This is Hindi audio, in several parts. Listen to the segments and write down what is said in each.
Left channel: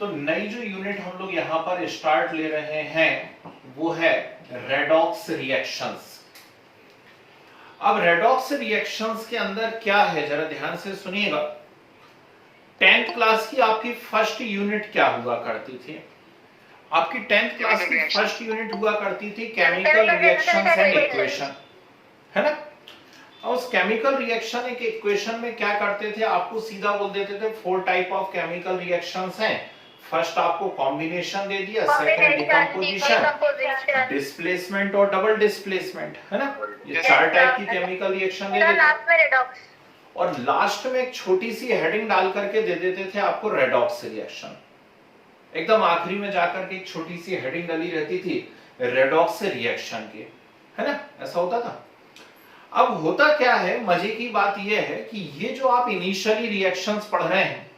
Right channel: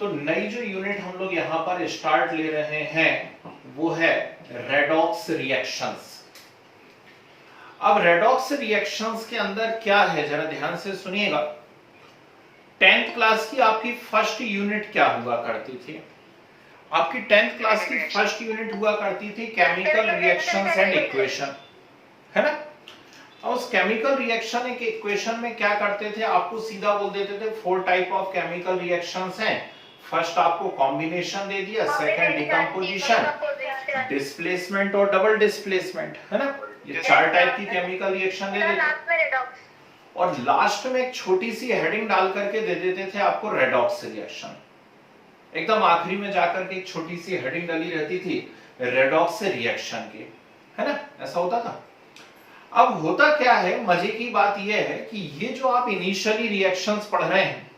तो नई जो यूनिट हम लोग यहां पर स्टार्ट ले रहे हैं वो है रेडॉक्स रिएक्शंस। अब रेडॉक्स रिएक्शंस के अंदर क्या है जरा ध्यान से सुनिएगा। 10th क्लास की आपकी फर्स्ट यूनिट क्या हुआ करती थी? आपकी 10th क्लास की फर्स्ट यूनिट हुआ करती थी केमिकल रिएक्शंस एंड इक्वेशन, है ना। और उस केमिकल रिएक्शन एक इक्वेशन में क्या करते थे, आपको सीधा बोल देते थे 4 टाइप ऑफ केमिकल रिएक्शंस हैं। फर्स्ट आपको कॉम्बिनेशन दे दिया, सेकंड डिकम्पोजिशन, डिस्प्लेसमेंट और डबल डिस्प्लेसमेंट, है ना। ये 4 टाइप की केमिकल रिएक्शन दे देते और लास्ट में एक छोटी सी हेडिंग डाल करके दे देते थे आपको रेडॉक्स रिएक्शन। एकदम आखिरी में जाकर के एक छोटी सी हेडिंग डाली रहती थी रेडॉक्स रिएक्शन की, है ना, ऐसा होता था। अब होता क्या है, मजे की बात यह है कि ये जो आप इनिशियली रिएक्शंस पढ़ रहे हैं,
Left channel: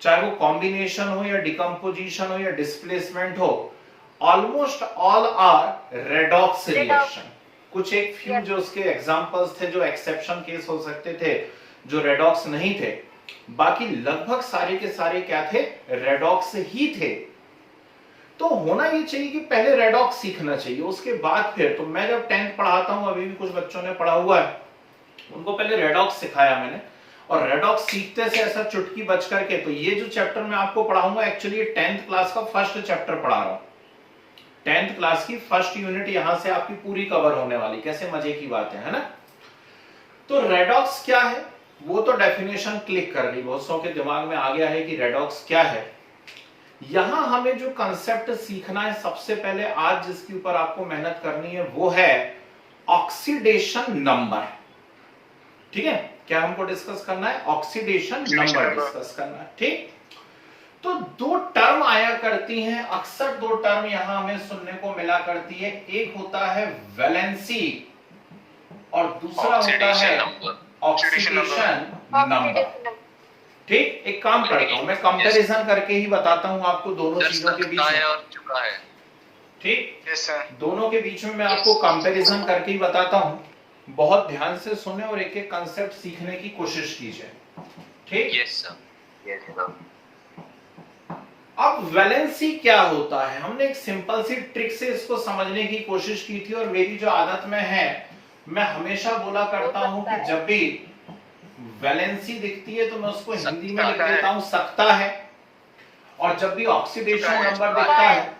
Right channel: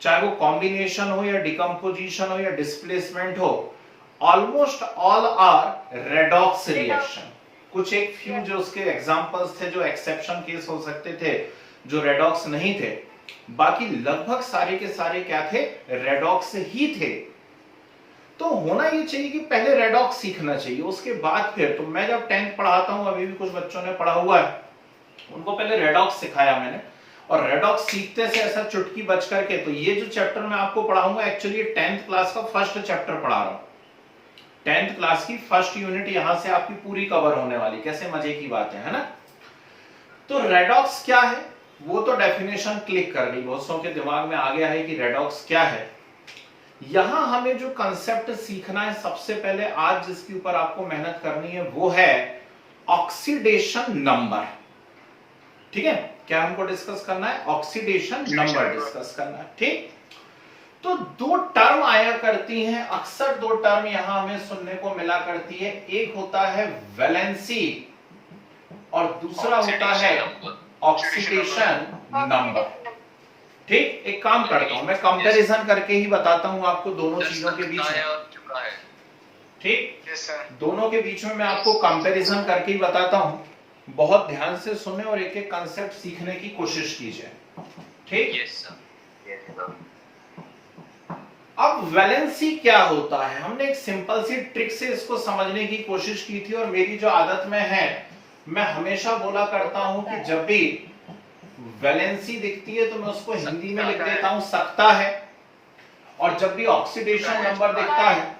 चाहे वो कॉम्बिनेशन हो या डिकम्पोजिशन हो या डिस्प्लेसमेंट हो, almost all are redox reaction. कुछ एक फ्यू जो उसके एग्जांपल्स थे, जो एक्सेप्शन केस हो सकते थे, जो रेडॉक्स नहीं थे, बाकी लगभग सारे के सारे क्या थे, रेडॉक्स ही थे। तो होना ये चाहिए कि पहले रेडॉक्स सीखना चाहिए, उसके बाद फिर, तो मैं जब 10th पढ़ाता हूं, अभी भी कुछ बच्चों ने पढ़ा हुआ है, उनको पहले रेडॉक्स सिखाया मैंने। और रेडॉक्स सीखते से ऐसा चुटकी बच करके, तो ये जो चैप्टर मैं आपको पढ़ाऊंगा एक्चुअली 10th क्लास का फर्स्ट चैप्टर पढ़ा रहा हूं। 10th क्लास की फर्स्ट यूनिट यहां से आपकी पूरी कवर होने वाली। कैसे मजे की बात है ना। तो रेडॉक्स क्या है वो तो डेफिनेशन क्लिक कर ली, बहुत सौ के दिमाग में आ गया है कि रेडॉक्स क्या है। यहां हमें जो कंसेप्ट सीखना है सबसे पहले, आज जिसके ऊपर आपको मेहनत करनी है, वो है ऑक्सीडेशन नंबर। ठीक है, क्या हमको डिस्कस करना है? ऑक्सीडेशन नंबर डिस्कस करना है। ठीक, तो 2 टर्म आया करती हैं अक्सर, 2 टर्म यहां हमें सुनने को मिला करती है। एक होता है वैलेंसी और दूसरा होता है ऑक्सीडेशन नंबर। ठीक, एक काम करता हूं, मैं कंपैरिजन करके ही बताता हूं आपको दोनों चीजों के बीच में। ठीक, दोनों के बीच में मैं आपको कंपैरिजन करके ही बताता हूं। बहुत ध्यान से सुने और एक एक कंसेप्ट सीखने की कोशिश कीजिए। ठीक, अब वैलेंसी क्या होता है, हमने एक सिंपल सी ट्रिक से इसको समझने की कोशिश की थी। और मेरी जो आदत में है, मैं हमेशा बोला करता हूं कि जब भी वैलेंसी दिखती है तो मैं उसको हिंदी में लिख देता हूं सकता है, और जब भी ऑक्सीडेशन नंबर दिखता है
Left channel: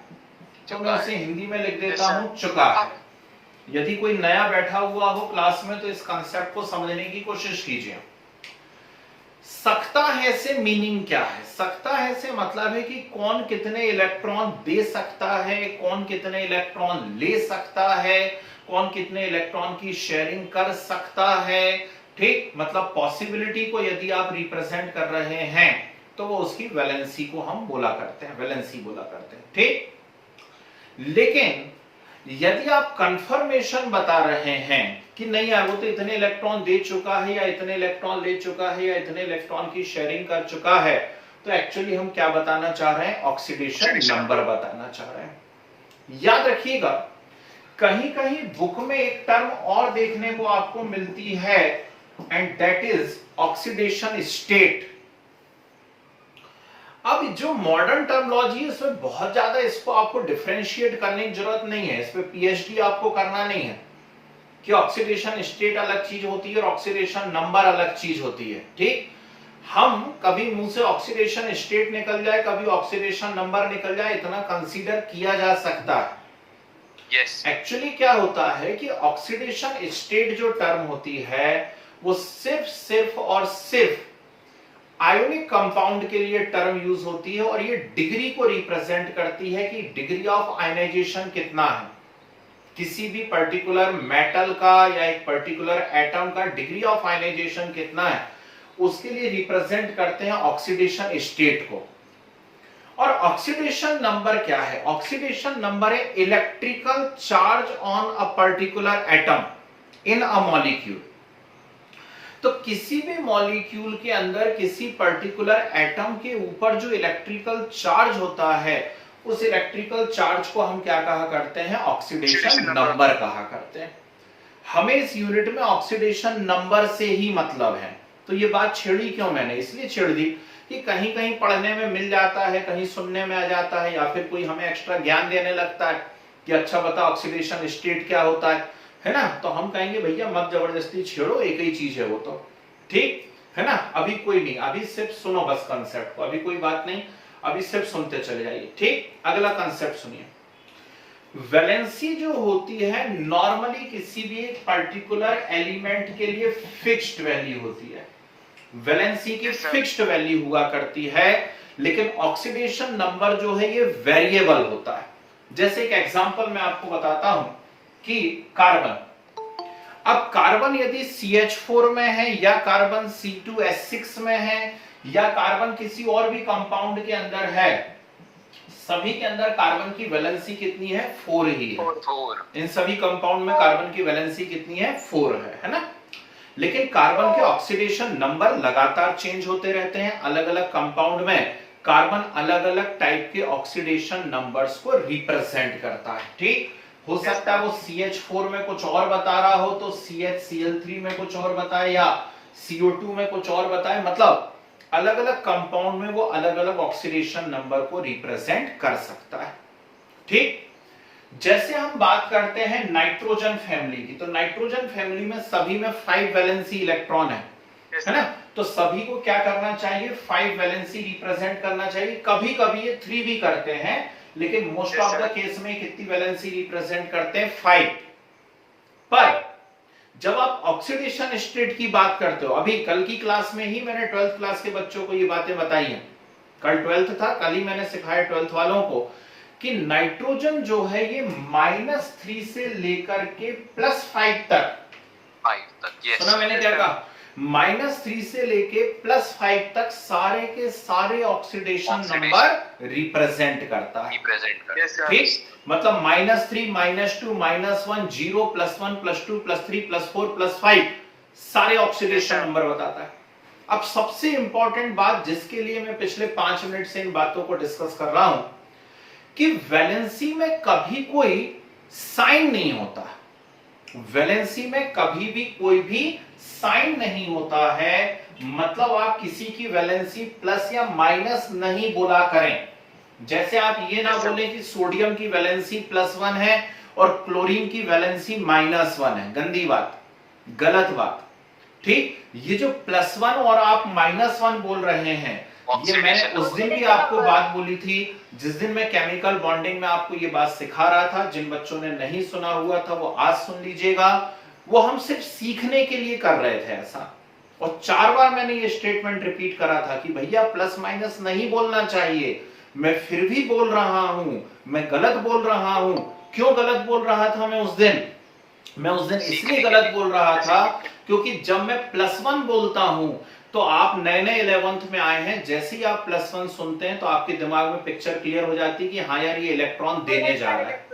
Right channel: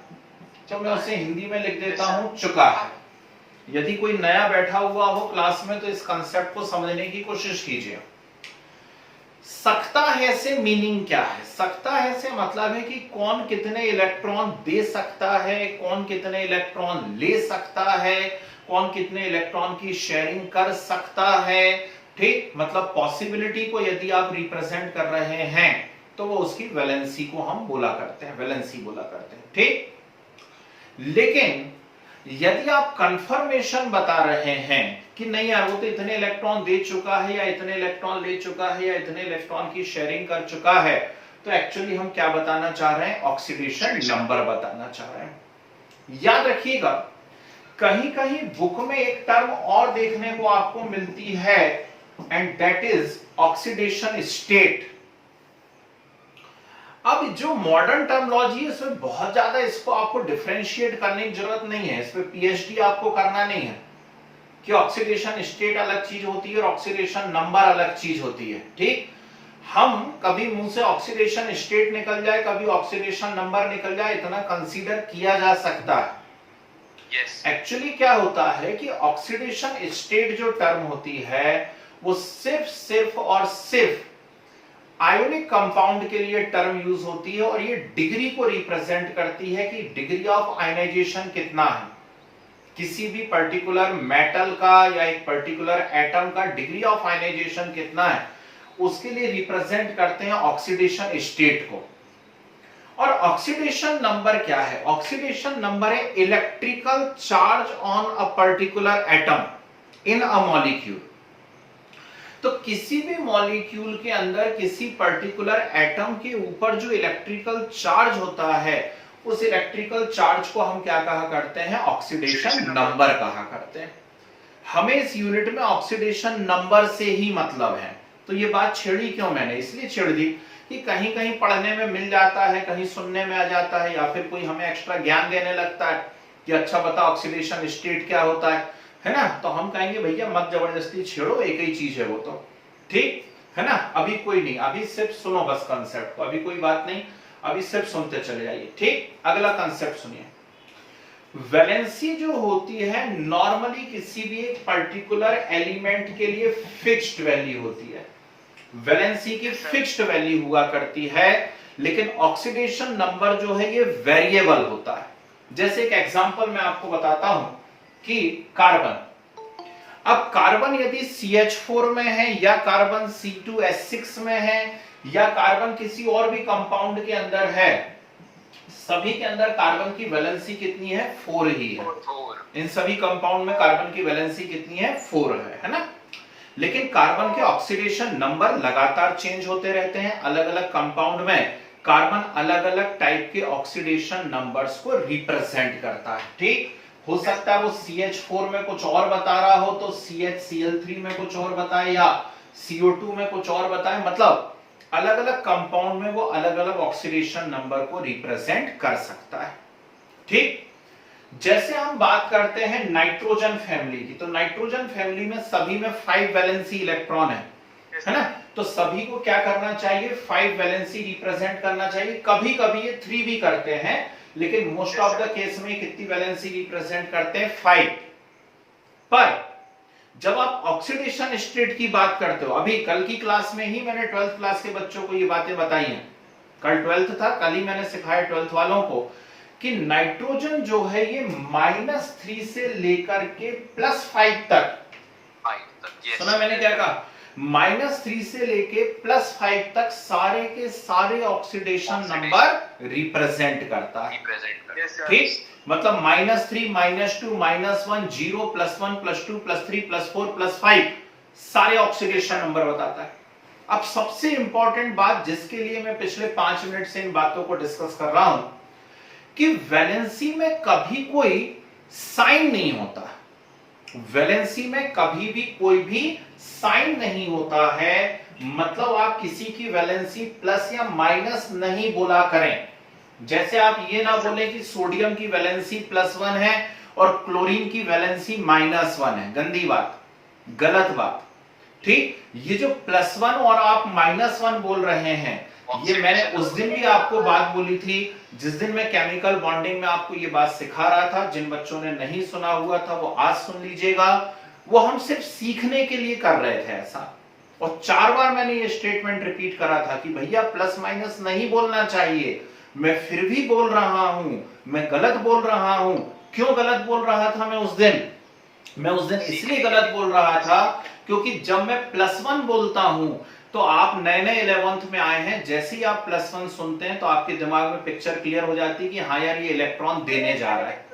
तो मैं उसे हिंदी में लिख देता हूं चुका है। यदि कोई नया बैठा हुआ हो क्लास में तो इस कंसेप्ट को समझने की कोशिश कीजिए। सकता है से मीनिंग क्या है? सकता है से मतलब है कि कौन कितने इलेक्ट्रॉन दे सकता है, कौन कितने इलेक्ट्रॉन ले सकता है, कौन कितने इलेक्ट्रॉन की शेयरिंग कर सकता है। ठीक, मतलब पॉसिबिलिटी को यदि आप रिप्रेजेंट कर रहे हैं तो वो उसकी वैलेंसी को हम बोला करते हैं, वैलेंसी बोला करते हैं। ठीक, लेकिन यदि आप कंफर्मेशन बता रहे हैं कि नहीं यार वो तो इतने इलेक्ट्रॉन दे चुका है, या इतने इलेक्ट्रॉन ले चुका है, या इतने इलेक्ट्रॉन की शेयरिंग कर चुका है, तो एक्चुअली हम क्या बताना चाह रहे हैं? ऑक्सीडेशन नंबर बताना चाह रहे हैं। याद रखिएगा, कहीं कहीं बुक में एक टर्म और देखने को आपको मिलती है, and that is oxidation state. अब जो मॉडर्न टर्मिनोलॉजी है इसमें बहुत ज्यादा इसको आपको डिफरेंशिएट करने की जरूरत नहीं है, इस पे पीएचडी आपको करना नहीं है कि ऑक्सीडेशन स्टेट अलग चीज होती है और ऑक्सीडेशन नंबर अलग चीज होती है। ठीक, हम कभी मुंह से ऑक्सीडेशन स्टेट निकल जाए, कभी ऑक्सीडेशन नंबर निकल जाए, इतना कंसीडर किया जा सकता है। एक्चुअली क्या होता है कि ऑक्सीडेशन स्टेट जो टर्म होती है वो सिर्फ और सिर्फ आयोनिक कंपाउंड के लिए टर्म यूज होती है, और ये डिग्री को रिप्रेजेंट करती है कि डिग्री ऑफ आयनाइजेशन कितना है। किसी भी पर्टिकुलर मेटल का या एक पर्टिकुलर एटम का डिग्री ऑफ आयनाइजेशन कितना है, उसके लिए रिप्रेजेंट करते हैं ऑक्सीडेशन स्टेट को। और ऑक्सीडेशन नंबर क्या है? ऑक्सीडेशन नंबर है electrical charge on a particular atom in a molecule. तो किसी भी मॉलिक्यूल के अंदर किसी पर्टिकुलर एटम के ऊपर जो इलेक्ट्रिकल चार्ज होता है, उस इलेक्ट्रिकल चार्ज को हम क्या कहा करते हैं? ऑक्सीडेशन नंबर कहा करते हैं। हमें इस यूनिट में ऑक्सीडेशन नंबर से ही मतलब है। तो ये बात छेड़ी क्यों मैंने? इसलिए छेड़ दी कि कहीं कहीं पढ़ने में मिल जाता है, कहीं सुनने में आ जाता है, या फिर कोई हमें एक्स्ट्रा ज्ञान देने लगता है कि अच्छा बता ऑक्सीडेशन स्टेट क्या होता है ना, तो हम कहेंगे भैया मत जबरदस्ती छेड़ो, एक ही चीज है वो तो, ठीक है ना। अभी कोई नहीं, अभी सिर्फ सुनो बस कंसेप्ट को, अभी कोई बात नहीं, अभी सिर्फ सुनते चले जाइए, ठीक। अगला कंसेप्ट सुनिए। वैलेंसी जो होती है नॉर्मली किसी भी एक पर्टिकुलर एलिमेंट के लिए फिक्स्ड वैल्यू होती है, वैलेंसी की फिक्स्ड वैल्यू हुआ करती है, लेकिन ऑक्सीडेशन नंबर जो है ये वेरिएबल होता है। जैसे एक एग्जांपल मैं आपको बताता हूं कि कार्बन, अब कार्बन यदि CH4 में है, या कार्बन C2H6 में है, या कार्बन किसी और भी कंपाउंड के अंदर है, सभी के अंदर कार्बन की वैलेंसी कितनी है, 4 ही है। इन सभी कंपाउंड में कार्बन की वैलेंसी कितनी है, 4 है ना। लेकिन कार्बन के ऑक्सीडेशन नंबर लगातार चेंज होते रहते हैं, अलग अलग कंपाउंड में कार्बन अलग अलग टाइप के ऑक्सीडेशन नंबर्स को रिप्रेजेंट करता है, ठीक। हो सकता है वो CH4 में कुछ और बता रहा हो तो CHCl3 में कुछ और बताए, या CO2 में कुछ और बताए, मतलब अलग अलग कंपाउंड में वो अलग अलग ऑक्सीडेशन नंबर को रिप्रेजेंट कर सकता है, ठीक। जैसे हम बात करते हैं नाइट्रोजन फैमिली की, तो नाइट्रोजन फैमिली में सभी में 5 वैलेंसी इलेक्ट्रॉन है ना, तो सभी को क्या करना चाहिए, 5 वैलेंसी रिप्रेजेंट करना चाहिए। कभी कभी ये 3 भी करते हैं, लेकिन मोस्ट ऑफ द केस में कितनी वैलेंसी रिप्रेजेंट करते हैं, 5। पर जब आप ऑक्सीडेशन स्टेट की बात करते हो, अभी कल की क्लास में ही मैंने 12th क्लास के बच्चों को ये बातें बताई हैं, कल 12th था, कल ही मैंने सिखाया 12th वालों को कि नाइट्रोजन जो है ये -3 से लेकर के +5 तक, सुना मैंने क्या कहा, -3 से लेके +5 तक सारे के सारे ऑक्सीडेशन नंबर रिप्रेजेंट करता है, ठीक। मतलब -3, -2, -1, 0, +1, +2, +3, +4, +5 सारे ऑक्सीडेशन नंबर बताता है। अब सबसे इंपॉर्टेंट बात जिसके लिए मैं पिछले 5 मिनट से इन बातों को डिस्कस कर रहा हूं कि वैलेंसी में कभी कोई साइन नहीं होता, वैलेंसी में कभी भी कोई भी साइन नहीं होता है। मतलब आप किसी की वैलेंसी प्लस या माइनस नहीं बोला करें। जैसे आप ये ना बोले कि सोडियम की वैलेंसी +1 है और क्लोरीन की वैलेंसी -1 है, गंदी बात, गलत बात, ठीक। ये जो +1 और आप -1 बोल रहे हैं, ये मैंने उस दिन भी आपको बात बोली थी जिस दिन मैं केमिकल बॉन्डिंग में आपको ये बात सिखा रहा था। जिन बच्चों ने नहीं सुना हुआ था वो आज सुन लीजिएगा। वो हम सिर्फ सीखने के लिए कर रहे थे ऐसा, और 4 बार मैंने ये स्टेटमेंट रिपीट करा था कि भैया प्लस माइनस नहीं बोलना चाहिए। मैं फिर भी बोल रहा हूं, मैं गलत बोल रहा हूं। क्यों गलत बोल रहा था मैं उस दिन? मैं उस दिन इसलिए गलत बोल रहा था क्योंकि जब मैं +1 बोलता हूं तो आप नए नए 11th में आए हैं, जैसे ही आप +1 सुनते हैं तो आपके दिमाग में पिक्चर क्लियर हो जाती है कि हाँ यार ये इलेक्ट्रॉन देने जा रहा है।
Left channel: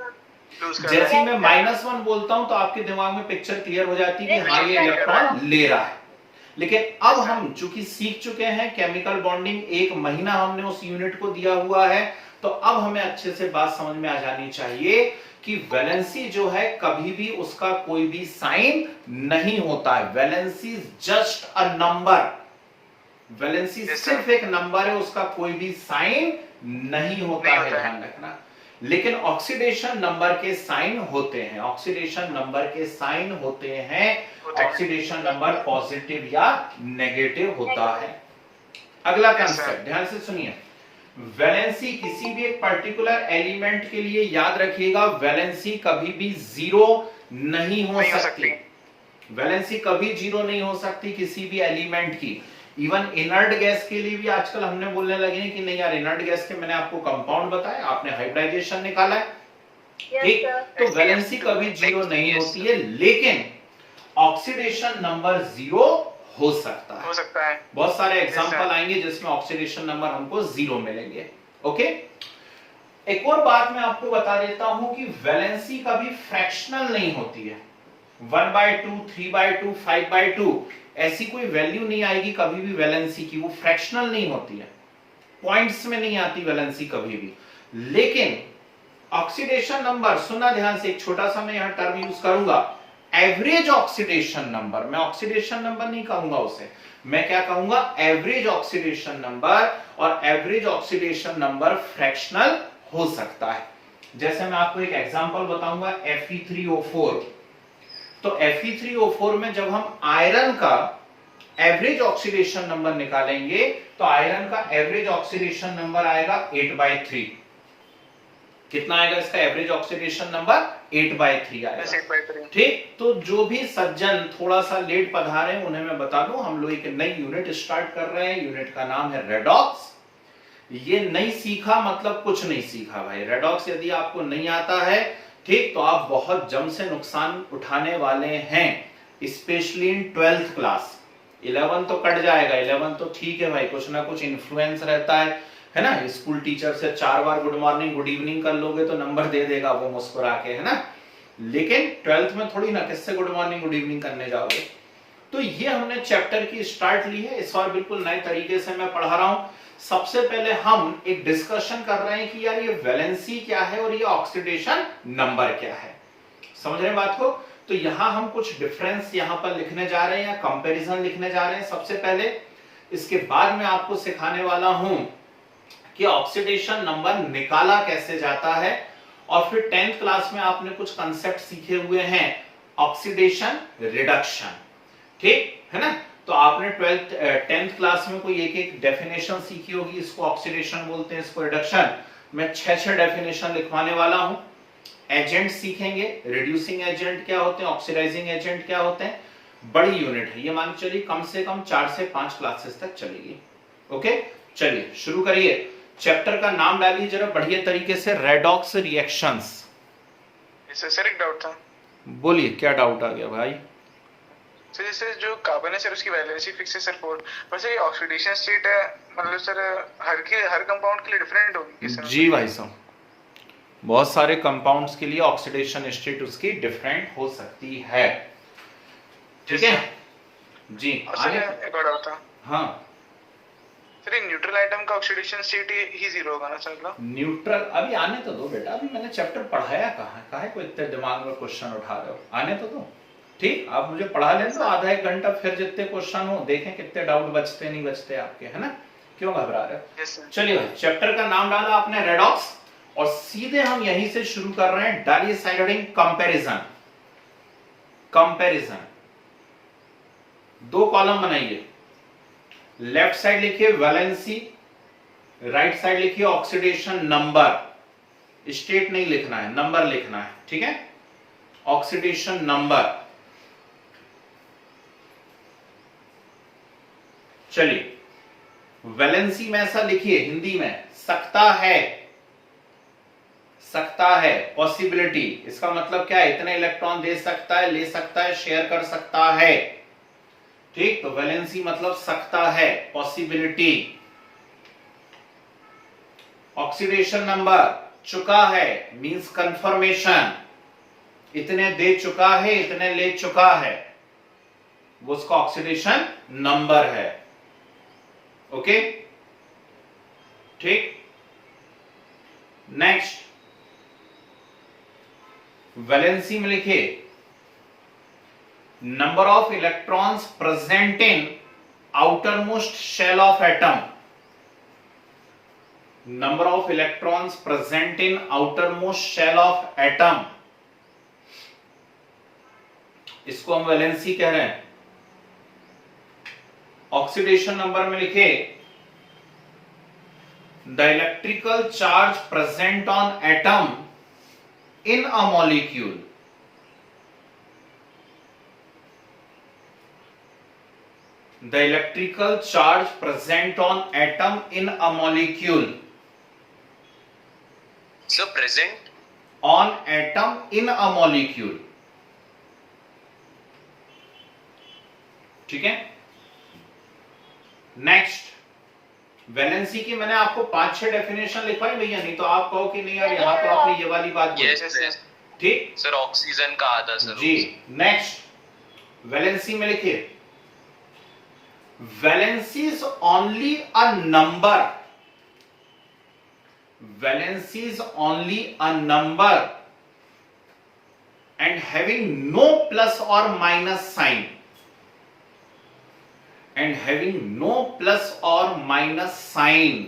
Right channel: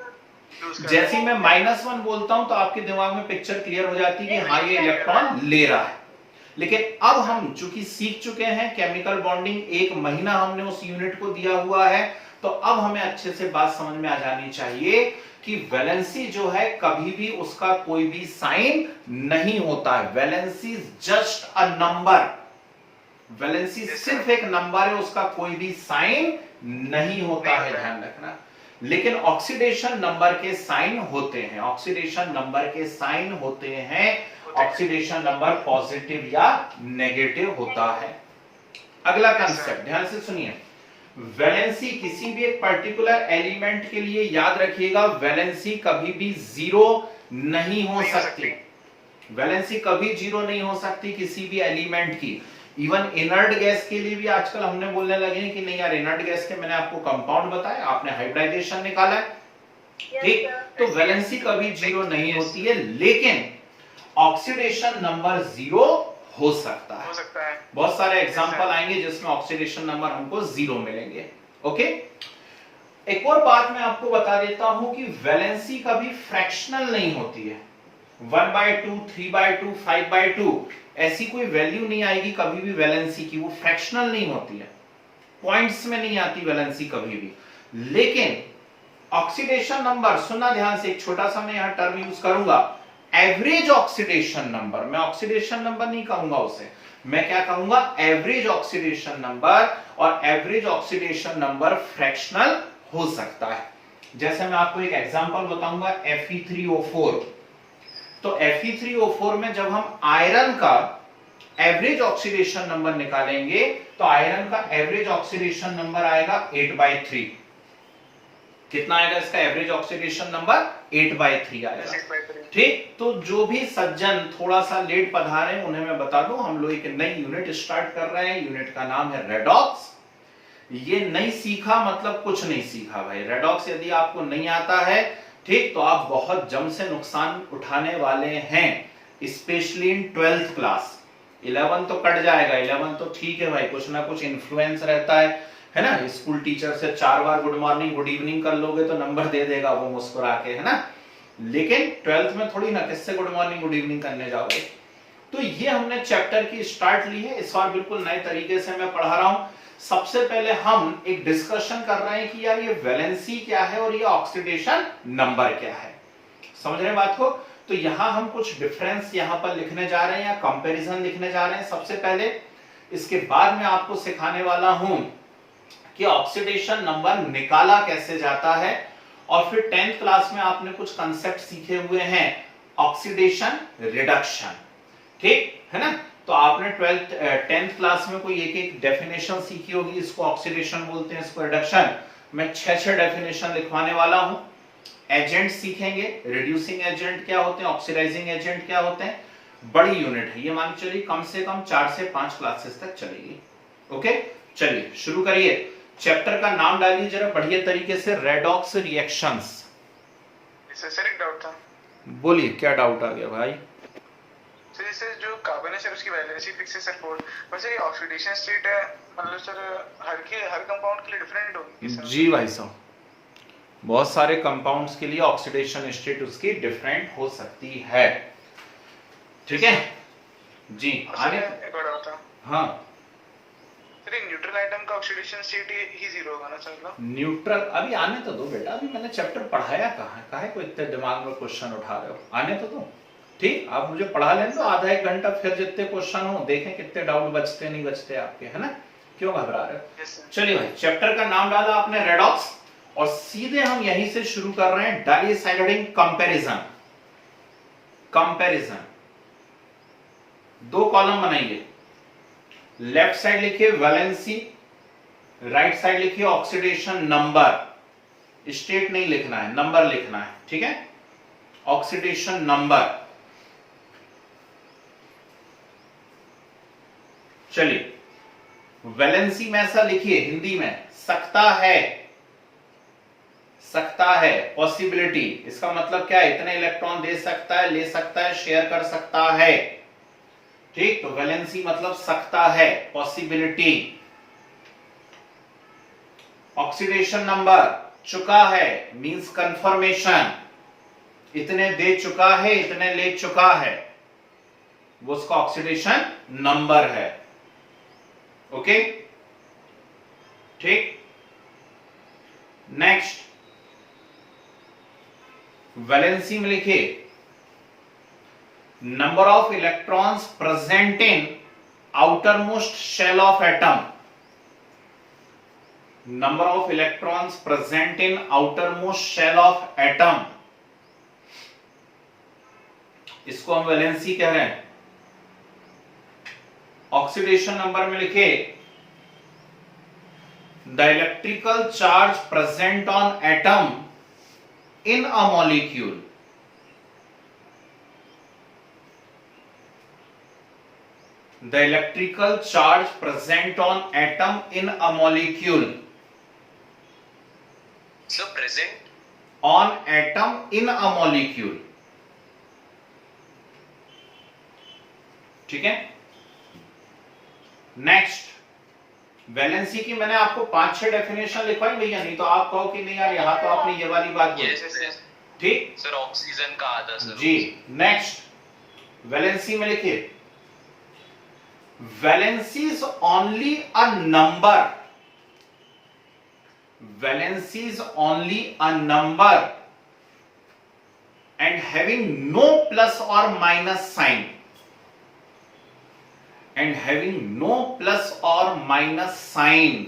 जैसे ही मैं -1 बोलता हूं तो आपके दिमाग में पिक्चर क्लियर हो जाती है कि हाँ ये इलेक्ट्रॉन ले रहा है। लेकिन अब हम चूंकि सीख चुके हैं केमिकल बॉन्डिंग, 1 महीना हमने उस यूनिट को दिया हुआ है, तो अब हमें अच्छे से बात समझ में आ जानी चाहिए कि वैलेंसी जो है कभी भी उसका कोई भी साइन नहीं होता है। Valency just a number, valency सिर्फ एक नंबर है, उसका कोई भी साइन नहीं होता है, ध्यान रखना। लेकिन ऑक्सीडेशन नंबर के साइन होते हैं, ऑक्सीडेशन नंबर के साइन होते हैं। ऑक्सीडेशन नंबर पॉजिटिव या नेगेटिव होता है। अगला कंसेप्ट ध्यान से सुनिए। वैलेंसी किसी भी एक पर्टिकुलर एलिमेंट के लिए याद रखिएगा, वैलेंसी कभी भी 0 नहीं हो सकती। वैलेंसी कभी 0 नहीं हो सकती किसी भी एलिमेंट की। इवन इनर्ट गैस के लिए भी आजकल हमने बोलने लगे हैं कि नहीं यार इनर्ट गैस के मैंने आपको कंपाउंड बताया, आपने हाइब्रिडाइजेशन निकाला है, ठीक। तो वैलेंसी कभी 0 नहीं होती है, लेकिन ऑक्सीडेशन नंबर 0 हो सकता है। बहुत सारे एग्जांपल आएंगे जिसमें ऑक्सीडेशन नंबर हमको 0 मिलेंगे। ओके, एक और बात मैं आपको बता देता हूं कि वैलेंसी कभी फ्रैक्शनल नहीं होती है। 1/2, 3/2, 5/2 ऐसी कोई वैल्यू नहीं आएगी कभी भी वैलेंसी की, वो फ्रैक्शनल नहीं होती है, पॉइंट्स में नहीं आती वैलेंसी कभी भी। लेकिन ऑक्सीडेशन नंबर, सुनना ध्यान से, एक छोटा सा मैं यहां टर्म यूज करूंगा, एवरेज ऑक्सीडेशन नंबर, मैं ऑक्सीडेशन नंबर नहीं कहूंगा उसे, मैं क्या कहूंगा, एवरेज ऑक्सीडेशन नंबर, और एवरेज ऑक्सीडेशन नंबर फ्रैक्शनल हो सकता है। जैसे मैं आपको एक एग्जांपल बताऊंगा, Fe3O4। तो Fe3O4 में जब हम आयरन का एवरेज ऑक्सीडेशन नंबर निकालेंगे तो आयरन का एवरेज ऑक्सीडेशन नंबर आएगा 8/3। कितना आएगा इसका एवरेज ऑक्सीडेशन नंबर? 8/3 आएगा। ठीक, तो जो भी सज्जन थोड़ा सा लेट पधारे उन्हें मैं बता दूं, हम लोग एक नई यूनिट स्टार्ट कर रहे हैं। यूनिट का नाम है रेडॉक्स। ये नहीं सीखा मतलब कुछ नहीं सीखा भाई। रेडॉक्स यदि आपको नहीं आता है, ठीक, तो आप बहुत जम से नुकसान उठाने वाले हैं, स्पेशली इन 12th क्लास। 11 तो कट जाएगा, 11 तो ठीक है भाई, कुछ ना कुछ इन्फ्लुएंस रहता है ना। स्कूल टीचर से 4 बार गुड मॉर्निंग गुड इवनिंग कर लोगे तो नंबर दे देगा वो मुस्कुरा के, है ना। लेकिन 12th में थोड़ी ना किससे गुड मॉर्निंग गुड इवनिंग करने जाओगे। तो ये हमने चैप्टर की स्टार्ट ली है, इस बार बिल्कुल नए तरीके से मैं पढ़ा रहा हूं। सबसे पहले हम एक डिस्कशन कर रहे हैं कि यार ये वैलेंसी क्या है और ये ऑक्सीडेशन नंबर क्या है। समझ रहे हैं बात को? तो यहां हम कुछ डिफरेंस यहां पर लिखने जा रहे हैं या कंपैरिजन लिखने जा रहे हैं सबसे पहले। इसके बाद मैं आपको सिखाने वाला हूं कि ऑक्सीडेशन नंबर निकाला कैसे जाता है, और फिर 10th क्लास में आपने कुछ कंसेप्ट सीखे हुए हैं, ऑक्सीडेशन रिडक्शन, ठीक है ना। तो आपने 10th क्लास में कोई एक एक डेफिनेशन सीखी होगी, इसको ऑक्सीडेशन बोलते हैं, इसको रिडक्शन। मैं 6 डेफिनेशन लिखवाने वाला हूं। एजेंट सीखेंगे, रिड्यूसिंग एजेंट क्या होते हैं, ऑक्सीडाइजिंग एजेंट क्या होते हैं। बड़ी यूनिट है ये, मान के चलिए कम से कम 4 से 5 क्लासेस तक चलेगी। ओके, चलिए शुरू करिए। चैप्टर का नाम डालिए जरा बढ़िया तरीके से, रेडॉक्स रिएक्शंस। सर एक डाउट था। बोलिए, क्या डाउट आ गया भाई? सर जैसे जो कार्बन है सर उसकी वैलेंसी फिक्स है सर 4, पर सर ये ऑक्सीडेशन स्टेट है, मतलब सर हर कंपाउंड के लिए डिफरेंट होगी सर? जी भाई साहब, बहुत सारे कंपाउंड्स के लिए ऑक्सीडेशन स्टेट उसकी डिफरेंट हो सकती है, ठीक है जी। आने एक और डाउट था। हाँ सर ये न्यूट्रल आइटम का ऑक्सीडेशन स्टेट ही 0 होगा ना सर? न्यूट्रल अभी आने तो दो बेटा, अभी मैंने चैप्टर पढ़ाया कहाँ है, काहे को इतने दिमाग में क्वेश्चन उठा रहे हो, आने तो दो। ठीक, आप मुझे पढ़ा लें तो आधा एक घंटा, फिर जितने क्वेश्चन हो देखें कितने डाउट बचते नहीं बचते आपके, है ना। क्यों घबरा रहे हो? चलिए भाई, चैप्टर का नाम डाला आपने रेडॉक्स, और सीधे हम यहीं से शुरू कर रहे हैं, डालिए साइड कंपैरिजन। कंपैरिजन 2 कॉलम बनाइए, लेफ्ट साइड लिखिए वैलेंसी, राइट साइड लिखिए ऑक्सीडेशन नंबर। स्टेट नहीं लिखना है, नंबर लिखना है, ठीक है। Oxidation number. चलिए, वैलेंसी में ऐसा लिखिए हिंदी में, सकता है, सकता है, पॉसिबिलिटी। इसका मतलब क्या है? इतने इलेक्ट्रॉन दे सकता है, ले सकता है, शेयर कर सकता है, ठीक। तो वैलेंसी मतलब सकता है, पॉसिबिलिटी। ऑक्सीडेशन नंबर, चुका है, मींस कंफर्मेशन, इतने दे चुका है, इतने ले चुका है, वो उसका ऑक्सीडेशन नंबर है। ओके, ठीक। नेक्स्ट, वैलेंसी में लिखिए number of electrons present in outermost shell of atom. Number of electrons present in outermost shell of atom, इसको हम वैलेंसी कह रहे हैं। ऑक्सीडेशन नंबर में लिखे the electrical charge present on atom in a molecule. The electrical charge present on atom in a molecule. So present on atom in a molecule. ठीक है। नेक्स्ट, वैलेंसी की मैंने आपको 5-6 डेफिनेशन लिखवाई भैया, नहीं तो आप कहो कि नहीं यार यहाँ तो आपने ये वाली बात बोली, ठीक सर। ऑक्सीजन का आधा सर जी। नेक्स्ट, वैलेंसी में लिखिए valency is only a number, valency is only a number and having no plus or minus sign, and having no plus or minus sign,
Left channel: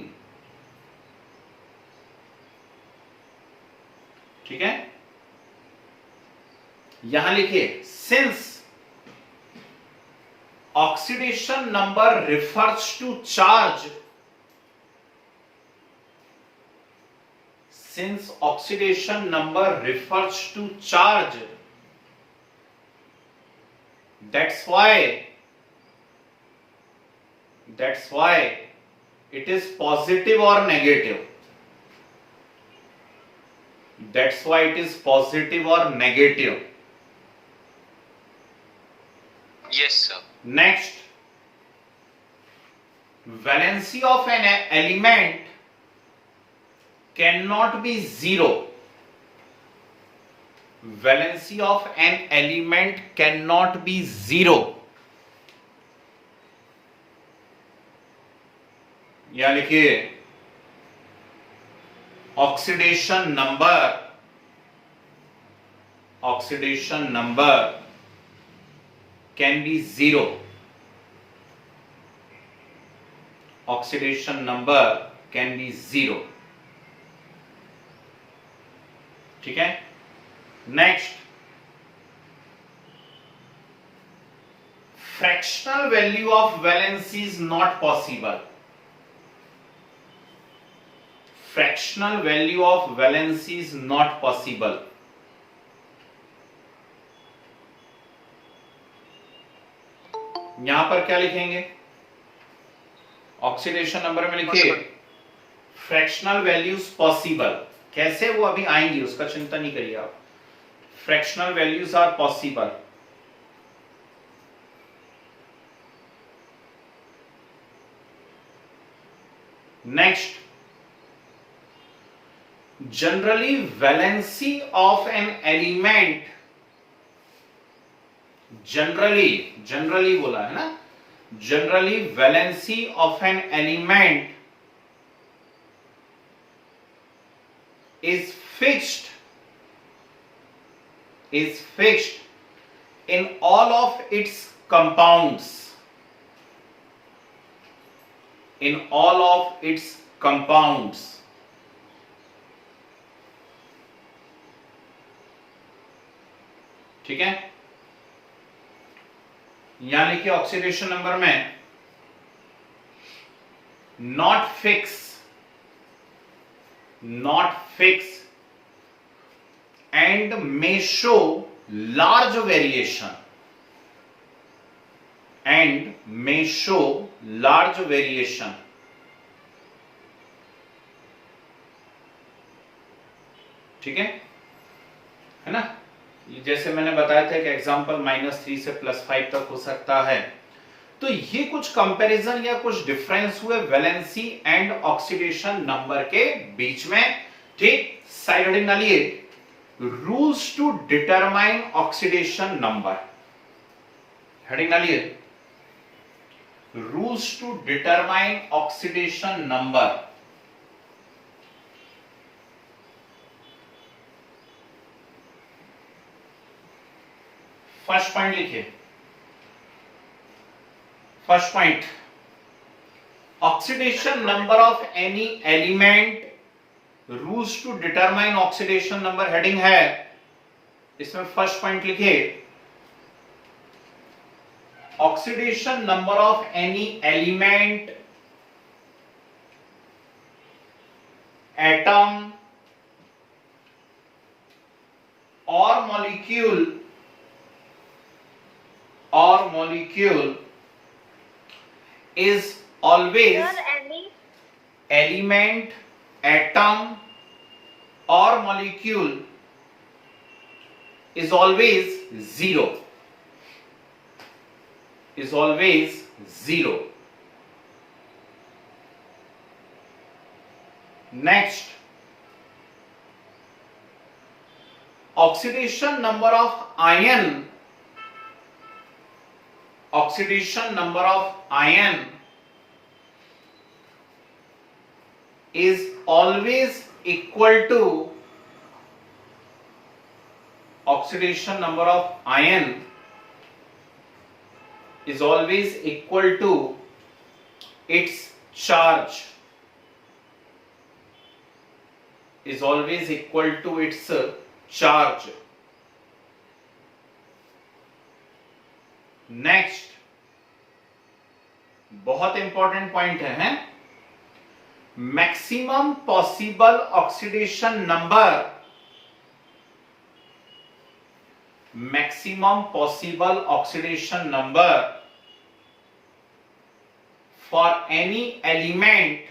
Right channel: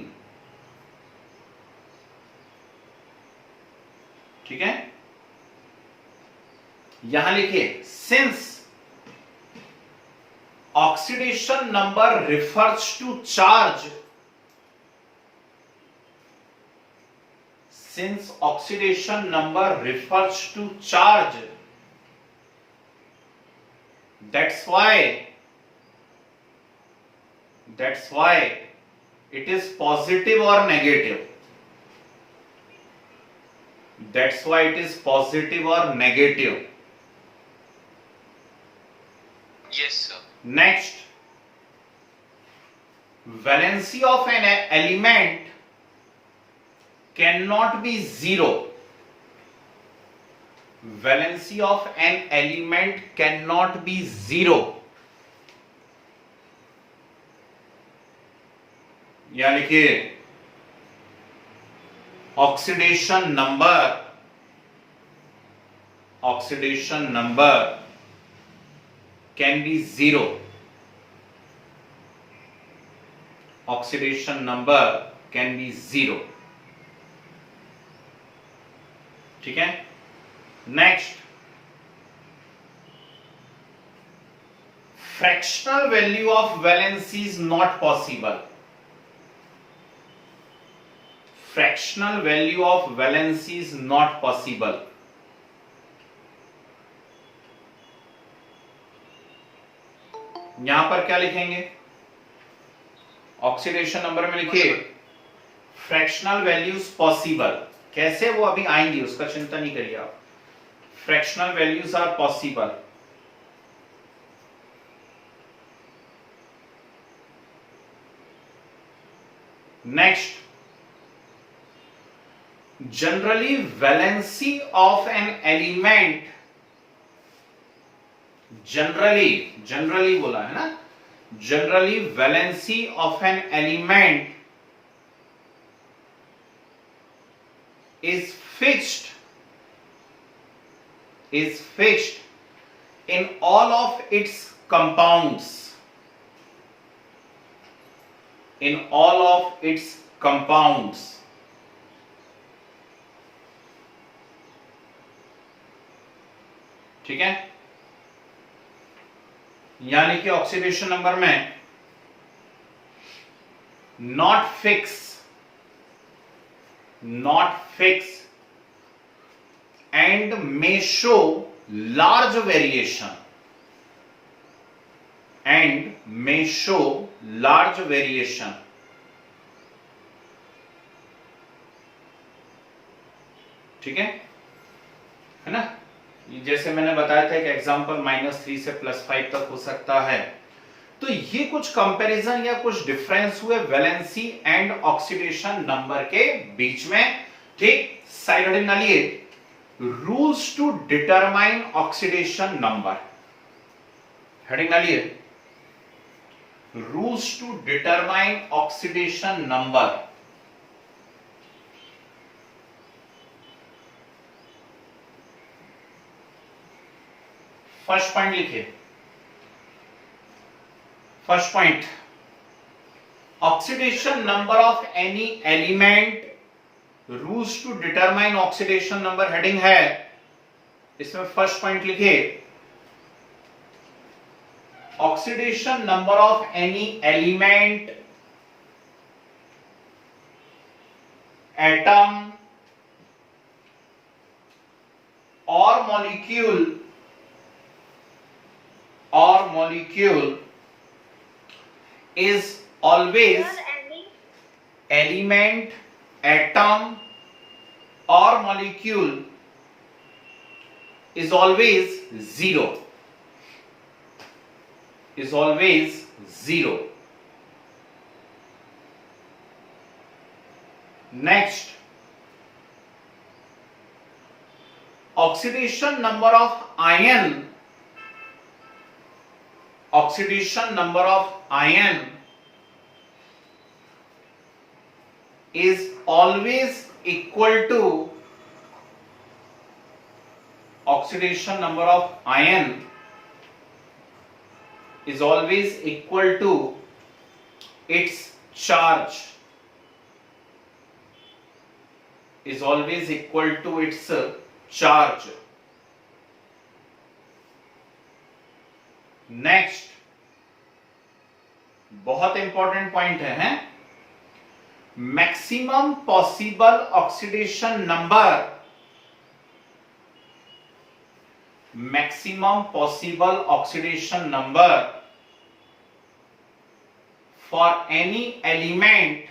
ठीक है, यहां लिखिए since oxidation number refers to charge, since oxidation number refers to charge, that's why it is positive or negative. That's why it is positive or negative. Yes, sir. Next, valency of an element cannot be zero. Valency of an element cannot be zero. या लिखिए oxidation number can be zero. Oxidation number can be zero. ठीक है. Next, fractional value of valency is not possible. Fractional value of valency is not possible. यहां पर क्या लिखेंगे, ऑक्सीडेशन नंबर में लिखिए फ्रैक्शनल वैल्यूज पॉसिबल. कैसे, वो अभी आएंगी, उसका चिंता नहीं करिए आप. Fractional values are possible. Next, generally valency of an element, generally बोला है ना, generally valency of an element is fixed in all of its compounds. In all of its compounds. ठीक है. यहां लिखिए ऑक्सीडेशन नंबर में not fix and may show large variation, ठीक है ना. जैसे मैंने बताया था कि एग्जांपल -3 से +5 तक हो सकता है. तो ये कुछ कंपैरिजन या कुछ डिफरेंस हुए वैलेंसी एंड ऑक्सीडेशन नंबर के बीच में. ठीक. साइड हेडिंग डालिए rules to determine oxidation number. Heading डालिए rules to determine oxidation number. First point लिखिए. First point, oxidation number of any element, rules to determine oxidation number heading है. इसमें फर्स्ट पॉइंट लिखिए oxidation number of any element, atom और molecule is always element, atom or molecule is always zero. Next, oxidation number of ion is always equal to oxidation number of ion is always equal to its charge, is always equal to its charge. Next, बहुत इंपॉर्टेंट पॉइंट है, maximum possible oxidation number, maximum possible oxidation number for any element,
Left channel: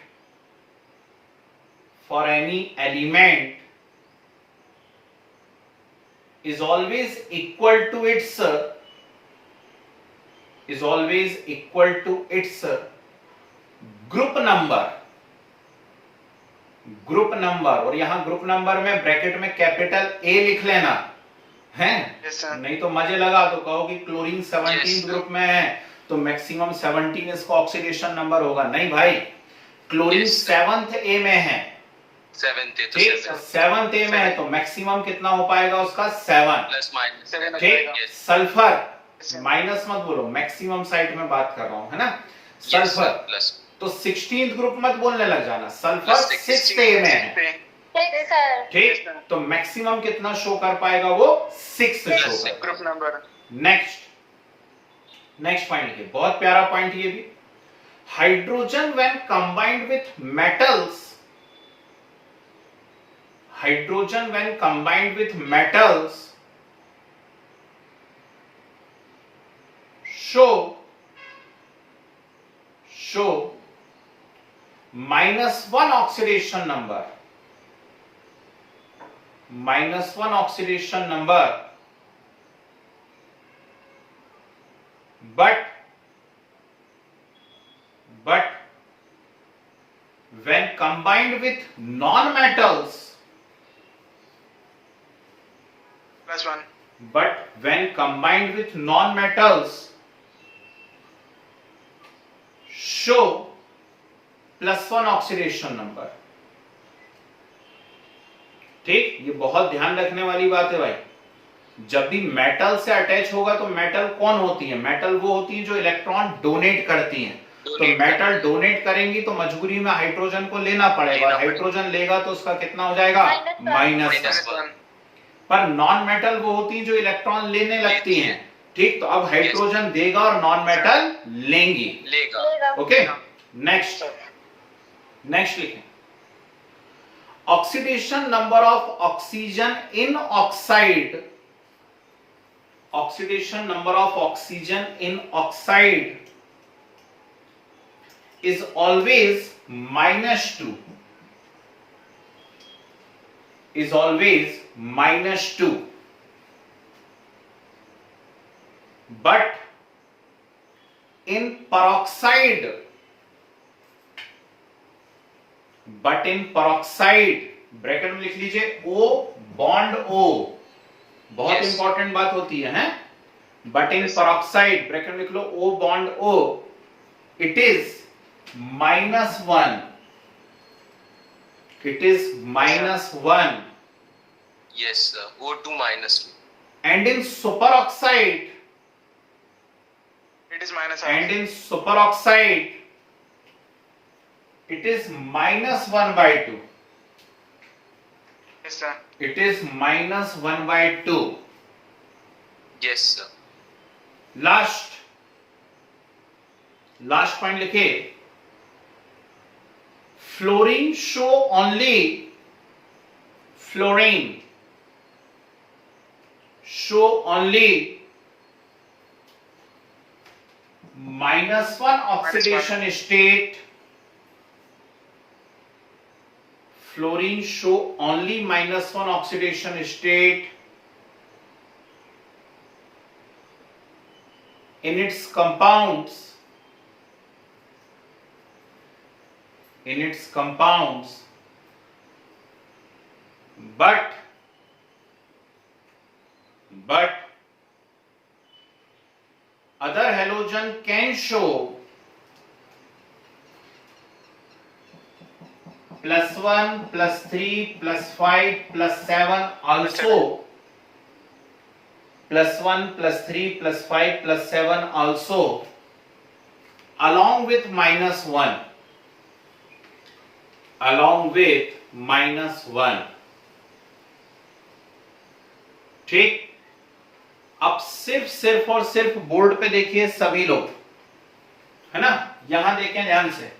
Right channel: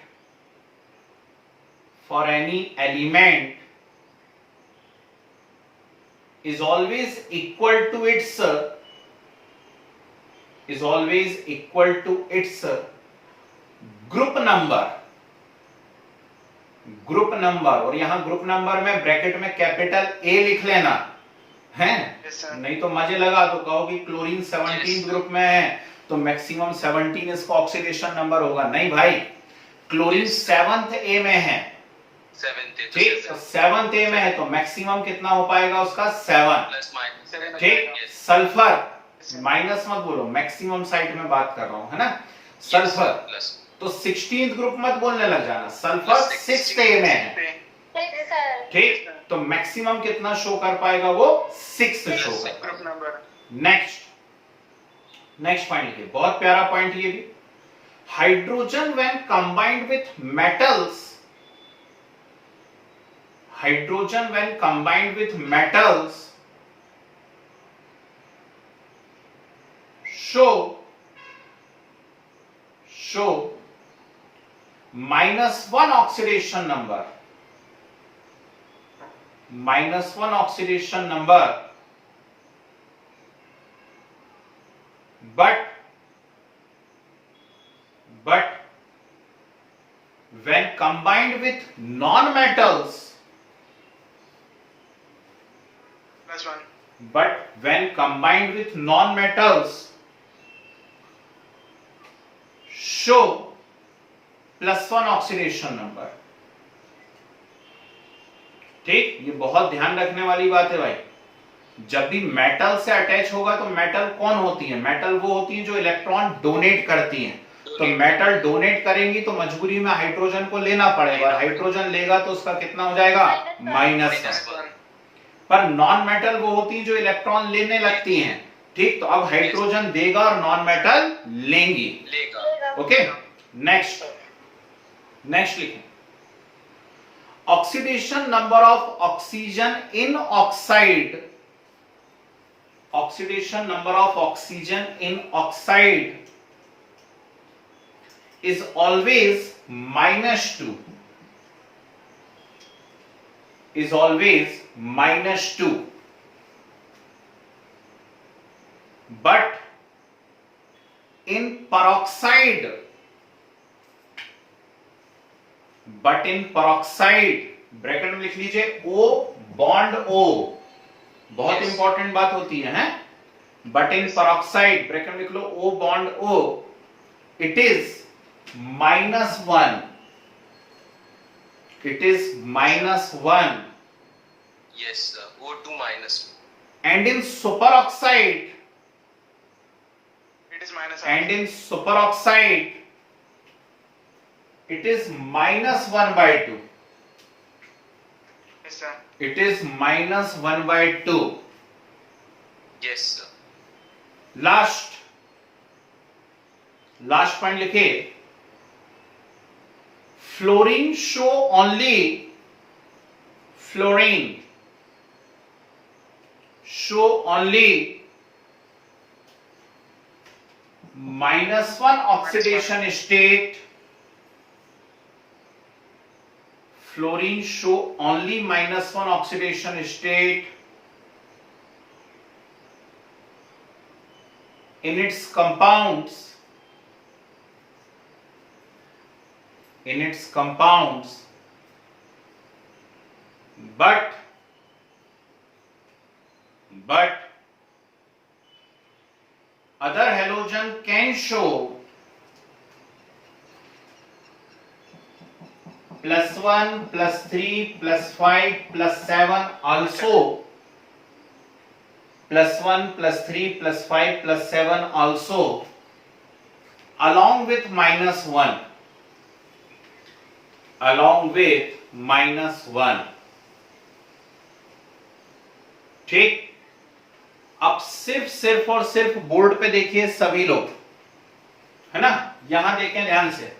for any element is always equal to its group number, group number. और यहां ग्रुप नंबर में ब्रैकेट में कैपिटल ए लिख लेना है, नहीं तो मजे लगा तो कहो कि क्लोरीन 17 ग्रुप में है तो मैक्सिमम 17 इसका ऑक्सीडेशन नंबर होगा। नहीं भाई, क्लोरीन 7th ए में है, ठीक, 7th ए में है तो मैक्सिमम कितना हो पाएगा उसका 7, ठीक। सल्फर माइनस मत बोलो, मैक्सिमम साइड में बात कर रहा हूं, है ना। सल्फर तो 16th ग्रुप मत बोलने लग जाना, सल्फर 6th ए में है, ठीक। तो मैक्सिमम कितना शो कर पाएगा वो 6 शो कर। नेक्स्ट पॉइंट लिखिए, बहुत प्यारा पॉइंट ये भी। Hydrogen when combined with metals, hydrogen when combined with metals show -1 oxidation number, -1 oxidation number, but when combined with non-metals, +1, but when combined with non-metals show +1 oxidation number, ठीक। ये बहुत ध्यान रखने वाली बात है भाई, जब भी मेटल से अटैच होगा तो मेटल कौन होती है, मेटल वो होती है जो इलेक्ट्रॉन डोनेट करती हैं। तो मेटल डोनेट करेंगी तो मजबूरी में हाइड्रोजन को लेना पड़ेगा, हाइड्रोजन लेगा तो उसका कितना हो जाएगा -1। पर नॉन मेटल वो होती है जो इलेक्ट्रॉन लेने लगती हैं, ठीक। तो अब हाइड्रोजन देगा और नॉन मेटल लेंगी, ओके। नेक्स्ट लिखें, oxidation number of oxygen in oxide, oxidation number of oxygen in oxide is always -2, is always -2, but in peroxide, bracket में लिख लीजिए O बॉन्ड O, बहुत इंपॉर्टेंट बात होती है, बट इन पेरोक्साइड ब्रैकेट में लिख लो O bond O, it is -1, it is -1, yes sir, O2 -2, and in superoxide, it is -1, and in superoxide it is -1/2, yes sir, it is -1/2। yes sir, last point लिखे, fluorine show only, fluorine show only -1 oxidation state, fluorine show only -1 oxidation state in its compounds, in its compounds, but other halogen can show +1, +3, +5, +7 also, +1 +3 +5 +7 also along with -1, along with -1। ठीक, अब सिर्फ और सिर्फ बोर्ड पे देखिए सभी लोग, है ना, यहां देखें ध्यान से।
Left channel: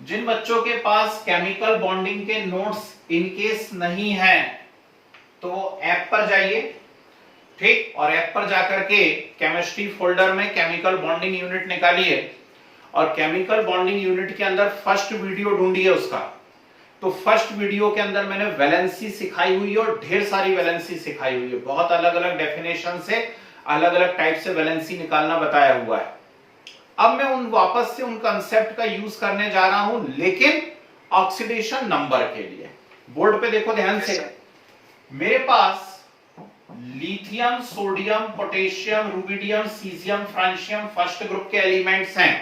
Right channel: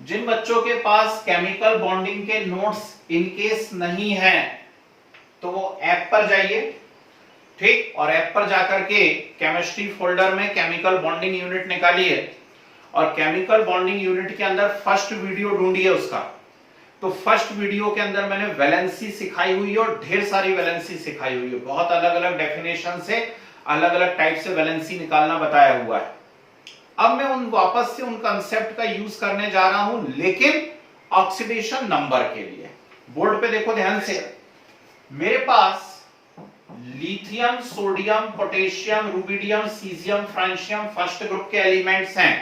जिन बच्चों के पास केमिकल बॉन्डिंग के नोट्स इनकेस नहीं है तो वो ऐप पर जाइए, ठीक, और ऐप पर जाकर के केमिस्ट्री फोल्डर में केमिकल बॉन्डिंग यूनिट निकालिए और केमिकल बॉन्डिंग यूनिट के अंदर फर्स्ट वीडियो ढूंढिए उसका। तो फर्स्ट वीडियो के अंदर मैंने वैलेंसी सिखाई हुई है और ढेर सारी वैलेंसी सिखाई हुई है, बहुत अलग अलग डेफिनेशन से अलग अलग टाइप से वैलेंसी निकालना बताया हुआ है। अब मैं वापस से उन कंसेप्ट का यूज करने जा रहा हूं, लेकिन ऑक्सीडेशन नंबर के लिए। बोर्ड पे देखो ध्यान से, मेरे पास lithium, sodium, potassium, rubidium, caesium, francium first group के एलिमेंट्स हैं।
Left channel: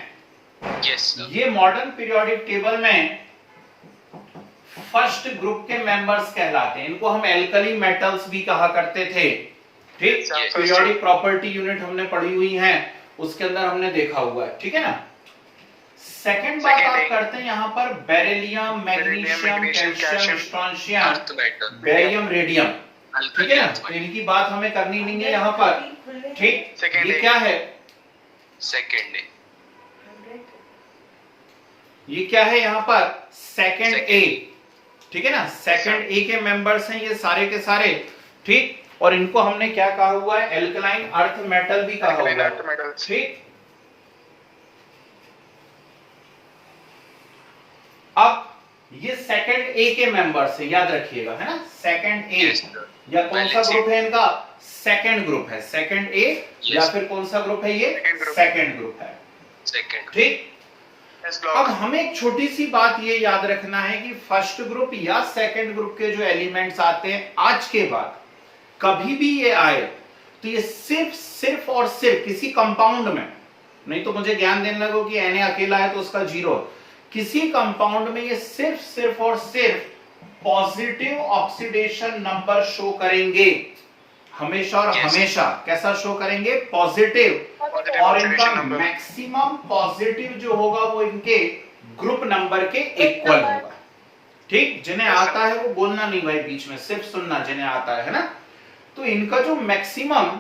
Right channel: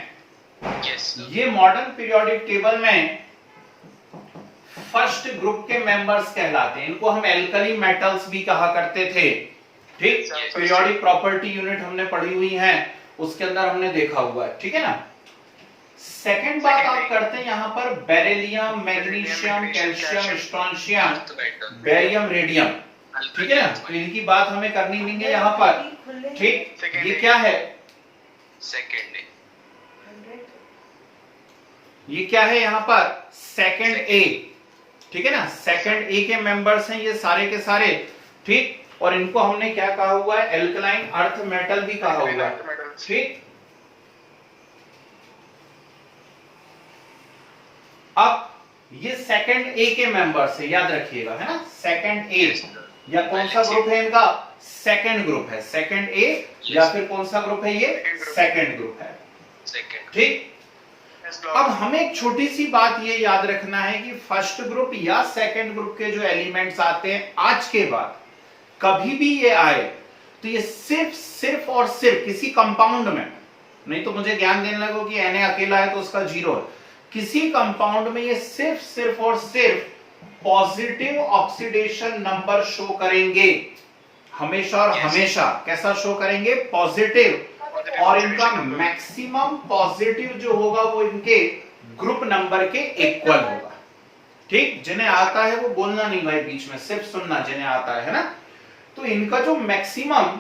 ये मॉडर्न पीरियोडिक टेबल में फर्स्ट ग्रुप के मेंबर्स कहलाते हैं। इनको हम एल्कली मेटल्स भी कहा करते थे, ठीक। पीरियोडिक प्रॉपर्टी यूनिट हमने पढ़ी हुई है, उसके अंदर हमने देखा हुआ है, ठीक है ना। सेकंड बात आप करते हैं यहां पर beryllium, magnesium, calcium, strontium, barium, radium, ठीक है ना। तो इनकी बात हमें करनी नहीं है यहां पर, ठीक। ये क्या है, सेकंड ए, ये क्या है यहां पर, सेकंड ए, ठीक है ना। सेकंड ए के मेंबर्स हैं ये सारे के सारे, ठीक। और इनको हमने क्या कहा हुआ है, एल्कलाइन अर्थ मेटल भी कहा हुआ है, ठीक। अब ये सेकंड ए के मेंबर्स है, याद रखिएगा, है ना। सेकंड ए या कौन सा ग्रुप है इनका, सेकंड ग्रुप है, सेकंड ए या फिर कौन सा ग्रुप है, ये सेकंड ग्रुप है, ठीक। अब हमें एक छोटी सी बात ये याद रखना है कि फर्स्ट ग्रुप या सेकंड ग्रुप के जो एलिमेंट्स आते हैं आज के बाद, कभी भी ये आए तो ये सिर्फ और सिर्फ किसी कंपाउंड में, नहीं तो मुझे ज्ञान देने लगो कि Na अकेला है तो उसका 0, किसी कंपाउंड में ये सिर्फ और सिर्फ पॉजिटिव ऑक्सीडेशन नंबर शो करेंगे, हमेशा और हमेशा। कैसा शो करेंगे, पॉजिटिव। और इनका मैक्सिमम पॉजिटिव जो होगा वो इनके ग्रुप नंबर के इक्वल होगा, ठीक। जिन्हें आता है वो बोलना नहीं भाई बीच में, सिर्फ सुनना जिन्हें आता है ना। तो इनका जो मैक्सिमम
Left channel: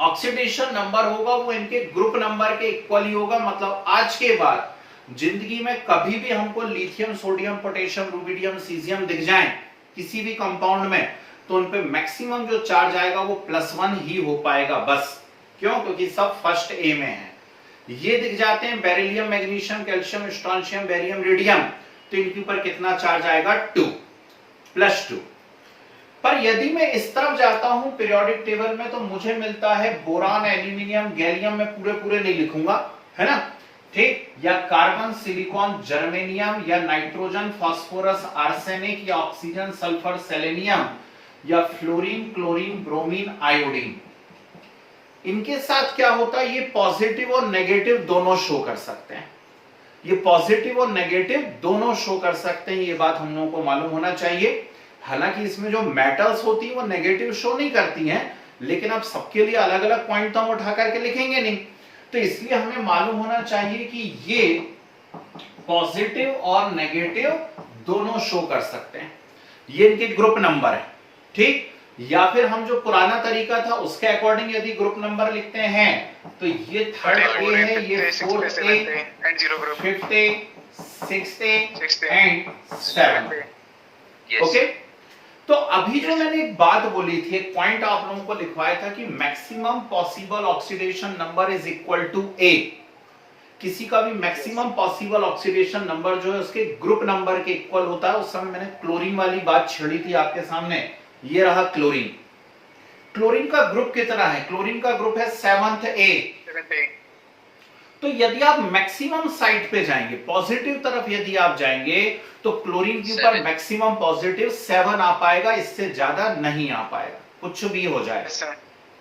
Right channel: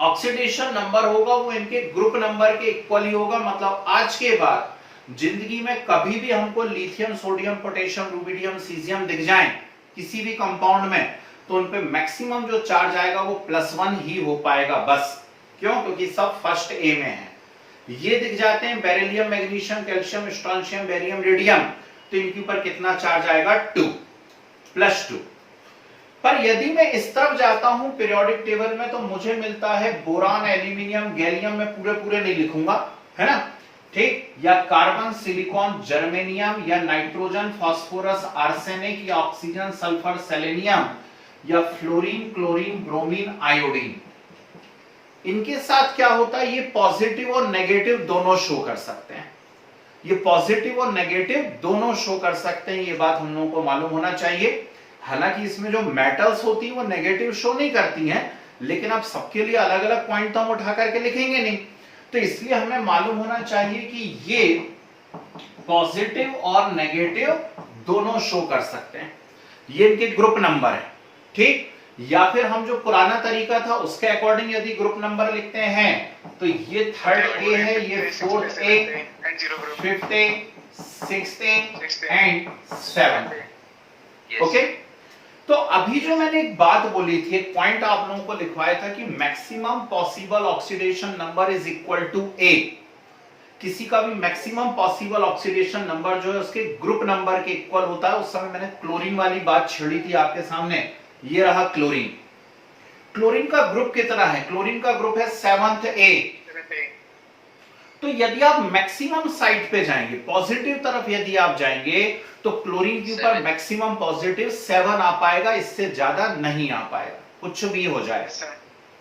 ऑक्सीडेशन नंबर होगा वो इनके ग्रुप नंबर के इक्वल ही होगा। मतलब आज के बाद जिंदगी में कभी भी हमको lithium, sodium, potassium, rubidium, caesium दिख जाए किसी भी कंपाउंड में, तो उनपे मैक्सिमम जो चार्ज आएगा वो +1 ही हो पाएगा बस। क्यों, क्योंकि सब फर्स्ट ए में है। ये दिख जाते हैं beryllium, magnesium, calcium, strontium, barium, radium, तो इनके ऊपर कितना चार्ज आएगा, 2 +2। पर यदि मैं इस तरफ जाता हूं पीरियोडिक टेबल में तो मुझे मिलता है बोरान, एल्यूमिनियम, गैलियम, में पूरे नहीं लिखूंगा, है ना, ठीक। या कार्बन, सिलिकॉन, जर्मेनियम, या नाइट्रोजन, फास्फोरस, आर्सेनिक, या ऑक्सीजन, सल्फर, सेलेनियम, या फ्लोरीन, क्लोरीन, ब्रोमीन, आयोडीन। इनके साथ क्या होता है, ये पॉजिटिव और नेगेटिव दोनों शो कर सकते हैं, ये पॉजिटिव और नेगेटिव दोनों शो कर सकते हैं, ये बात हम लोगों को मालूम होना चाहिए। हालांकि इसमें जो मेटल्स होती हैं वो नेगेटिव शो नहीं करती हैं, लेकिन अब सबके लिए अलग अलग पॉइंट तो हम उठा करके लिखेंगे नहीं, तो इसलिए हमें मालूम होना चाहिए कि ये पॉजिटिव और नेगेटिव दोनों शो कर सकते हैं, ये इनके ग्रुप नंबर है, ठीक। या फिर हम जो पुराना तरीका था उसके अकॉर्डिंग यदि ग्रुप नंबर लिखते हैं तो ये थर्ड ए है, ये fourth A, fifth A, sixth A and seventh A, okay. तो अभी जो मैंने एक बात बोली थी, एक पॉइंट आप लोगों को लिखवाया था कि maximum possible oxidation number is equal to a. किसी का भी मैक्सिमम पॉसिबल ऑक्सीडेशन नंबर जो है उसके ग्रुप नंबर के इक्वल होता है। उस समय मैंने क्लोरीन वाली बात छेड़ी थी आपके सामने, ये रहा क्लोरीन। क्लोरीन का ग्रुप कितना है, क्लोरीन का ग्रुप है 7th ए। तो यदि आप मैक्सिमम साइड पे जाएंगे, पॉजिटिव तरफ यदि आप जाएंगे तो क्लोरीन के ऊपर मैक्सिमम पॉजिटिव 7 आ पाएगा, इससे ज्यादा नहीं आ पाएगा, कुछ भी हो जाए।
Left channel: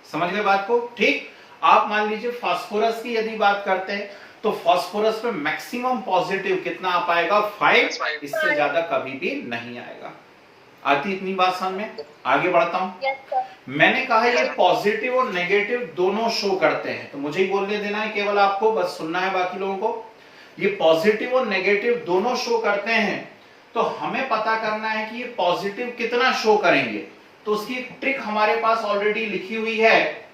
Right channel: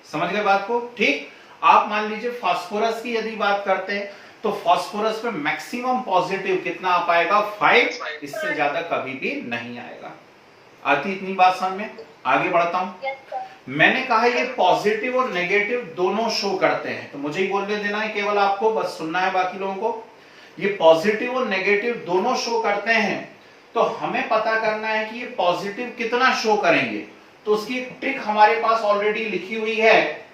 समझ गए बात को, ठीक। आप मान लीजिए फास्फोरस की यदि बात करते हैं तो फास्फोरस पे मैक्सिमम पॉजिटिव कितना आ पाएगा, 5, इससे ज्यादा कभी भी नहीं आएगा। आती इतनी बात समझ में? आगे बढ़ता हूं। Yes sir. मैंने कहा ये पॉजिटिव और नेगेटिव दोनों शो करते हैं, तो मुझे ही बोलने देना है केवल आपको, बस सुनना है बाकी लोगों को। ये पॉजिटिव और नेगेटिव दोनों शो करते हैं, तो हमें पता करना है कि ये पॉजिटिव कितना शो करेंगे। तो उसकी ट्रिक हमारे पास ऑलरेडी लिखी हुई है,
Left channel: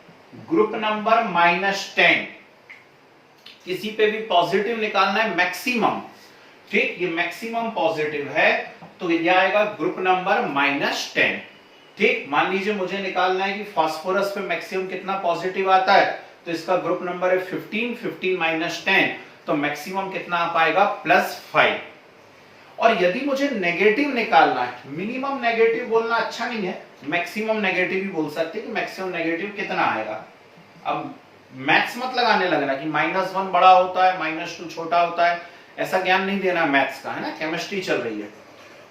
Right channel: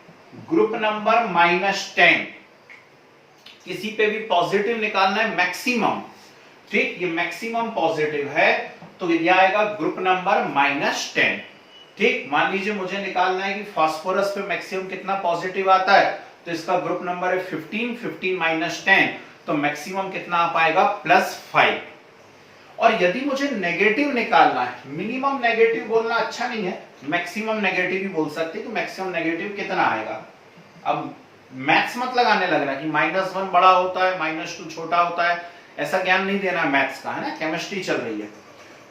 ग्रुप नंबर -10। किसी पे भी पॉजिटिव निकालना है मैक्सिमम, ठीक, ये मैक्सिमम पॉजिटिव है, तो ये आएगा ग्रुप नंबर -10। ठीक, मान लीजिए मुझे निकालना है कि फास्फोरस पे मैक्सिमम कितना पॉजिटिव आता है, तो इसका ग्रुप नंबर है 15, 15 - 10, तो मैक्सिमम कितना आ पाएगा +5। और यदि मुझे नेगेटिव निकालना है, मिनिमम नेगेटिव बोलना अच्छा नहीं है, मैक्सिमम नेगेटिव ही बोल सकते हैं कि मैक्सिमम नेगेटिव कितना आएगा। अब मैथ्स मत लगाने लगना कि -1 बड़ा होता है, -2 छोटा होता है, ऐसा ज्ञान नहीं देना मैथ्स का, है ना, केमिस्ट्री चल रही है।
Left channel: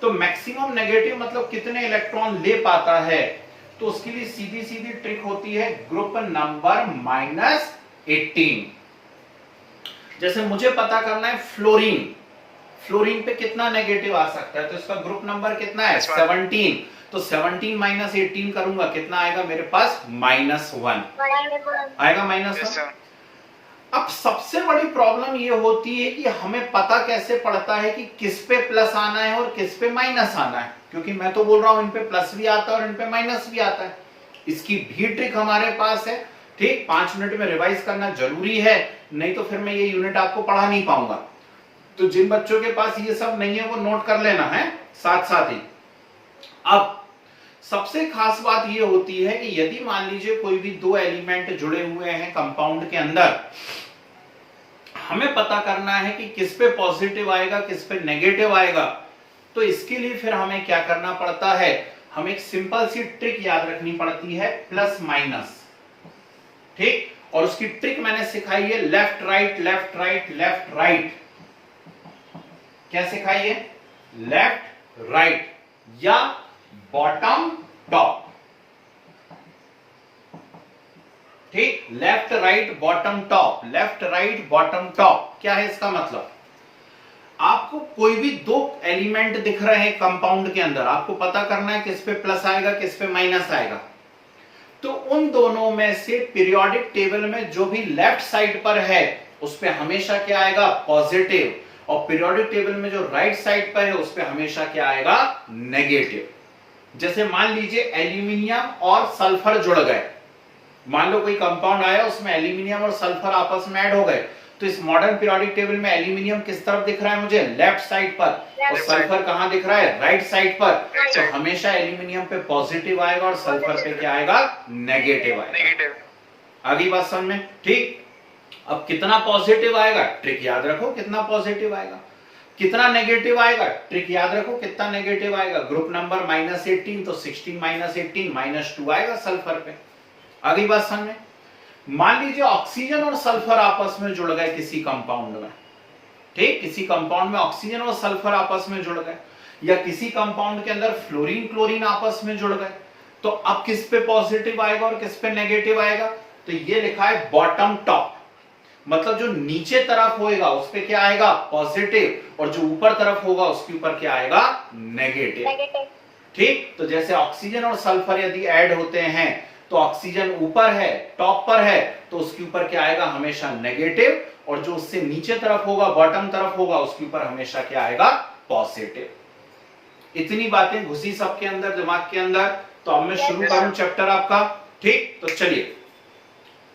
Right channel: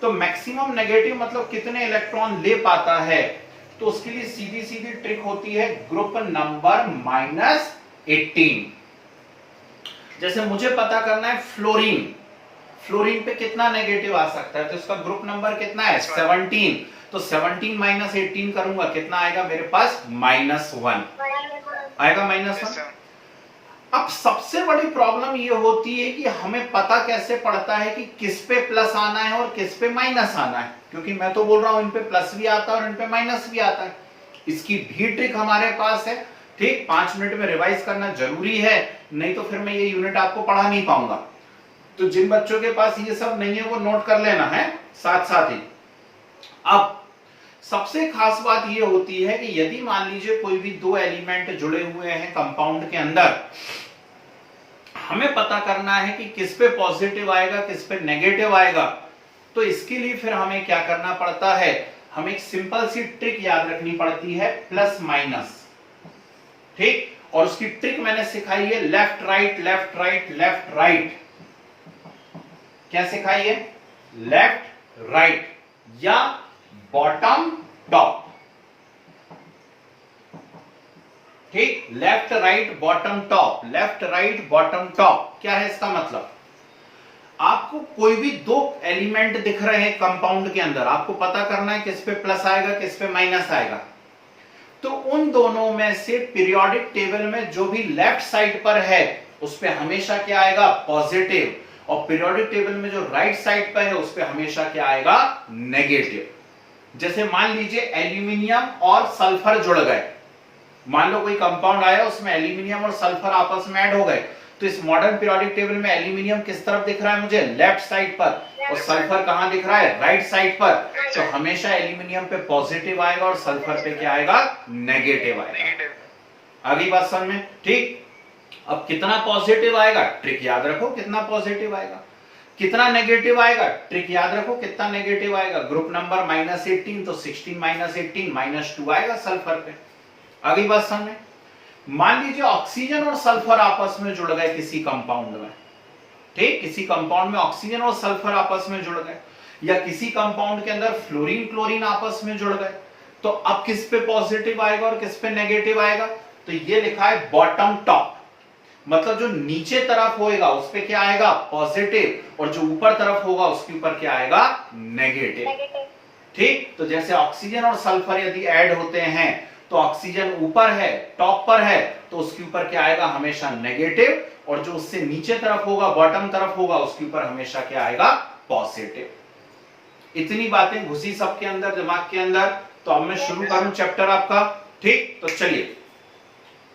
तो मैक्सिमम नेगेटिव मतलब कितने इलेक्ट्रॉन ले पाता है, तो उसके लिए सीधी सीधी ट्रिक होती है ग्रुप नंबर -18। जैसे मुझे पता करना है फ्लोरीन, फ्लोरीन पे कितना नेगेटिव आ सकता है, तो इसका ग्रुप नंबर कितना है 17, तो 17 - 18 करूंगा, कितना आएगा मेरे पास -1 आएगा, -1। अब सबसे बड़ी प्रॉब्लम ये होती है कि हमें पता कैसे पड़ता है कि किस पे प्लस आना है और किस पे माइनस आना है, क्योंकि मैं तो बोल रहा हूं इन पे प्लस भी आता है और इन पे माइनस भी आता है। इसकी भी ट्रिक हमारे पास है, ठीक, 5 मिनट में रिवाइज करना जरूरी है, नहीं तो फिर मैं ये यूनिट आपको पढ़ा नहीं पाऊंगा। तो जिन बच्चों के पास ये सब नहीं है वो नोट कर लेना है साथ साथ ही। अब सबसे खास बात ये होती है कि यदि मान लीजिए कोई भी 2 एलिमेंट जुड़े हुए हैं कंपाउंड के अंदर, हमें पता करना है कि किस पे पॉजिटिव आएगा किस पे नेगेटिव आएगा, तो इसके लिए फिर हमें क्या करना पड़ता है, हमें एक सिंपल सी ट्रिक याद रखनी पड़ती है, प्लस माइनस, ठीक। और उसकी ट्रिक मैंने सिखाई है left right left right left right. क्या सिखाई है? लेफ्ट राइट या बॉटम टॉप, ठीक, left right bottom top, left right bottom top. क्या है इसका मतलब? आपको कोई भी 2 एलिमेंट दिख रहे हैं कंपाउंड के अंदर, आपको पता करना है किस पे प्लस आएगा किस पे माइनस आएगा, तो उन दोनों में से पीरियोडिक टेबल में जो भी लेफ्ट साइड पर है उस पे हमेशा क्या आएगा, पॉजिटिव, और पीरियोडिक टेबल में जो राइट साइड पर है उस पे हमेशा क्या आएगा, नेगेटिव। जैसे मान लीजिए एल्यूमिनियम और सल्फर जुड़ गए, मान लो कोई कंपाउंड आया उसमें एल्यूमिनियम और सल्फर आपस में ऐड हो गए, तो इस मॉडर्न पीरियोडिक टेबल में एल्यूमिनियम किस तरफ दिख रहा है मुझे, लेफ्ट साइड पर, और सल्फर कहां दिख रहा है, राइट साइड पर। तो हमेशा एल्यूमिनियम पे पॉजिटिव आएगा और सल्फर पे क्या आएगा, नेगेटिव आएगा। अगली बात समझ में, ठीक। अब कितना पॉजिटिव आएगा, ट्रिक याद रखो, कितना पॉजिटिव आएगा, कितना नेगेटिव आएगा, ट्रिक याद रखो, कितना नेगेटिव आएगा, ग्रुप नंबर -18, तो 16 - 18 -2 आएगा सल्फर पे। अगली बात समझे, मान लीजिए ऑक्सीजन और सल्फर आपस में जुड़ गए किसी कंपाउंड में, ठीक, किसी कंपाउंड में ऑक्सीजन और सल्फर आपस में जुड़ गए, या किसी कंपाउंड के अंदर फ्लोरीन क्लोरीन आपस में जुड़ गए, तो अब किस पे पॉजिटिव आएगा और किस पे नेगेटिव आएगा, तो ये लिखा है बॉटम टॉप, मतलब जो नीचे तरफ होएगा उस पे क्या आएगा, पॉजिटिव, और जो ऊपर तरफ होगा उसके ऊपर क्या आएगा, नेगेटिव, ठीक। तो जैसे ऑक्सीजन और सल्फर यदि ऐड होते हैं तो ऑक्सीजन ऊपर है, टॉप पर है, तो उसके ऊपर क्या आएगा, हमेशा नेगेटिव, और जो उससे नीचे तरफ होगा, बॉटम तरफ होगा, उसके ऊपर हमेशा क्या आएगा, पॉजिटिव। इतनी बातें घुसी सबके अंदर, दिमाग के अंदर। तो अब मैं शुरू करूं चैप्टर आपका, ठीक। तो चलिए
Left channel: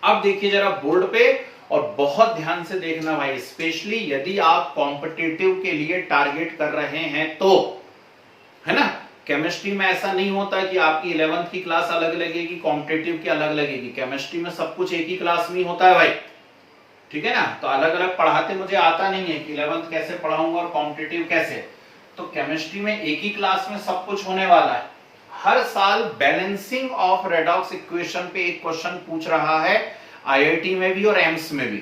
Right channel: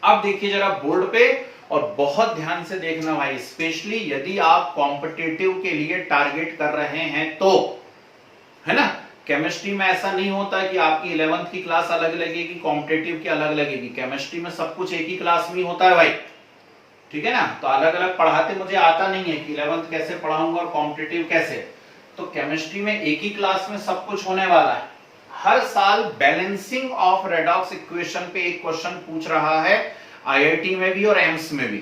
अब देखिए जरा बोर्ड पे, और बहुत ध्यान से देखना भाई, स्पेशली यदि आप कॉम्पिटिटिव के लिए टारगेट कर रहे हैं तो, है ना। केमिस्ट्री में ऐसा नहीं होता कि आपकी 11th की क्लास अलग लगेगी, कॉम्पिटिटिव की अलग लगेगी। केमिस्ट्री में सब कुछ एक ही क्लास में होता है भाई, ठीक है ना। तो अलग अलग पढ़ाते मुझे आता नहीं है कि 11th कैसे पढ़ाऊंगा और कॉम्पिटिटिव कैसे, तो केमिस्ट्री में एक ही क्लास में सब कुछ होने वाला है। हर साल बैलेंसिंग ऑफ रेडॉक्स इक्वेशन पे एक क्वेश्चन पूछ रहा है, आईआईटी में भी और एम्स में भी,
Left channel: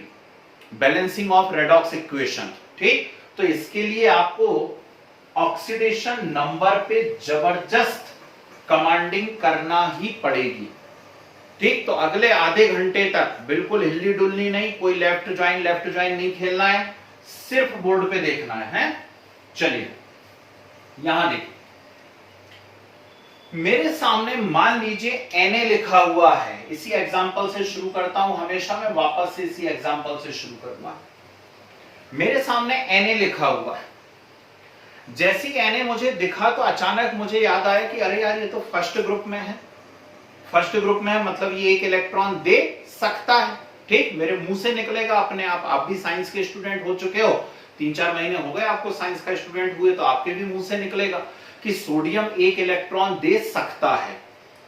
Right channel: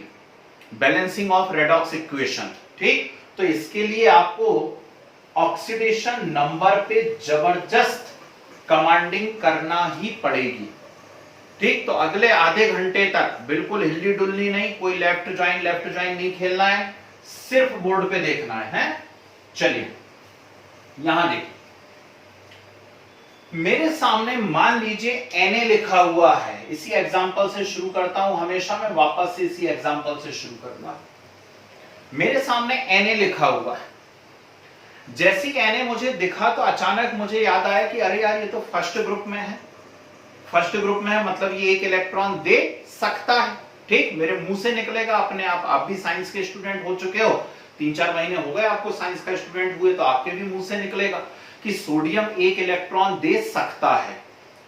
बैलेंसिंग ऑफ रेडॉक्स इक्वेशन, ठीक। तो इसके लिए आपको ऑक्सीडेशन नंबर पे जबरदस्त कमांडिंग करना ही पड़ेगी, ठीक। तो अगले आधे घंटे तक बिल्कुल हिल्ली डुल्ली नहीं, कोई लेफ्ट ज्वाइन नहीं खेलना है, सिर्फ बोर्ड पे देखना है। चलिए यहां देखिए, मेरे सामने मान लीजिए Na लिखा हुआ है, इसी एग्जांपल से शुरू करता हूं, हमेशा मैं वापस से इसी एग्जांपल से शुरू करूंगा। मेरे सामने Na लिखा हुआ है, जैसी Na मुझे दिखा तो अचानक मुझे याद आया कि अरे यार ये तो फर्स्ट ग्रुप में है, फर्स्ट ग्रुप में है मतलब ये एक इलेक्ट्रॉन दे सकता है। ठीक, मेरे मुंह से निकलेगा अपने आप भी साइंस के स्टूडेंट हो चुके हो, 3-4 महीने हो गए आपको साइंस का स्टूडेंट हुए, तो आपके भी मुंह से निकलेगा कि सोडियम एक इलेक्ट्रॉन दे सकता है।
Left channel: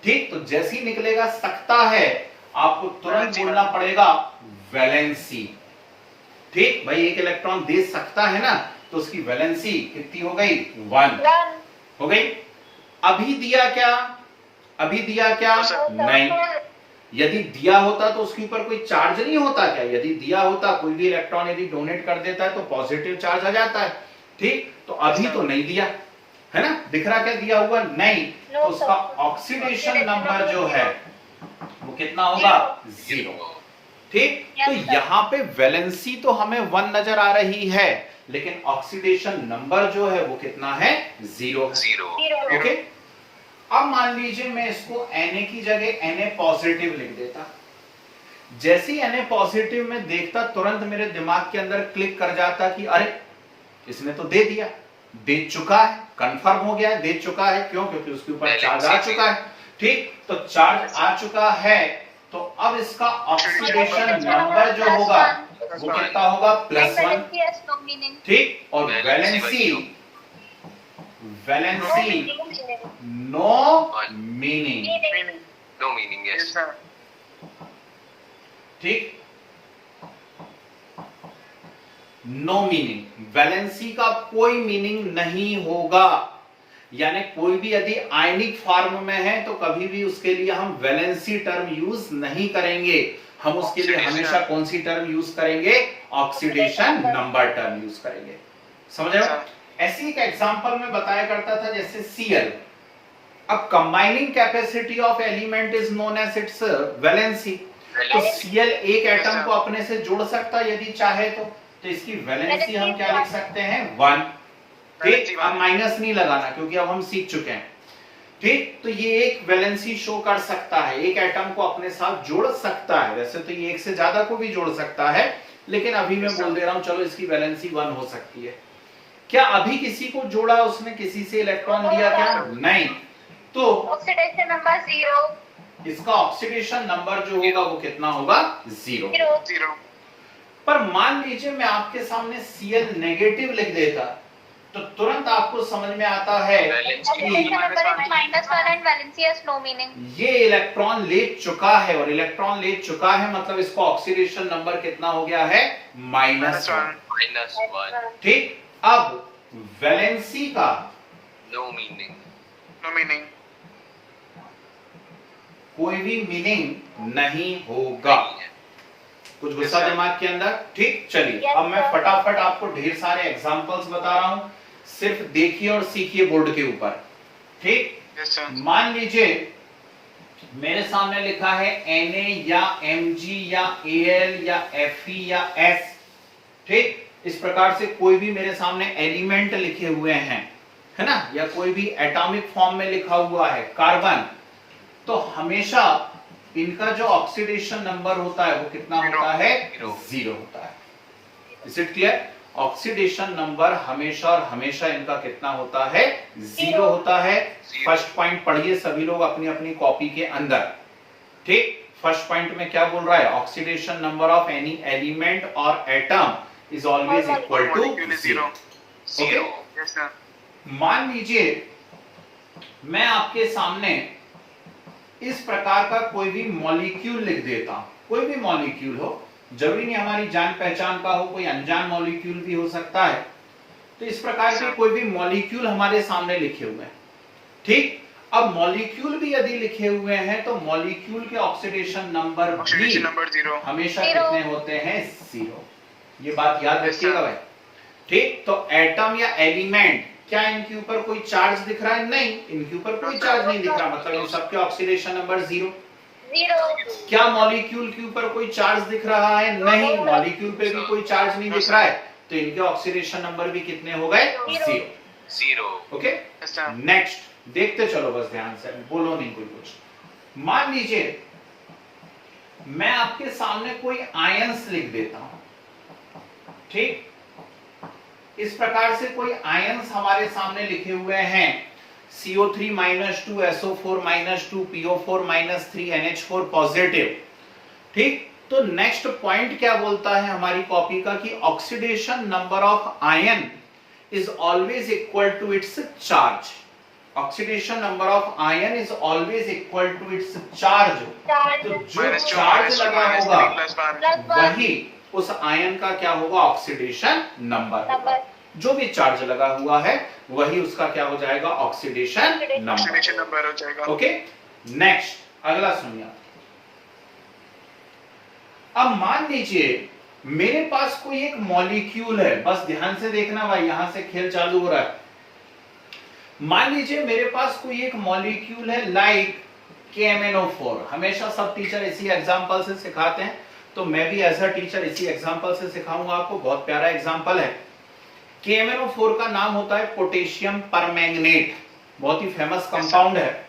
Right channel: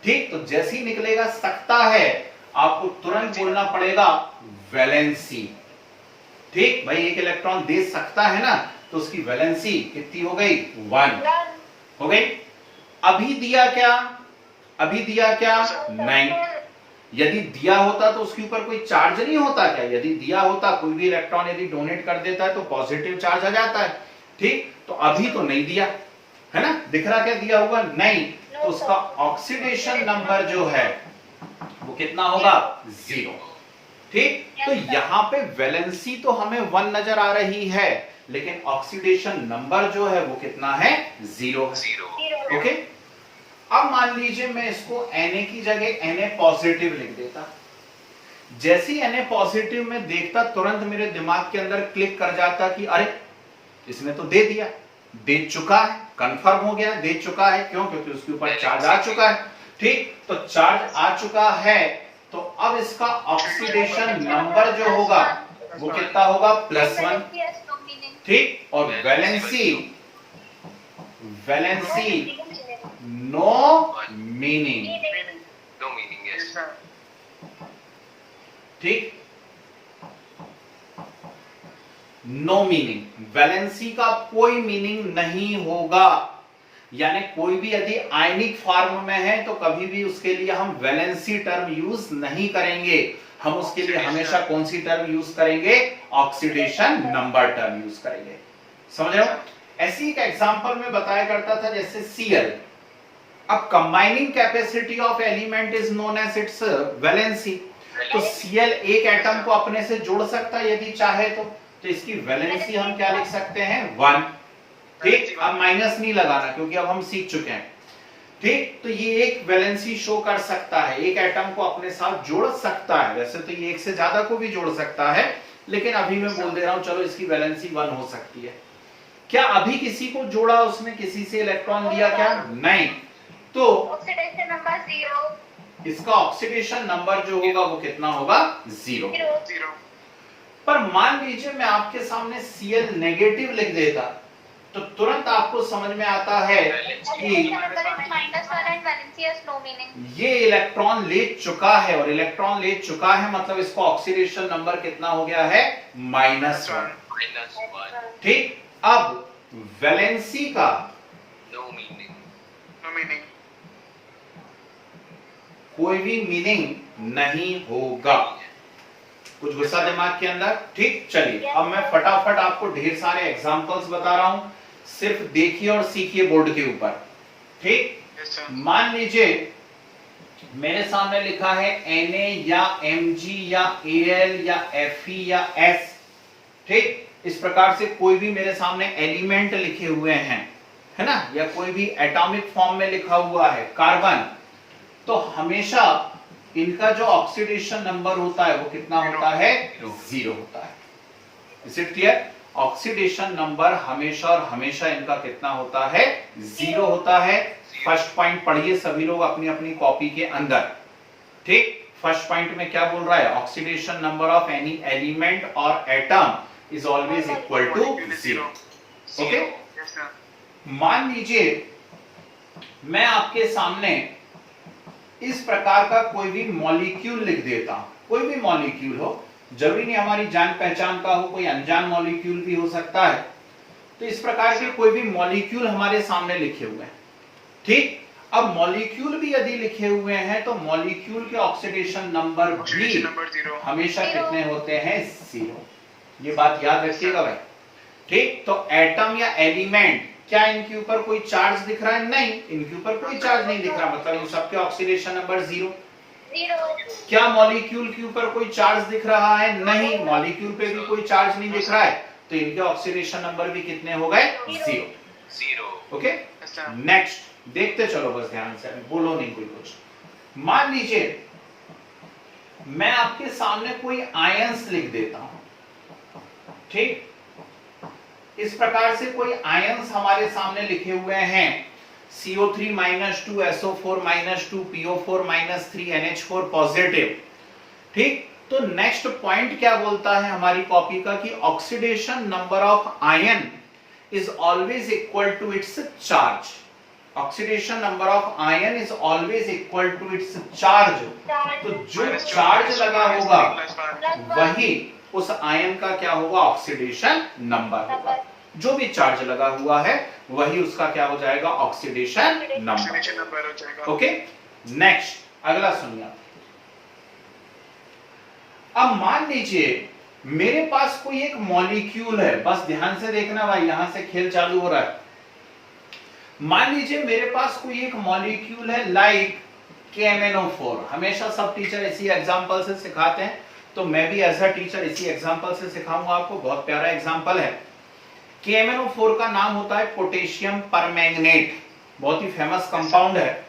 ठीक, तो जैसे ही निकलेगा सकता है, आपको तुरंत बोलना पड़ेगा वैलेंसी। ठीक, भाई एक इलेक्ट्रॉन दे सकता है ना, तो उसकी वैलेंसी कितनी हो गई? 1 हो गई। अभी दिया क्या? अभी दिया क्या? नहीं। यदि दिया होता तो उसके ऊपर कोई चार्ज नहीं होता क्या? यदि दिया होता, कोई भी इलेक्ट्रॉन यदि डोनेट कर देता है तो पॉजिटिव चार्ज आ जाता है। ठीक, तो अभी तो नहीं दिया है ना, दिख रहा क्या दिया हुआ? नहीं, तो उसका ऑक्सीडेशन नंबर जो है वो कितना होगा? 0। ठीक, तो यहां पे वैलेंसी तो हमें 1 नजर आ रही है, लेकिन ऑक्सीडेशन नंबर जो है वो कितना है? 0। ओके, अब मान लीजिए मैं इसको Na की जगह Na पॉजिटिव लिख देता। जैसे ही Na पॉजिटिव में देखता, तुरंत मेरे दिमाग के अंदर क्लिक कर जाता कि अरे इसने तो दे दिया, दे चुका है, कंफर्म हो गया, दे चुका है। क्यों? क्योंकि उसके ऊपर चार्ज आ चुका है। ठीक, तो चार्ज आ चुका है, तो अब इसका ऑक्सीडेशन नंबर जो होगा वो कितना होगा? +1। ठीक, और valency no meaning. No meaning, yes. ठीक, नो मीनिंग, वैलेंसी का कोई मीनिंग नहीं होगा। यानी कोई भी यदि आयनिक फॉर्म में है तो कभी भी उसके लिए हम वैलेंसी टर्म यूज नहीं करेंगे, हम उसके लिए हमेशा कौन सी टर्म यूज करेंगे? ऑक्सीडेशन नंबर टर्म यूज करेंगे। समझ रहे हो? ऐसी एक एग्जांपल में बताया करता था जैसे Cl। अब combining capacity of element is known as its valency. तो Cl एक एटम को अपने से जोड़ सकता है यदि चाहे तो इसकी वैलेंसी हम क्या लिख सकते हैं? 1। ठीक, अब माइनस नहीं लगाना क्योंकि अब हम सीख चुके हैं। ठीक, तो ये एक वैलेंसी शो कर सकता है, एक एटम को अपने साथ जोड़ सकता है। वैसे तो ये एक से ज्यादा को भी जोड़ सकता है, लेकिन अभी मैं बोल दे रहा हूं चलो इसकी वैलेंसी 1 हो सकती है। क्या अभी किसी को जोड़ा उसने, किसी से इलेक्ट्रॉन लिया क्या? नहीं, तो ऑक्सीडेशन नंबर 0। इसका ऑक्सीडेशन नंबर जो होगा वो कितना होगा? 0। पर मान लीजिए मैं आपके सामने Cl नेगेटिव लिख देता, तो तुरंत आपको समझ में आता है कि ये इलेक्ट्रॉन ले चुका है, और इलेक्ट्रॉन ले चुका है मतलब इसका ऑक्सीडेशन नंबर कितना हो गया है? -1। ठीक, अब वैलेंसी का नो मीनिंग, कोई भी मीनिंग नहीं होगा। कुछ गुस्सा दिमाग के अंदर? ठीक, चलिए अब मैं फटाफट आपको ढेर सारे एग्जांपल्स बता रहा हूं, सिर्फ देखिए और सीखिए बोर्ड के ऊपर। ठीक, मान लीजिए मेरे सामने लिखा है Na या Mg या Al या Fe या S। ठीक, इस प्रकार से कोई भी मेरे सामने एलिमेंट लिखे हुए हैं, है ना, या कोई भी एटॉमिक फॉर्म में लिखा हुआ है कार्बन, तो हमेशा इनका जो ऑक्सीडेशन नंबर होता है वो कितना होता है? 0 होता है। Is it clear? Oxidation number हमेशा और हमेशा इनका कितना होता है? 0 होता है। फर्स्ट पॉइंट पढ़िए सभी लोग अपनी अपनी कॉपी के अंदर। ठीक, फर्स्ट पॉइंट में क्या बोल रहा है? Oxidation number of any element और atom is always equal to 0। Okay, मान लीजिए मैं आपके सामने इस प्रकार का कोई भी मॉलिक्यूल लिख देता हूं, कोई भी मॉलिक्यूल हो, जरूरी नहीं हमारी जान पहचान का हो, कोई अनजान मॉलिक्यूल भी हो सकता है। तो इस प्रकार के कोई भी मॉलिक्यूल हमारे सामने लिखे हुए हैं। ठीक, अब मॉलिक्यूल भी यदि लिखे हुए हैं तो मॉलिक्यूल के ऑक्सीडेशन नंबर भी हमेशा कितने होते हैं? 0। ये बात याद रखिएगा भाई। ठीक, तो एटम या एलिमेंट, क्या इनके ऊपर कोई चार्ज दिख रहा है? नहीं, इनके ऊपर कोई चार्ज नहीं दिख रहा, मतलब इन सबके ऑक्सीडेशन नंबर 0। क्या मॉलिक्यूल के ऊपर कोई चार्ज दिख रहा है? नहीं, मॉलिक्यूल पे भी कोई चार्ज नहीं दिख रहा है, तो इनके ऑक्सीडेशन नंबर भी कितने हो गए? 0। ओके, नेक्स्ट देखते चलो बस ध्यान से, बोलो नहीं कोई कुछ। मान लीजिए मैं आपके सामने कोई आयंस लिख देता हूं, ठीक, इस प्रकार से कोई आयंस हमारे सामने लिखे हुए हैं, CO3 -2, SO4 -2, PO4 -3, NH4 positive, ठीक। तो नेक्स्ट पॉइंट क्या बोलता है हमारी कॉपी का कि oxidation number of ion is always equal to its charge. Oxidation number of ion is always equal to its charge. तो जो चार्ज लगा होगा वही उस आयन का क्या होगा, ऑक्सीडेशन नंबर होगा। जो भी चार्ज लगा हुआ है वही उसका क्या हो जाएगा, ऑक्सीडेशन नंबर हो जाएगा। ओके, नेक्स्ट अगला सुनिए। अब मान लीजिए मेरे पास कोई एक मॉलिक्यूल है, बस ध्यान से देखना भाई, यहां से खेल चालू हो रहा है। मान लीजिए मेरे पास कोई एक मॉलिक्यूल है लाइक KMnO4। हमेशा सब टीचर इसी एग्जांपल से सिखाते हैं, तो मैं भी एज अ टीचर इसी एग्जांपल से सिखाऊंगा आपको। बहुत प्यारा एग्जांपल है। KMnO4 का नाम होता है पोटेशियम परमैंगनेट, बहुत ही फेमस कंपाउंड है,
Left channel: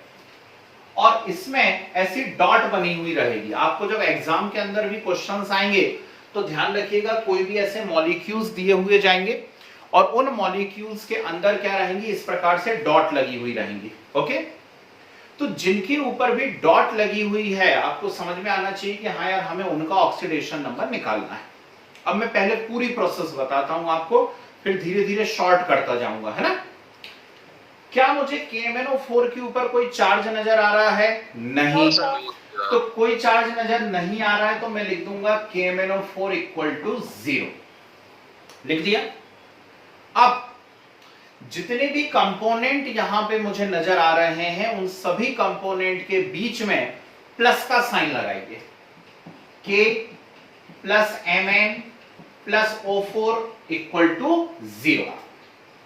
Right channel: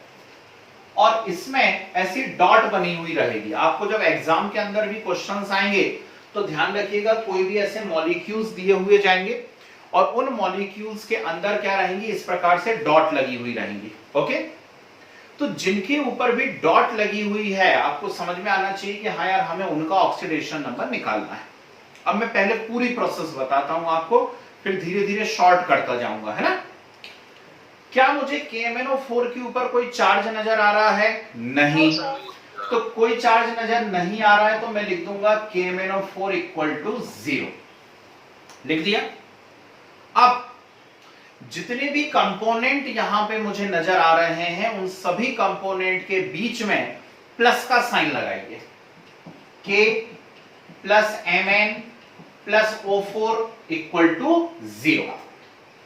और इसमें ऐसी डॉट बनी हुई रहेगी। आपको जब एग्जाम के अंदर भी क्वेश्चंस आएंगे तो ध्यान रखिएगा, कोई भी ऐसे मॉलिक्यूल्स दिए हुए जाएंगे और उन मॉलिक्यूल्स के अंदर क्या रहेंगी, इस प्रकार से डॉट लगी हुई रहेंगी। ओके, तो जिनके ऊपर भी डॉट लगी हुई है आपको समझ में आना चाहिए कि हाँ यार हमें उनका ऑक्सीडेशन नंबर निकालना है। अब मैं पहले पूरी प्रोसेस बताता हूं आपको, फिर धीरे धीरे शॉर्ट करता जाऊंगा, है ना। क्या मुझे KMnO4 के ऊपर कोई चार्ज नजर आ रहा है? नहीं। तो कोई चार्ज नजर नहीं आ रहा है तो मैं लिख दूंगा KMnO4 इक्वल टू 0, लिख दिया। अब जितने भी कंपोनेंट यहां पे मुझे नजर आ रहे हैं उन सभी कंपोनेंट के बीच में प्लस का साइन लगाइए। K plus Mn plus O4 equal to 0।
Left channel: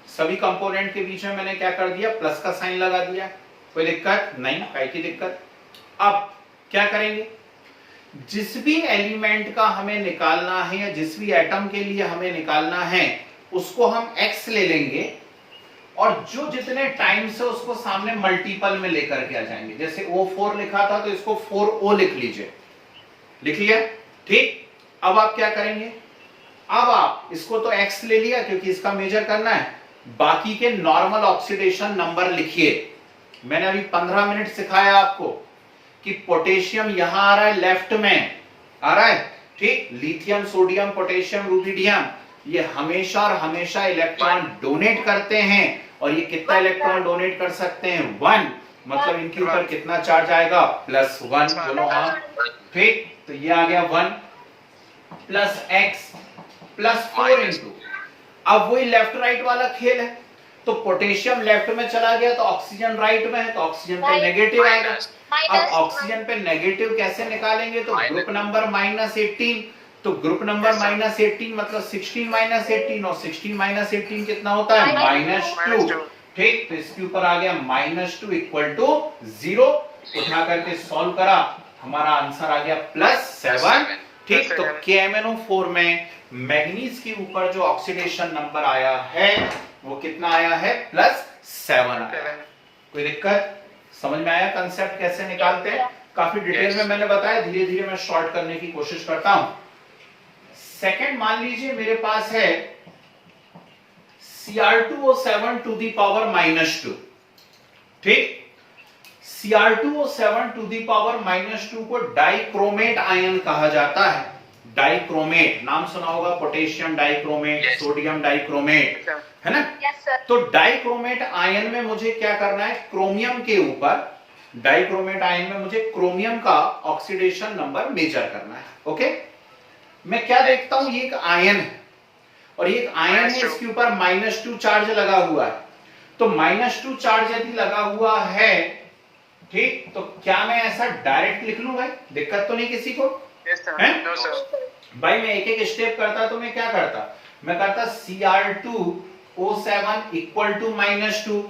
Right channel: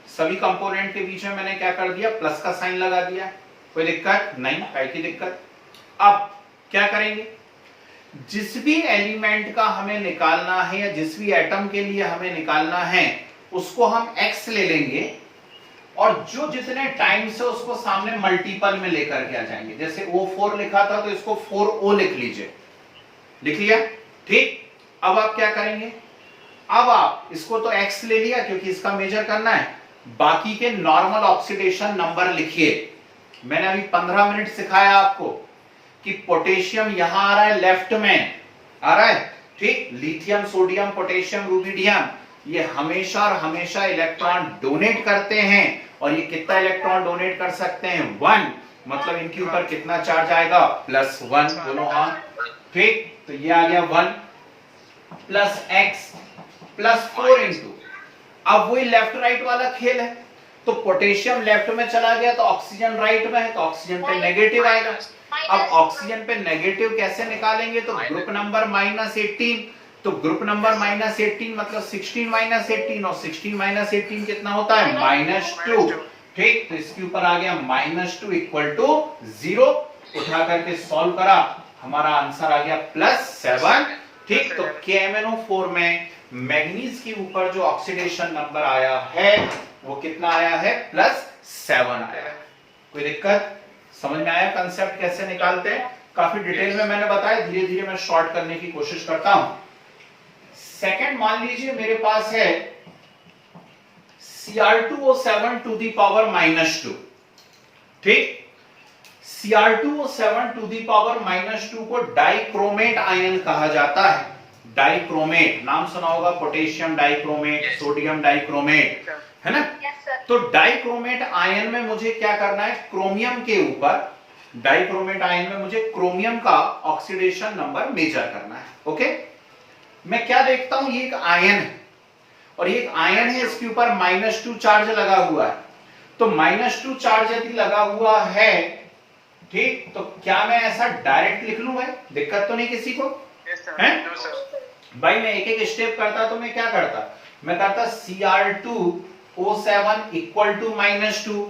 सभी कंपोनेंट के बीच में मैंने क्या कर दिया, प्लस का साइन लगा दिया। कोई दिक्कत नहीं, काय की दिक्कत। अब क्या करेंगे, जिस भी एलिमेंट का हमें निकालना है या जिस भी एटम के लिए हमें निकालना है उसको हम x ले लेंगे और जो जितने टाइम से उसको सामने मल्टीपल में लेकर के आ जाएंगे। जैसे O4 लिखा था तो इसको 4O लिख लीजिए, लिख लिया, ठीक। अब आप क्या करेंगे, अब आप इसको तो x ले लिया क्योंकि इसका मेजर करना है, बाकी के नॉर्मल ऑक्सीडेशन नंबर लिखिए। मैंने अभी 15 मिनट सिखाया आपको कि पोटेशियम यहां आ रहा है, लेफ्ट में आ रहा है, ठीक। लिथियम, सोडियम, पोटेशियम, रुबिडियम ये हमेशा और हमेशा इलेक्ट्रॉन डोनेट करते हैं, और ये कितना इलेक्ट्रॉन डोनेट कर सकते हैं, 1। मतलब इनके ऊपर कितना चार्ज आएगा, +1। बोलो हाँ, ठीक। तो ये आ गया 1 प्लस x प्लस 4 इंटू, अब वही लेफ्ट राइट वाला खेल है। तो पोटेशियम लेफ्ट में चला गया तो ऑक्सीजन राइट में है, तो ऑक्सीजन पे नेगेटिव आएगा। अब ऑक्सीजन पे नेगेटिव कैसे निकालेंगे, तो ग्रुप नंबर -18। तो ग्रुप नंबर -18 मतलब 16 -18, और 16 -18 कितना होता है, -2, ठीक। तो इसके ऊपर आ गया -2 इक्वल टू 0। उठा करके सॉल्व करा, हमारा आंसर आ गया +7, ठीक। तो KMnO4 में मैग्नीज के ऊपर जो ऑक्सीडेशन नंबर आया है वो कितना आया है, +7 आया। कोई दिक्कत, समझ में आया कंसेप्ट कैसे निकालते हैं? काफी डिटेल में मैंने बताया, धीरे धीरे मैं शॉर्ट करने की कोशिश करता हूं। सेकंड, मान लीजिए मेरे पास है Cr2O7 टू दी पावर -2, ठीक। Cr2O7 टू दी पावर -2 को डाइक्रोमेट आयन कहा जाता है। डाइक्रोमेट नाम सुना होगा, पोटेशियम डाइक्रोमेट, सोडियम डाइक्रोमेट, है ना। तो डाइक्रोमेट आयन में मुझे क्या करना है, क्रोमियम के ऊपर, डाइक्रोमेट आयन में मुझे क्रोमियम का ऑक्सीडेशन नंबर मेजर करना है। ओके, मैं क्या देखता हूं, ये एक आयन है और ये एक आयन है, इसके ऊपर -2 चार्ज लगा हुआ है। तो -2 चार्ज यदि लगा हुआ है, ठीक, तो क्या मैं ऐसा डायरेक्ट लिख लूं भाई, दिक्कत तो नहीं किसी को है? भाई मैं एक एक स्टेप करता तो मैं क्या करता, मैं करता Cr2O7 इक्वल टू -2,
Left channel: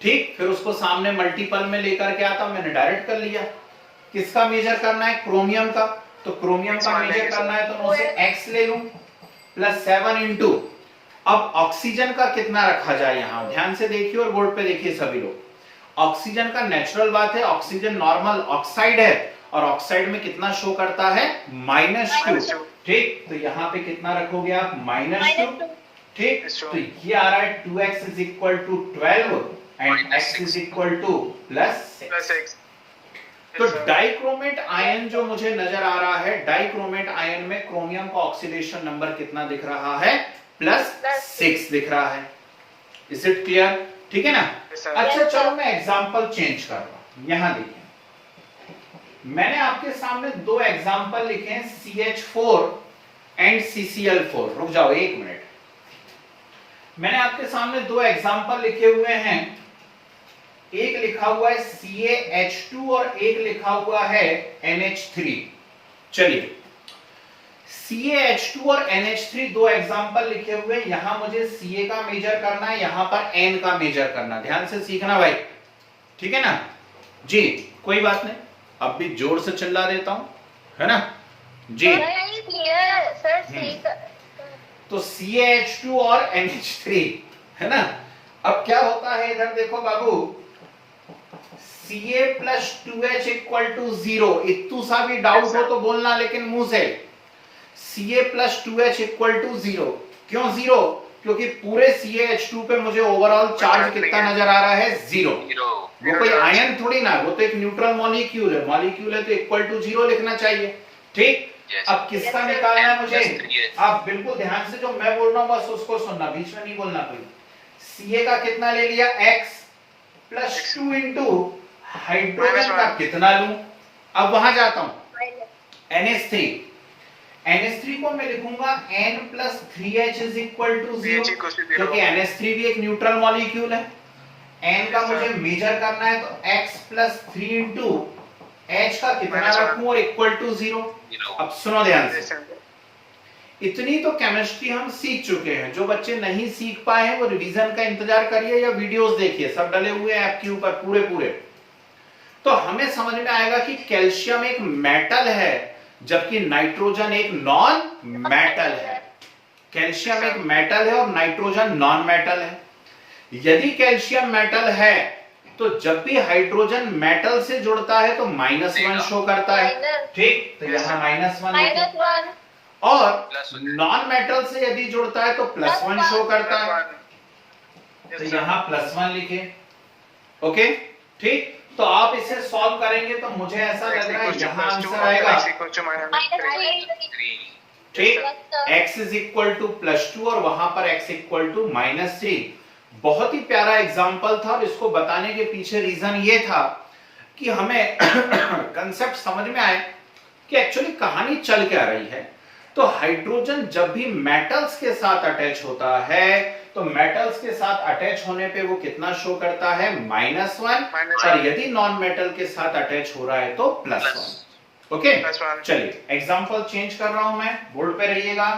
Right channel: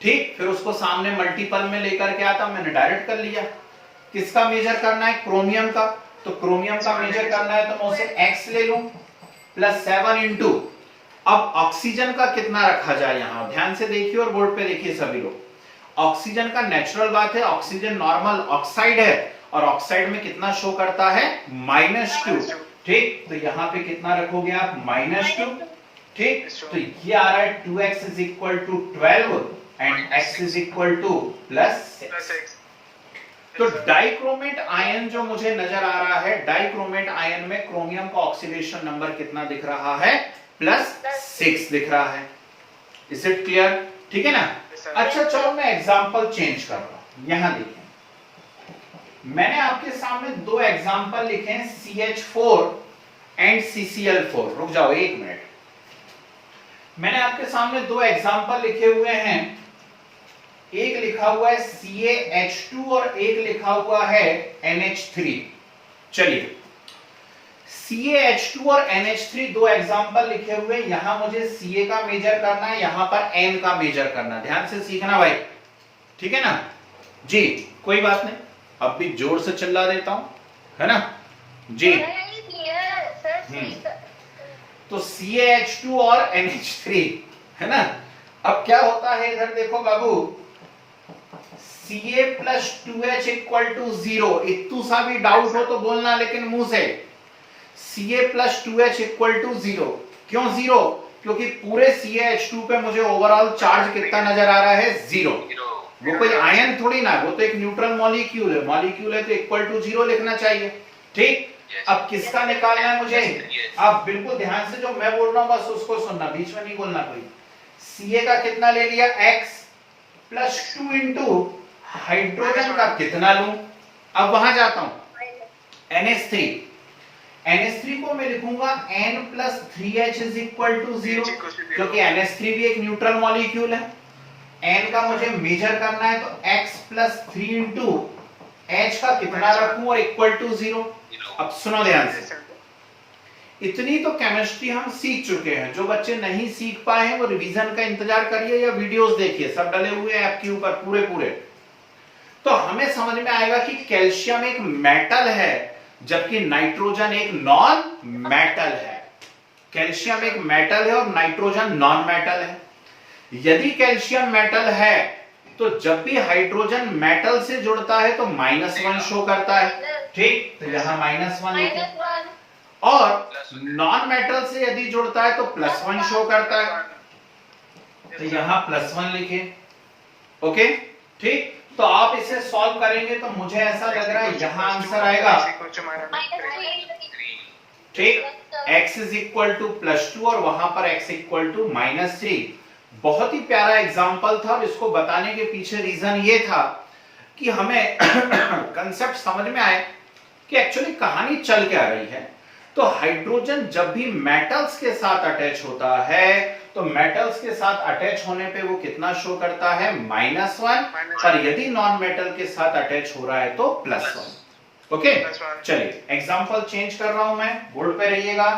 ठीक। फिर उसको सामने मल्टीपल में लेकर के आता, मैंने डायरेक्ट कर लिया। किसका मेजर करना है, क्रोमियम का। तो क्रोमियम का मेजर करना है तो मैं उसे x ले लूं, +7 इंटू, अब ऑक्सीजन का कितना रखा जाए, यहां ध्यान से देखिए और बोर्ड पे देखिए सभी लोग। ऑक्सीजन का नेचुरल बात है, ऑक्सीजन नॉर्मल ऑक्साइड है और ऑक्साइड में कितना शो करता है, -2। ठीक, तो यहां पे कितना रखोगे आप, -2। ठीक, तो ये आ रहा है 2x is equal to 12 and x is equal to +6। तो डाइक्रोमेट आयन जो मुझे नजर आ रहा है, डाइक्रोमेट आयन में क्रोमियम का ऑक्सीडेशन नंबर कितना दिख रहा है, +6 दिख रहा है। Is it clear? ठीक है ना। अच्छा चलो मैं एग्जांपल चेंज कर रहा हूं। यहां देखिए, मैंने आपके सामने दो एग्जांपल लिखे हैं, CH4 एंड CCl4। रुक जाओ एक मिनट, मैंने आपके सामने दो एग्जांपल लिखे हुए हैं। एक लिखा हुआ है CaH2 और एक लिखा हुआ है NH3। चलिए, CaH2 और NH3 दो एग्जांपल लिखे हुए हैं। यहां मुझे Ca का मेजर करना है, यहां पर N का मेजर करना है। ध्यान से सीखना भाई, ठीक है ना जी। कोई बात नहीं, अब भी जोर से चिल्ला देता हूं, है ना जी। तो CaH2 और NH3, है ना। अब क्या होता है इधर देखो बाबू, Ca plus 2H equal to 0। इतू सा भी डाउट हो तो बोलना, लेकिन मुंह से। Ca plus 2H equal to 0। क्यों 0? क्योंकि पूरे CaH2 पे मुझे ओवरऑल चार्ज कितना नजर आ रहा है, 0। वो कोई आयन थोड़ी ना, वो तो एक न्यूट्रल मॉलिक्यूल है। मॉलिक्यूल है तो इक्वल टू 0 लिखना चाहिए। ठीक, अब किसका निकालना है मुझे? आप बिल्कुल ध्यान से जो मैं बोल रहा हूं बस उसको सुनना, बीच में नहीं बोलना कोई। Ca का कितना ले लिया, x प्लस 2 इंटू हाइड्रोजन का कितना लूं। अब वहां जाता हूं, NH3। NH3 को मैं लिखूंगा N plus 3H is equal to 0, क्योंकि NH3 भी एक न्यूट्रल मॉलिक्यूल है। N का मुझे मेजर करना है तो x प्लस 3 इंटू H का कितना रखूं और इक्वल टू 0। अब सुनो ध्यान से, इतनी तो केमिस्ट्री हम सीख चुके हैं। जो बच्चे नहीं सीख पाए हैं वो रिवीजन का इंतजार करिए या वीडियोस देखिए, सब डले हुए हैं आपके ऊपर पूरे। तो हमें समझ में आएगा कि कैल्शियम एक मेटल है, जबकि नाइट्रोजन एक नॉन मेटल है। कैल्शियम एक मेटल है और नाइट्रोजन नॉन मेटल है। यदि कैल्शियम मेटल है तो जब भी हाइड्रोजन मेटल से जुड़ता है तो -1 शो करता है। ठीक, तो यहां -1 लिखे, और नॉन मेटल से यदि जुड़ता है तो +1 शो करता है, तो यहां +1 लिखे। ओके, ठीक। तो आप इसे सॉल्व करेंगे तो मुझे ऐसा लग रहा है यहां आंसर आएगा, ठीक, x इज इक्वल टू +2 और वहां पर x इक्वल टू -3। बहुत ही प्यारा एग्जाम्पल था और इसको बताने के पीछे रीजन ये था कि हमें कंसेप्ट समझ में आए कि एक्चुअली कहानी चल क्या रही है। तो हाइड्रोजन जब भी मेटल्स के साथ अटैच होता है तो मेटल्स के साथ अटैच होने पे वो कितना शो करता है, -1, और यदि नॉन मेटल के साथ अटैच हो रहा है तो +1। ओके, चलिए एग्जांपल चेंज कर रहा हूं मैं, बोर्ड पे रहिएगा।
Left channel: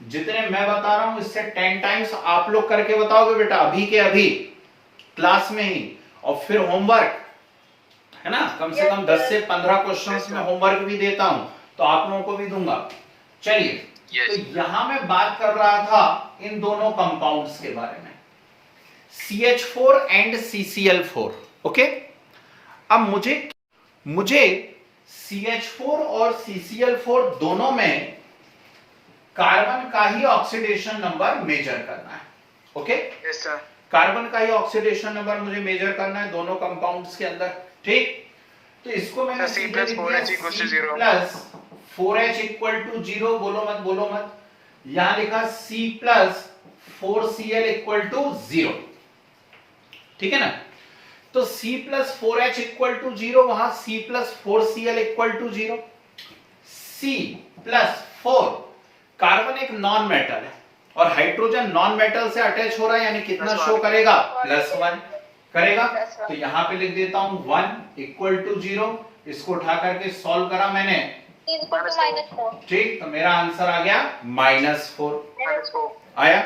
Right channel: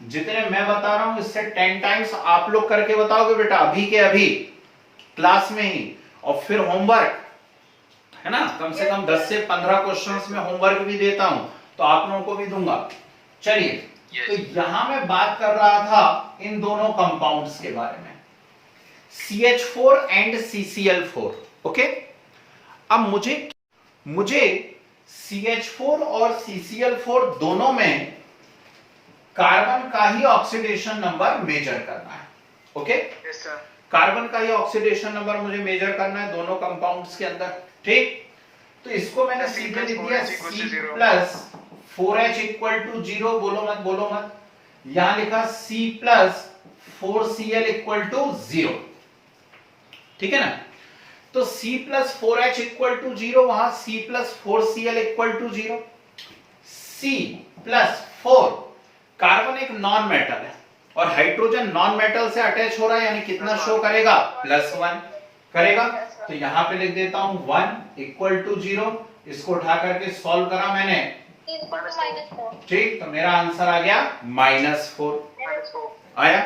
जितने मैं बता रहा हूं इससे 10 टाइम्स आप लोग करके बताओगे बेटा, अभी के अभी क्लास में ही। और फिर होमवर्क, है ना, कम से कम 10 से 15 क्वेश्चंस में होमवर्क भी देता हूं, तो आप लोगों को भी दूंगा। चलिए, तो यहां मैं बात कर रहा था इन दोनों कंपाउंड्स के बारे में, CH4 एंड CCl4। ओके, अब मुझे CH4 और CCl4 दोनों में कार्बन का ही ऑक्सीडेशन नंबर मेजर करना है। Okay, yes sir. कार्बन का ही ऑक्सीडेशन नंबर मुझे मेजर करना है दोनों कंपाउंड्स के अंदर। ठीक, तो इसको मैंने सीधे लिख दिया C plus 4H equal to 0। बोलो मत। यहां लिखा C plus 4Cl equal to 0। ठीक है ना। तो C plus 4H equal to 0, वहां C plus 4Cl equal to 0। C plus 4, carbon एक नॉन मेटल है और हाइड्रोजन नॉन मेटल से अटैच हो रहा है, यानी कितना शो करेगा, +1 करेगा। तो यहां पे लिख देता हूं 1 इक्वल टू 0। इसको उठा करके सॉल्व करा मैंने, ठीक, तो मेरा आंसर आ गया -4 आया।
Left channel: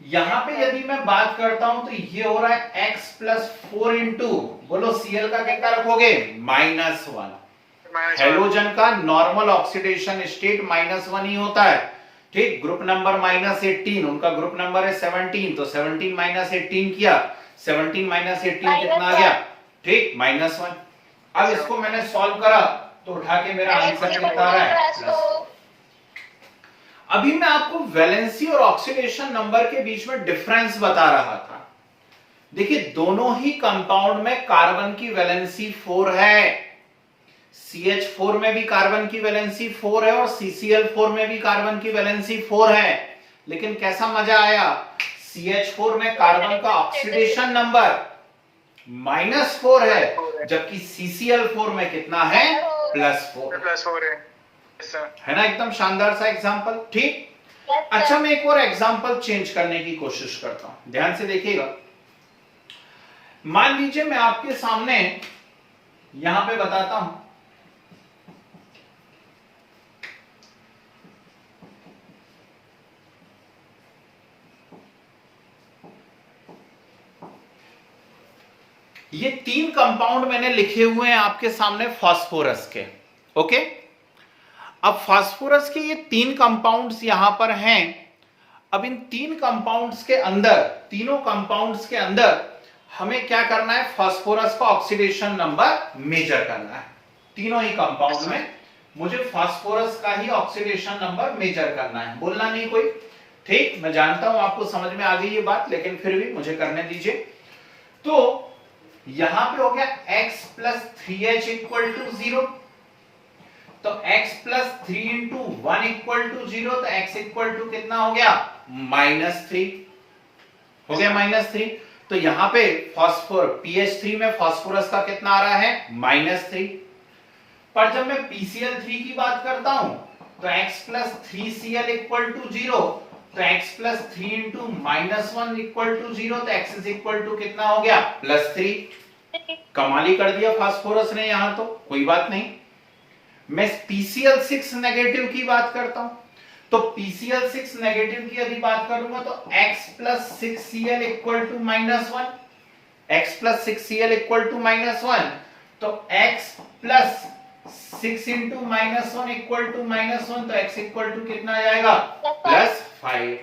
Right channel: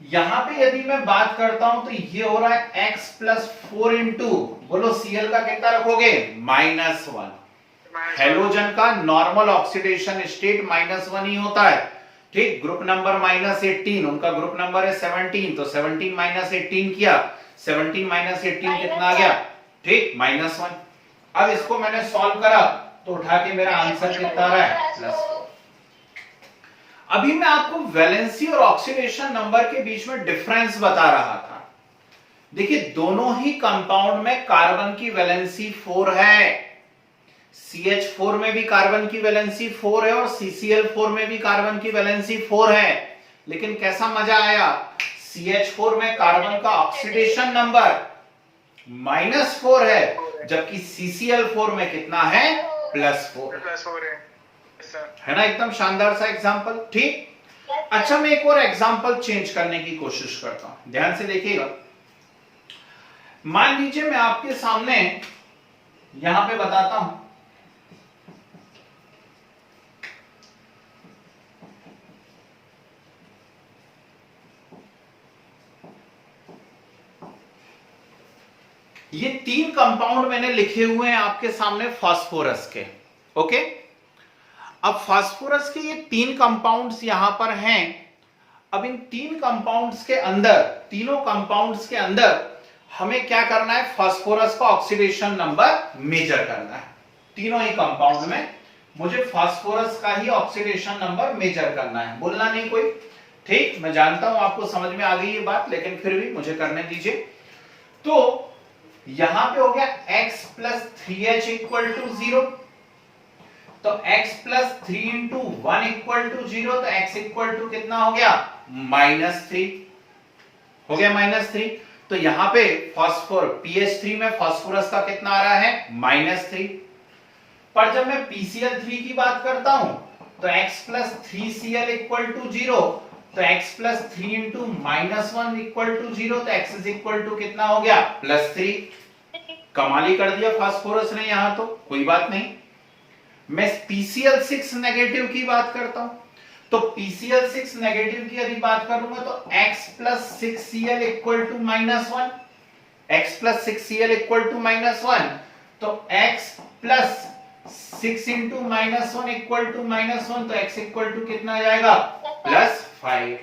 यहां पे यदि मैं बात करता हूं तो ये हो रहा है x प्लस 4 इंटू, बोलो Cl का कितना रखोगे, -1। हेलोजन का नॉर्मल ऑक्सीडेशन स्टेट -1 ही होता है। ठीक, ग्रुप नंबर -18, उनका ग्रुप नंबर है 17, तो 17 - 18 किया, 17 माइनस 18 कितना आ गया? ठीक, -1। अब इसको मैंने सॉल्व करा तो उठा के मेरा आंसर कितना आ रहा है? प्लस। अभी मैं आपको वैलेंसी और ऑक्सीडेशन नंबर के बीच में डिफरेंस बता रहा था। देखिए दोनों ही कंपाउंड में कार्बन की वैलेंसी 4 है, CH4 में भी कार्बन की वैलेंसी 4 है और CCl4 में भी कार्बन की वैलेंसी 4 है। लेकिन कैसा मजा आया, CH4 में कार्बन का ऑक्सीडेशन नंबर -4 है, जबकि CCl4 में कितना है? +4 है ना। एकदम शानदार सा एग्जांपल। ठीक, अच्छा मैं एक और एग्जांपल चेंज करने की कोशिश करता हूं, ध्यान से देखिएगा। मान लीजिए मैं आपके सामने यहां पे बताता हूं ये 3 कंपाउंड मैंने लिखे हुए हैं आपके सामने फास्फोरस के। ओके, अब फास्फोरस के ये 3 कंपाउंड्स यहां पर हैं। अब इन 3 कंपाउंड्स के अंदर, तीनों कंपाउंड्स के अंदर हमें क्या करना है? फास्फोरस का ऑक्सीडेशन नंबर मेजर करना है। तीनों ही कंपाउंड में मुझे फास्फोरस का ही ऑक्सीडेशन नंबर मेजर करना है। बोलना नहीं कोई, ठीक, मैं जानता हूं आपको समझ में आ गई ये बात, लेकिन फिर भी मुझे करने दीजिए। तो यहां पे हो गया x + 3h = 0, तो x + 3 × 1 = 0, तो x = कितना हो गया? -3 हो गया, -3। तो यहां पे फास्फोर pH3 में फास्फोरस का कितना आ रहा है? -3। पर जब मैं PCl3 की बात करता हूं तो x + 3Cl = 0, तो x + 3 × -1 = 0, तो x कितना हो गया? +3। कमाल ही कर दिया फास्फोरस ने यहां, तो कोई बात नहीं। मैं PCl6 नेगेटिव की बात करता हूं, तो PCl6 नेगेटिव की यदि बात करूंगा तो x + 6Cl = -1, x + 6Cl = -1, तो x + 6 × -1 = -1, तो x कितना आ जाएगा? +5।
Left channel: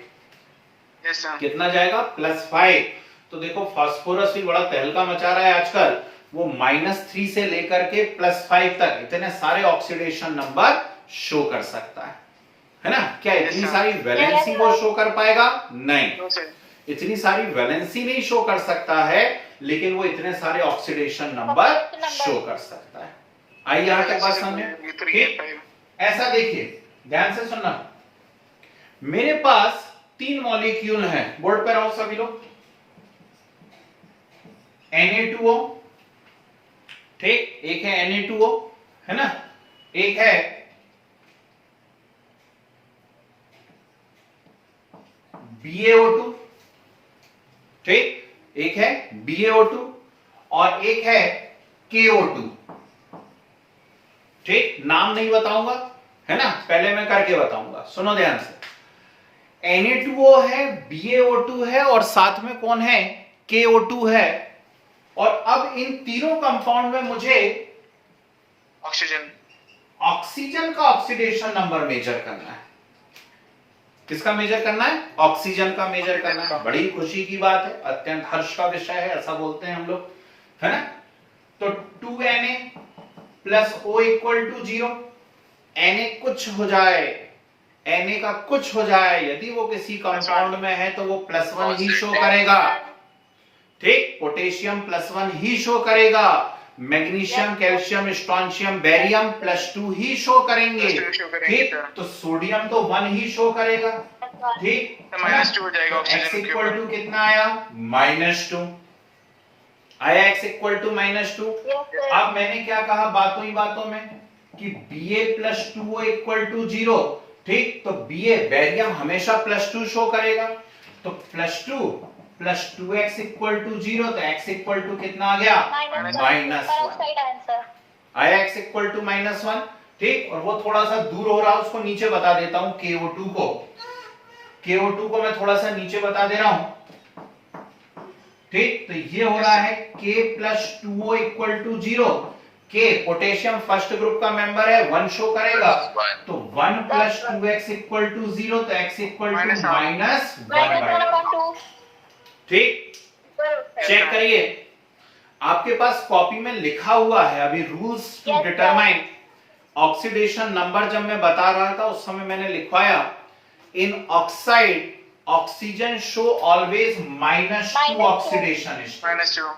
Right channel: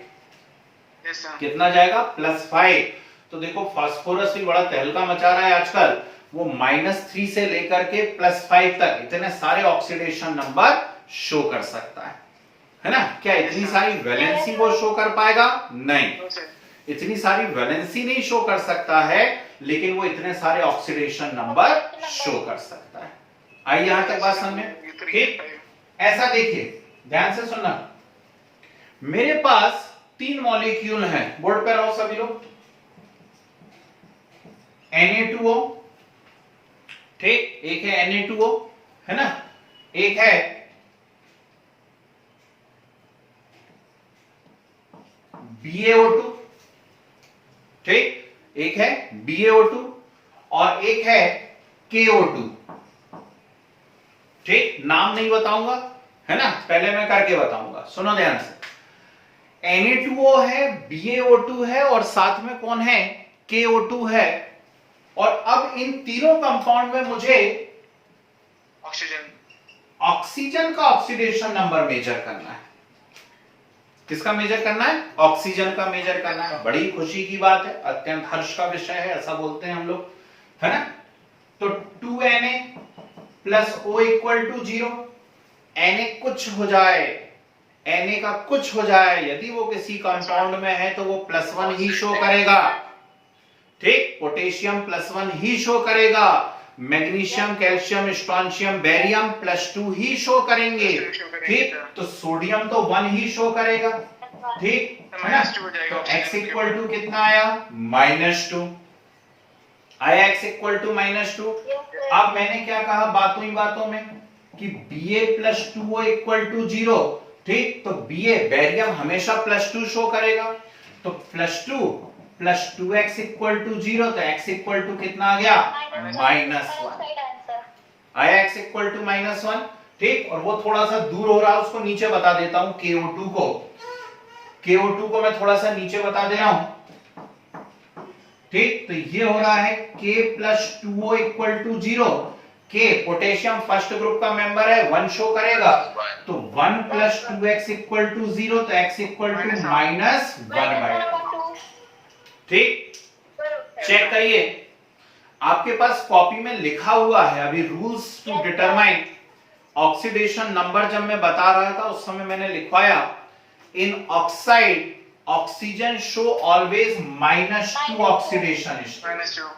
कितना जाएगा? +5। तो देखो फास्फोरस भी बड़ा तहलका मचा रहा है आजकल, वो -3 से लेकर के +5 तक इतने सारे ऑक्सीडेशन नंबर शो कर सकता है ना। क्या इतनी सारी वैलेंसी वो शो कर पाएगा? नहीं, इतनी सारी वैलेंसी नहीं शो कर सकता है, लेकिन वो इतने सारे ऑक्सीडेशन नंबर शो कर सकता है। आइए यहां तक बात समझ में, ठीक। ऐसा देखिए, ध्यान से सुनना, मेरे पास 3 मॉलिक्यूल हैं, बोर्ड पे रहो सभी लोग। Na2O, ठीक, एक है Na2O, है ना, एक है BaO2, ठीक, एक है BaO2 और एक है KO2, ठीक। नाम नहीं बताऊंगा, है ना, पहले मैं करके बताऊंगा, सुनो ध्यान से। Na2O है, BaO2 है और साथ में कौन है? KO2 है। और अब इन तीनों कंपाउंड में मुझे ऑक्सीजन का ऑक्सीडेशन नंबर मेजर करना है। किसका मेजर करना है? ऑक्सीजन का मेजर करना है। बड़ी खुशी की बात है, अत्यंत हर्ष का विषय है, ऐसा बोलते हैं हम लोग, है ना। तो 2Na + O = 0, Na कुछ हो जाए, Na का कुछ हो जाए, यदि वो किसी कंपाउंड में है तो वो +1 ही शो करेगा, ठीक। पोटेशियम +1 ही शो करेगा, मैग्नीशियम, कैल्शियम, स्ट्रोंशियम, बेरियम +2 ही शो करेंगे, ठीक। तो सोडियम तो 1 ही शो करेगा, ठीक, है ना। तो x = कितना आया? -2 आया, x = -2। अब मैंने क्या कहा बातों ही बातों में कि Ba + 2O = 0, ठीक। तो Ba बेरियम हमेशा +2 शो करेगा, तो +2 + 2x = 0, तो x कितना आ गया? -1 आया, x = -1, ठीक। और वो थोड़ा सा दूर हो रहा है, उसको नीचे बता देता हूं, KO2 को मैं थोड़ा सा नीचे बता दे रहा हूं, ठीक। तो ये हो रहा है K + 2O = 0, K potassium first group का मेंबर है, 1 शो करेगा, तो 1 + 2x = 0, तो x = -1/2, ठीक। चेक करिए, आपके पास कॉपी में लिखा हुआ है अभी rules to determine oxidation number. जब मैं बता रहा था उस समय मैंने लिखवाया in oxide oxygen show always -2 oxidation state. -2,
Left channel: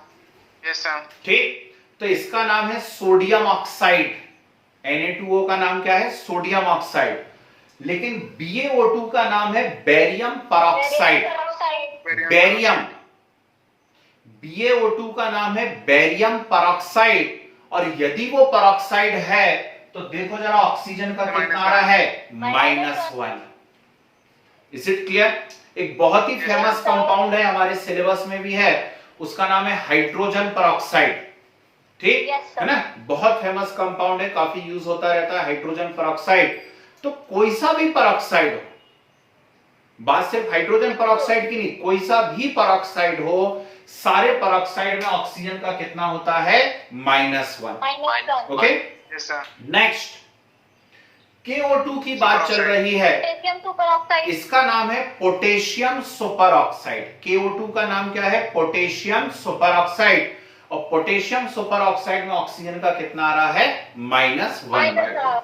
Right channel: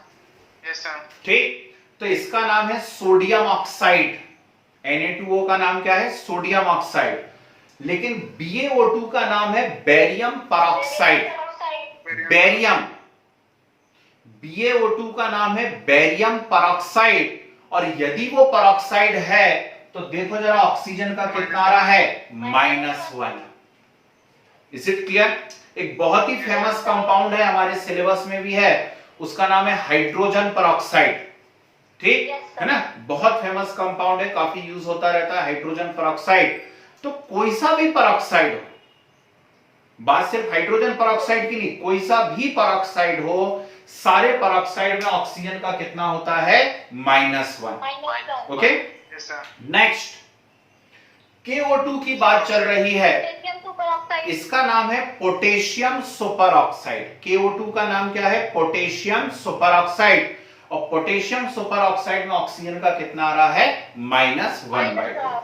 yes sir. ठीक, तो इसका नाम है सोडियम ऑक्साइड। Na2O का नाम क्या है? Sodium oxide. लेकिन BaO2 का नाम है बेरियम परऑक्साइड। बेरियम, BaO2 का नाम है बेरियम परऑक्साइड। और यदि वो परऑक्साइड है तो देखो जरा ऑक्सीजन का कितना आ रहा है? -1। Is it clear? एक बहुत ही फेमस कंपाउंड है, हमारे सिलेबस में भी है, उसका नाम है हाइड्रोजन परऑक्साइड। ठीक है ना, बहुत फेमस कंपाउंड है, काफी यूज होता रहता है हाइड्रोजन परऑक्साइड। तो कोई सा भी परऑक्साइड हो, बात सिर्फ हाइड्रोजन परऑक्साइड की नहीं, कोई सा भी परऑक्साइड हो, सारे परऑक्साइड में ऑक्सीजन का कितना होता है? -1। Okay, yes sir. Next KO2 की बात चल रही है, इसका नाम है पोटेशियम सुपर ऑक्साइड। KO2 का नाम क्या है? Potassium super oxide. और पोटेशियम सुपर ऑक्साइड में ऑक्सीजन का कितना आ रहा है? -1/2।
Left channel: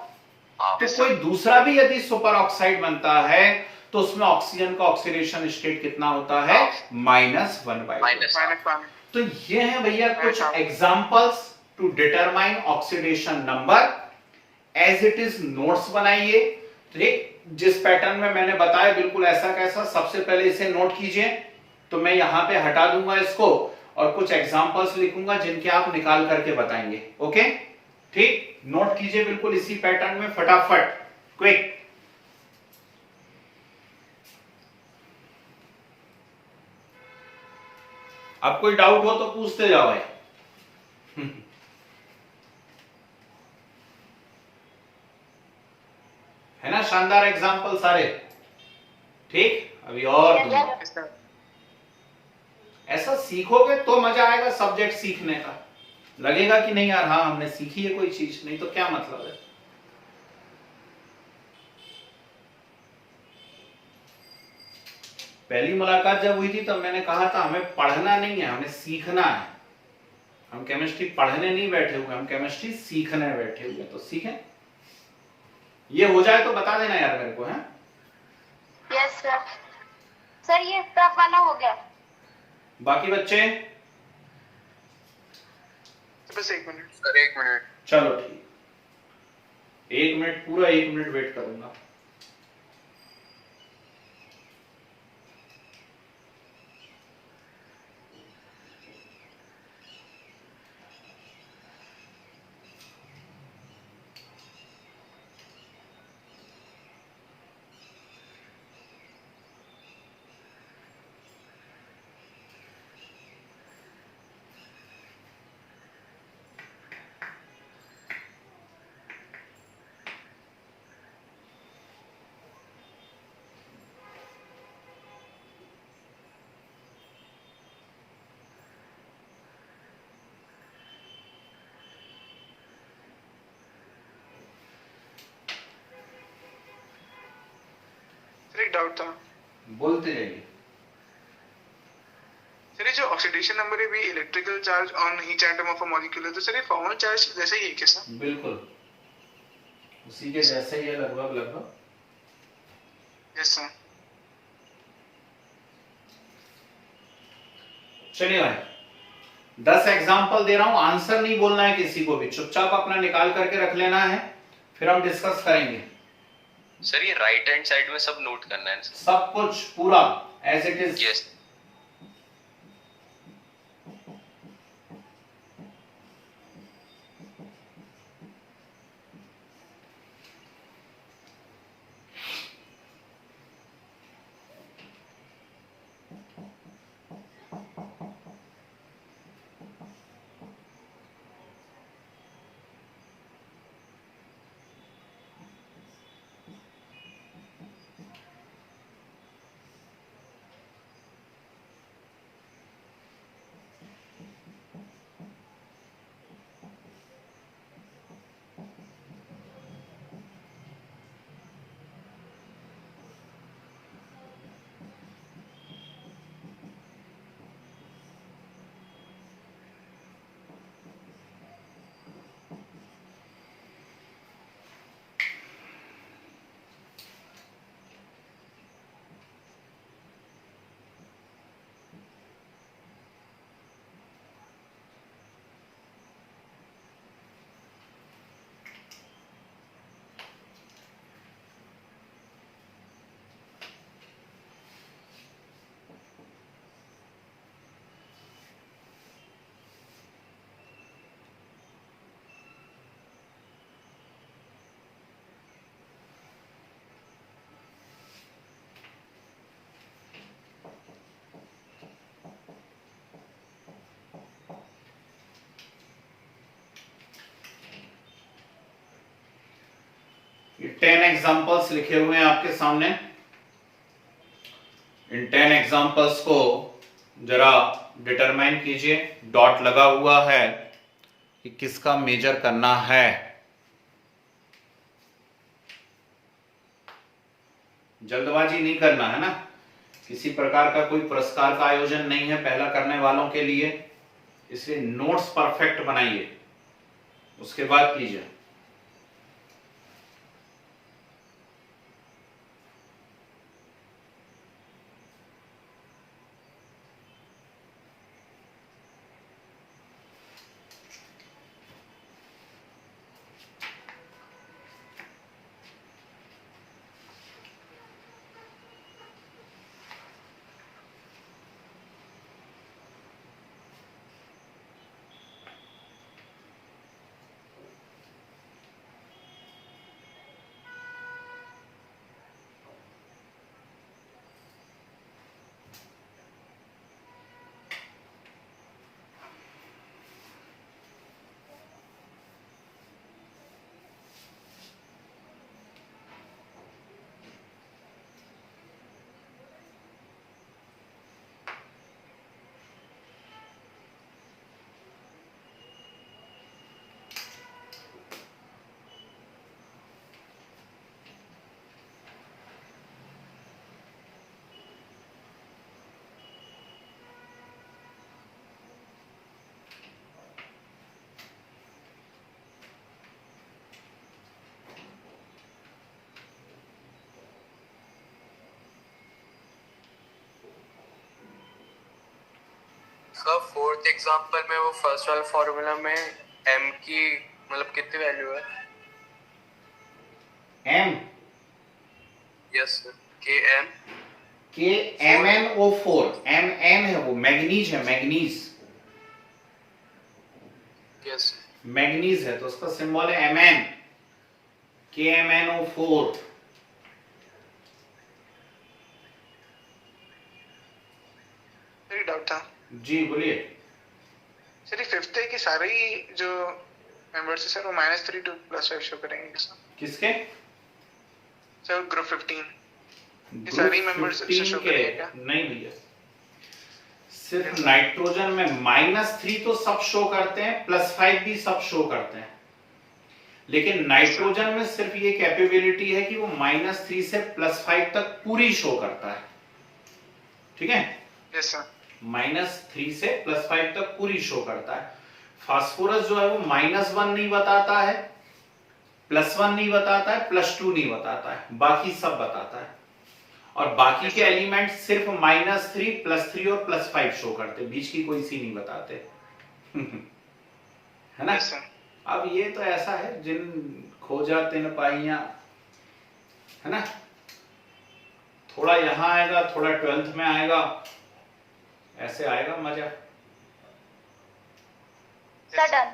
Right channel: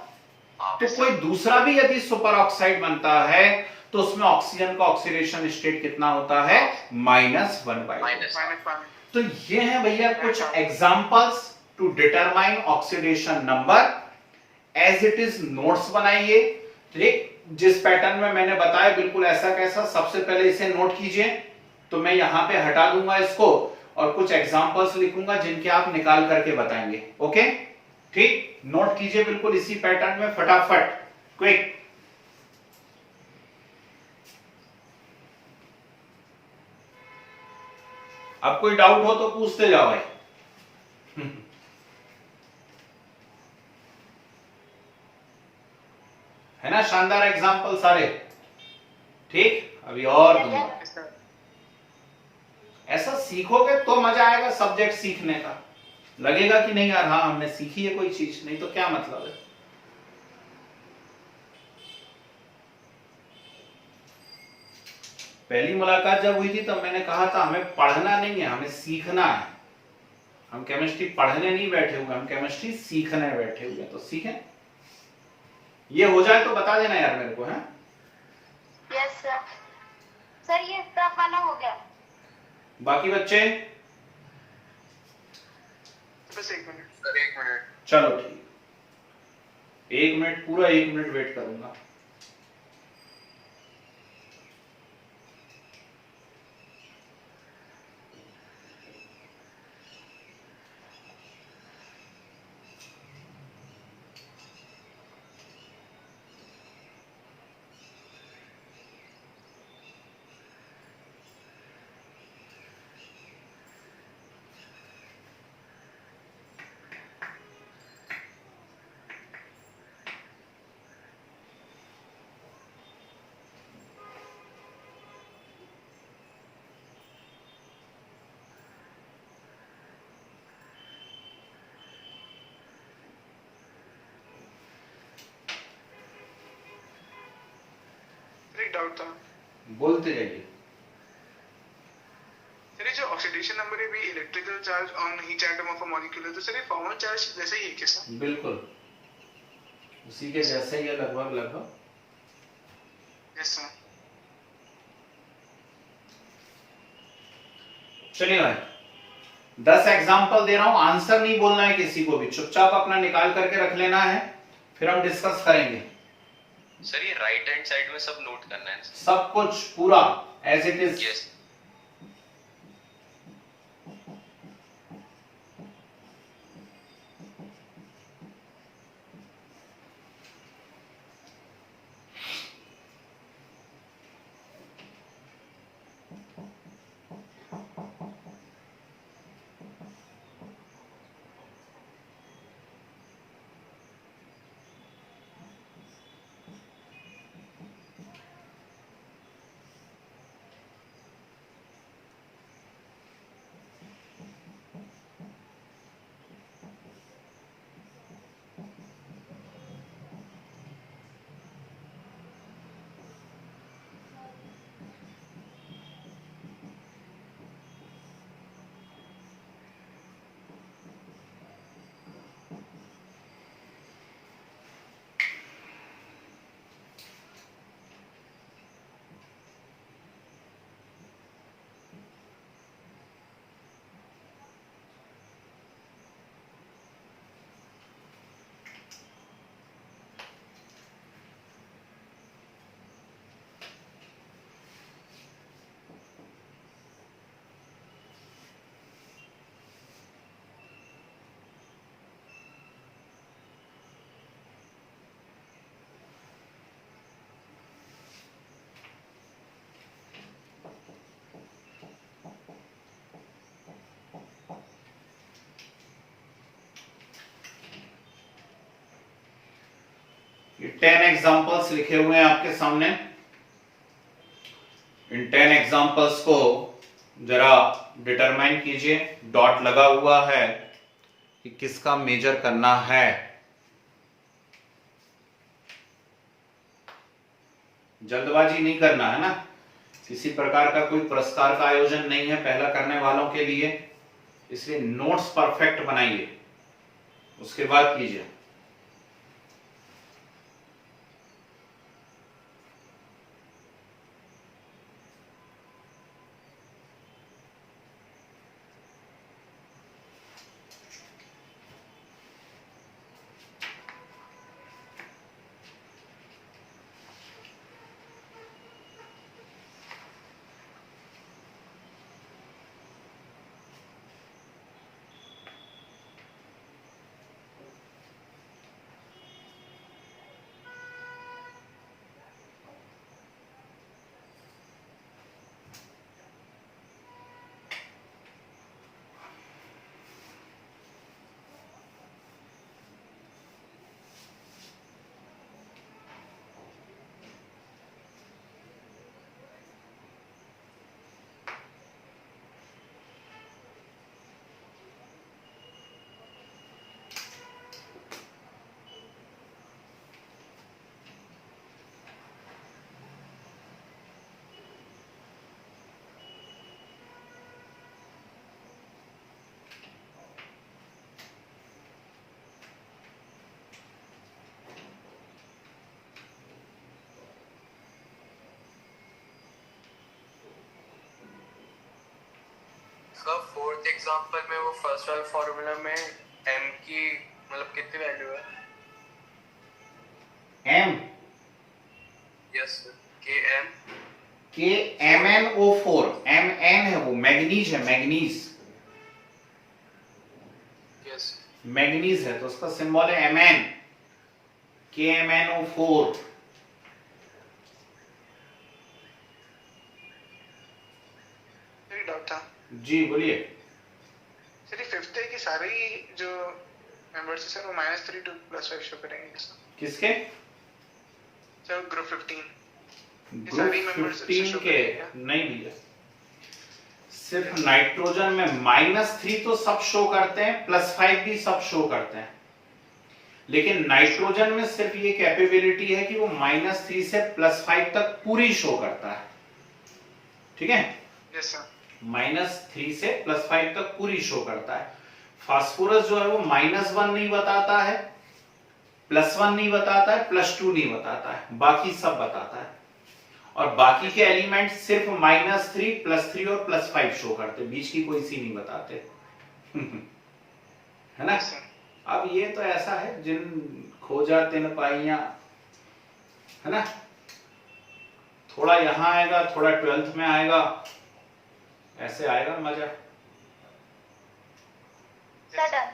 तो कोई दूसरा भी यदि सुपर ऑक्साइड बनता है तो उसमें ऑक्सीजन का ऑक्सीडेशन स्टेट कितना होता है? -1/2। तो ये है भैया कुछ examples to determine oxidation number. As it is notes बनाइए। ठीक, जिस पैटर्न में मैंने बताया बिल्कुल ऐसा कैसा, सबसे पहले इसे नोट कीजिए। तो मैं यहां पे हटा दूंगा इसको और कुछ एग्जांपल्स लिखूंगा जिनके आप निकाल करके बताएंगे। ओके, ठीक, नोट कीजिए बिल्कुल इसी पैटर्न में फटाफट, क्विक। अब कोई डाउट हो तो पूछते जाओ भाई। है ना शानदार एग्जांपल सारे? ठीक, अभी और दूंगा। ऐसा सीखोगे तो मजा आएगा सब्जेक्ट सीखने का, लगेगा कि नहीं यार हाँ हमने सीखी है कोई चीज, नहीं तो क्या मतलब है। पहली मुलाकात जब हुई थी तब मैंने कहा था हमें पढ़ना नहीं है, हमें सीखना है। हम केमिस्ट्री पढ़ने नहीं बैठे हुए, हम केमिस्ट्री सीखने बैठे हुए। तो सीखें, ये हो जाए तो बता देना यार मेरे को। है यस सर। सर ये स्टफ वाला हो गया। बाकी बच्चे? बस 1 मिनट सर, 1 मिनट। चलो ठीक, 1 मिनट, पूरा 1 मिनट वेट करूंगा। एक डाउट था। बोलते जाइए। सर ये जो ऑक्सीडेशन नंबर है भी electrical charge on each atom of a molecule है, तो सर ये फॉर्मल चार्ज जैसे ही है क्या सर? बिल्कुल उसी के जैसे ही है, लगभग लगभग। Yes sir. चलिए भाई, 10 एग्जाम्पल दे रहा हूं, आंसर नहीं बोलना है किसी को भी, चुपचाप अपना निकाल करके रख लेना है, फिर हम डिस्कस करेंगे। सर ये राइट हैंड साइड में सब नोट करना है। सब कुछ पूरा as it is. Yes. 10 examples लिखे हुए हैं आपके सामने। इन 10 एग्जांपल्स को जरा डिटरमाइन कीजिए। डॉट लगा हुआ है कि किसका मेजर करना है। जल्दबाजी नहीं करना है ना, किसी प्रकार का कोई पुरस्कार का आयोजन नहीं है पहला करने वालों के लिए, इसलिए नोट्स परफेक्ट बनाइए, उसके बाद कीजिए। सर फोर्थ एग्जांपल में वो फर्स्ट वाला फॉर्मूला में m की मतलब कितनी वैल्यू है? m yes sir, km KMnO4 Mn है, वो मैग्नीज है, मैग्नीज यस मैग्नीज है तो उसका सिंबल है Mn, KMnO4। मेरी डाउट था जी बोलिए। सर, ये फिफ्थ है कि सारे ही जो मेंबर्स है सर वो -3 to +5 शो करेंगे सर? किसके? सर ग्रुप 15 ग्रुप 15 के नहीं भैया, सिर्फ नाइट्रोजन में -3 तो सब शो करते हैं, +5 भी सब शो करते हैं, लेकिन नाइट्रोजन में सिर्फ ये कैपेबिलिटी है कि वो -3 से +5 तक पूरी शो करता है। ठीक है, यस सर। -3 से +5 तक पूरी शो करता है। फास्फोरस जो है वो -1 नहीं बताता है, +1 नहीं बताता है, +2 नहीं बताता है, बाकी सब बताता है। और बाकी के एलिमेंट सिर्फ -3, +3 और +5 शो करते, बीच की कोई सी नहीं बताते। है ना? अब ये तो ऐसा है जिन खोजा तिन पाइया, है ना, थोड़ा यहां आएगा, थोड़ा 12th में आएगा, ऐसे आएगा मजा। डन।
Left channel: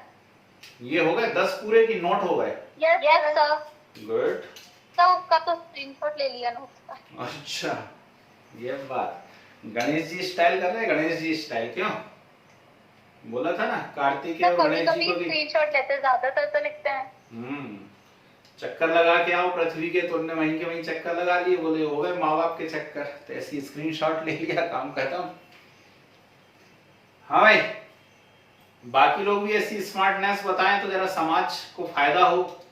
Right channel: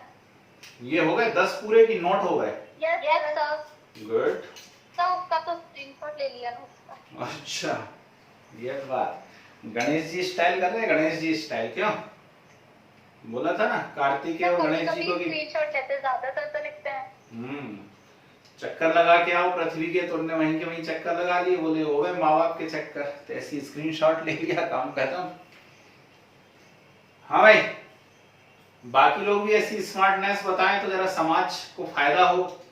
ये हो गए 10 पूरे की नोट हो गए? Yes sir. गुड। तो उसका तो स्क्रीनशॉट ले लिया नोट्स का। अच्छा, ये बात। गणेश जी स्टाइल कर रहे हैं, गणेश जी स्टाइल। क्यों बोला था ना, कार्तिकेय और गणेश जी को भी स्क्रीनशॉट लेते, ज्यादातर तो लिखते हैं। चक्कर लगा के आओ पृथ्वी के, तुमने वहीं के वहीं चक्कर लगा लिए, बोले हो गए माँ बाप के चक्कर, तो ऐसी स्क्रीनशॉट ले लिया, काम खत्म। हाँ भाई, बाकी लोग भी ऐसी स्मार्टनेस बताएं तो जरा समाज को फायदा हो।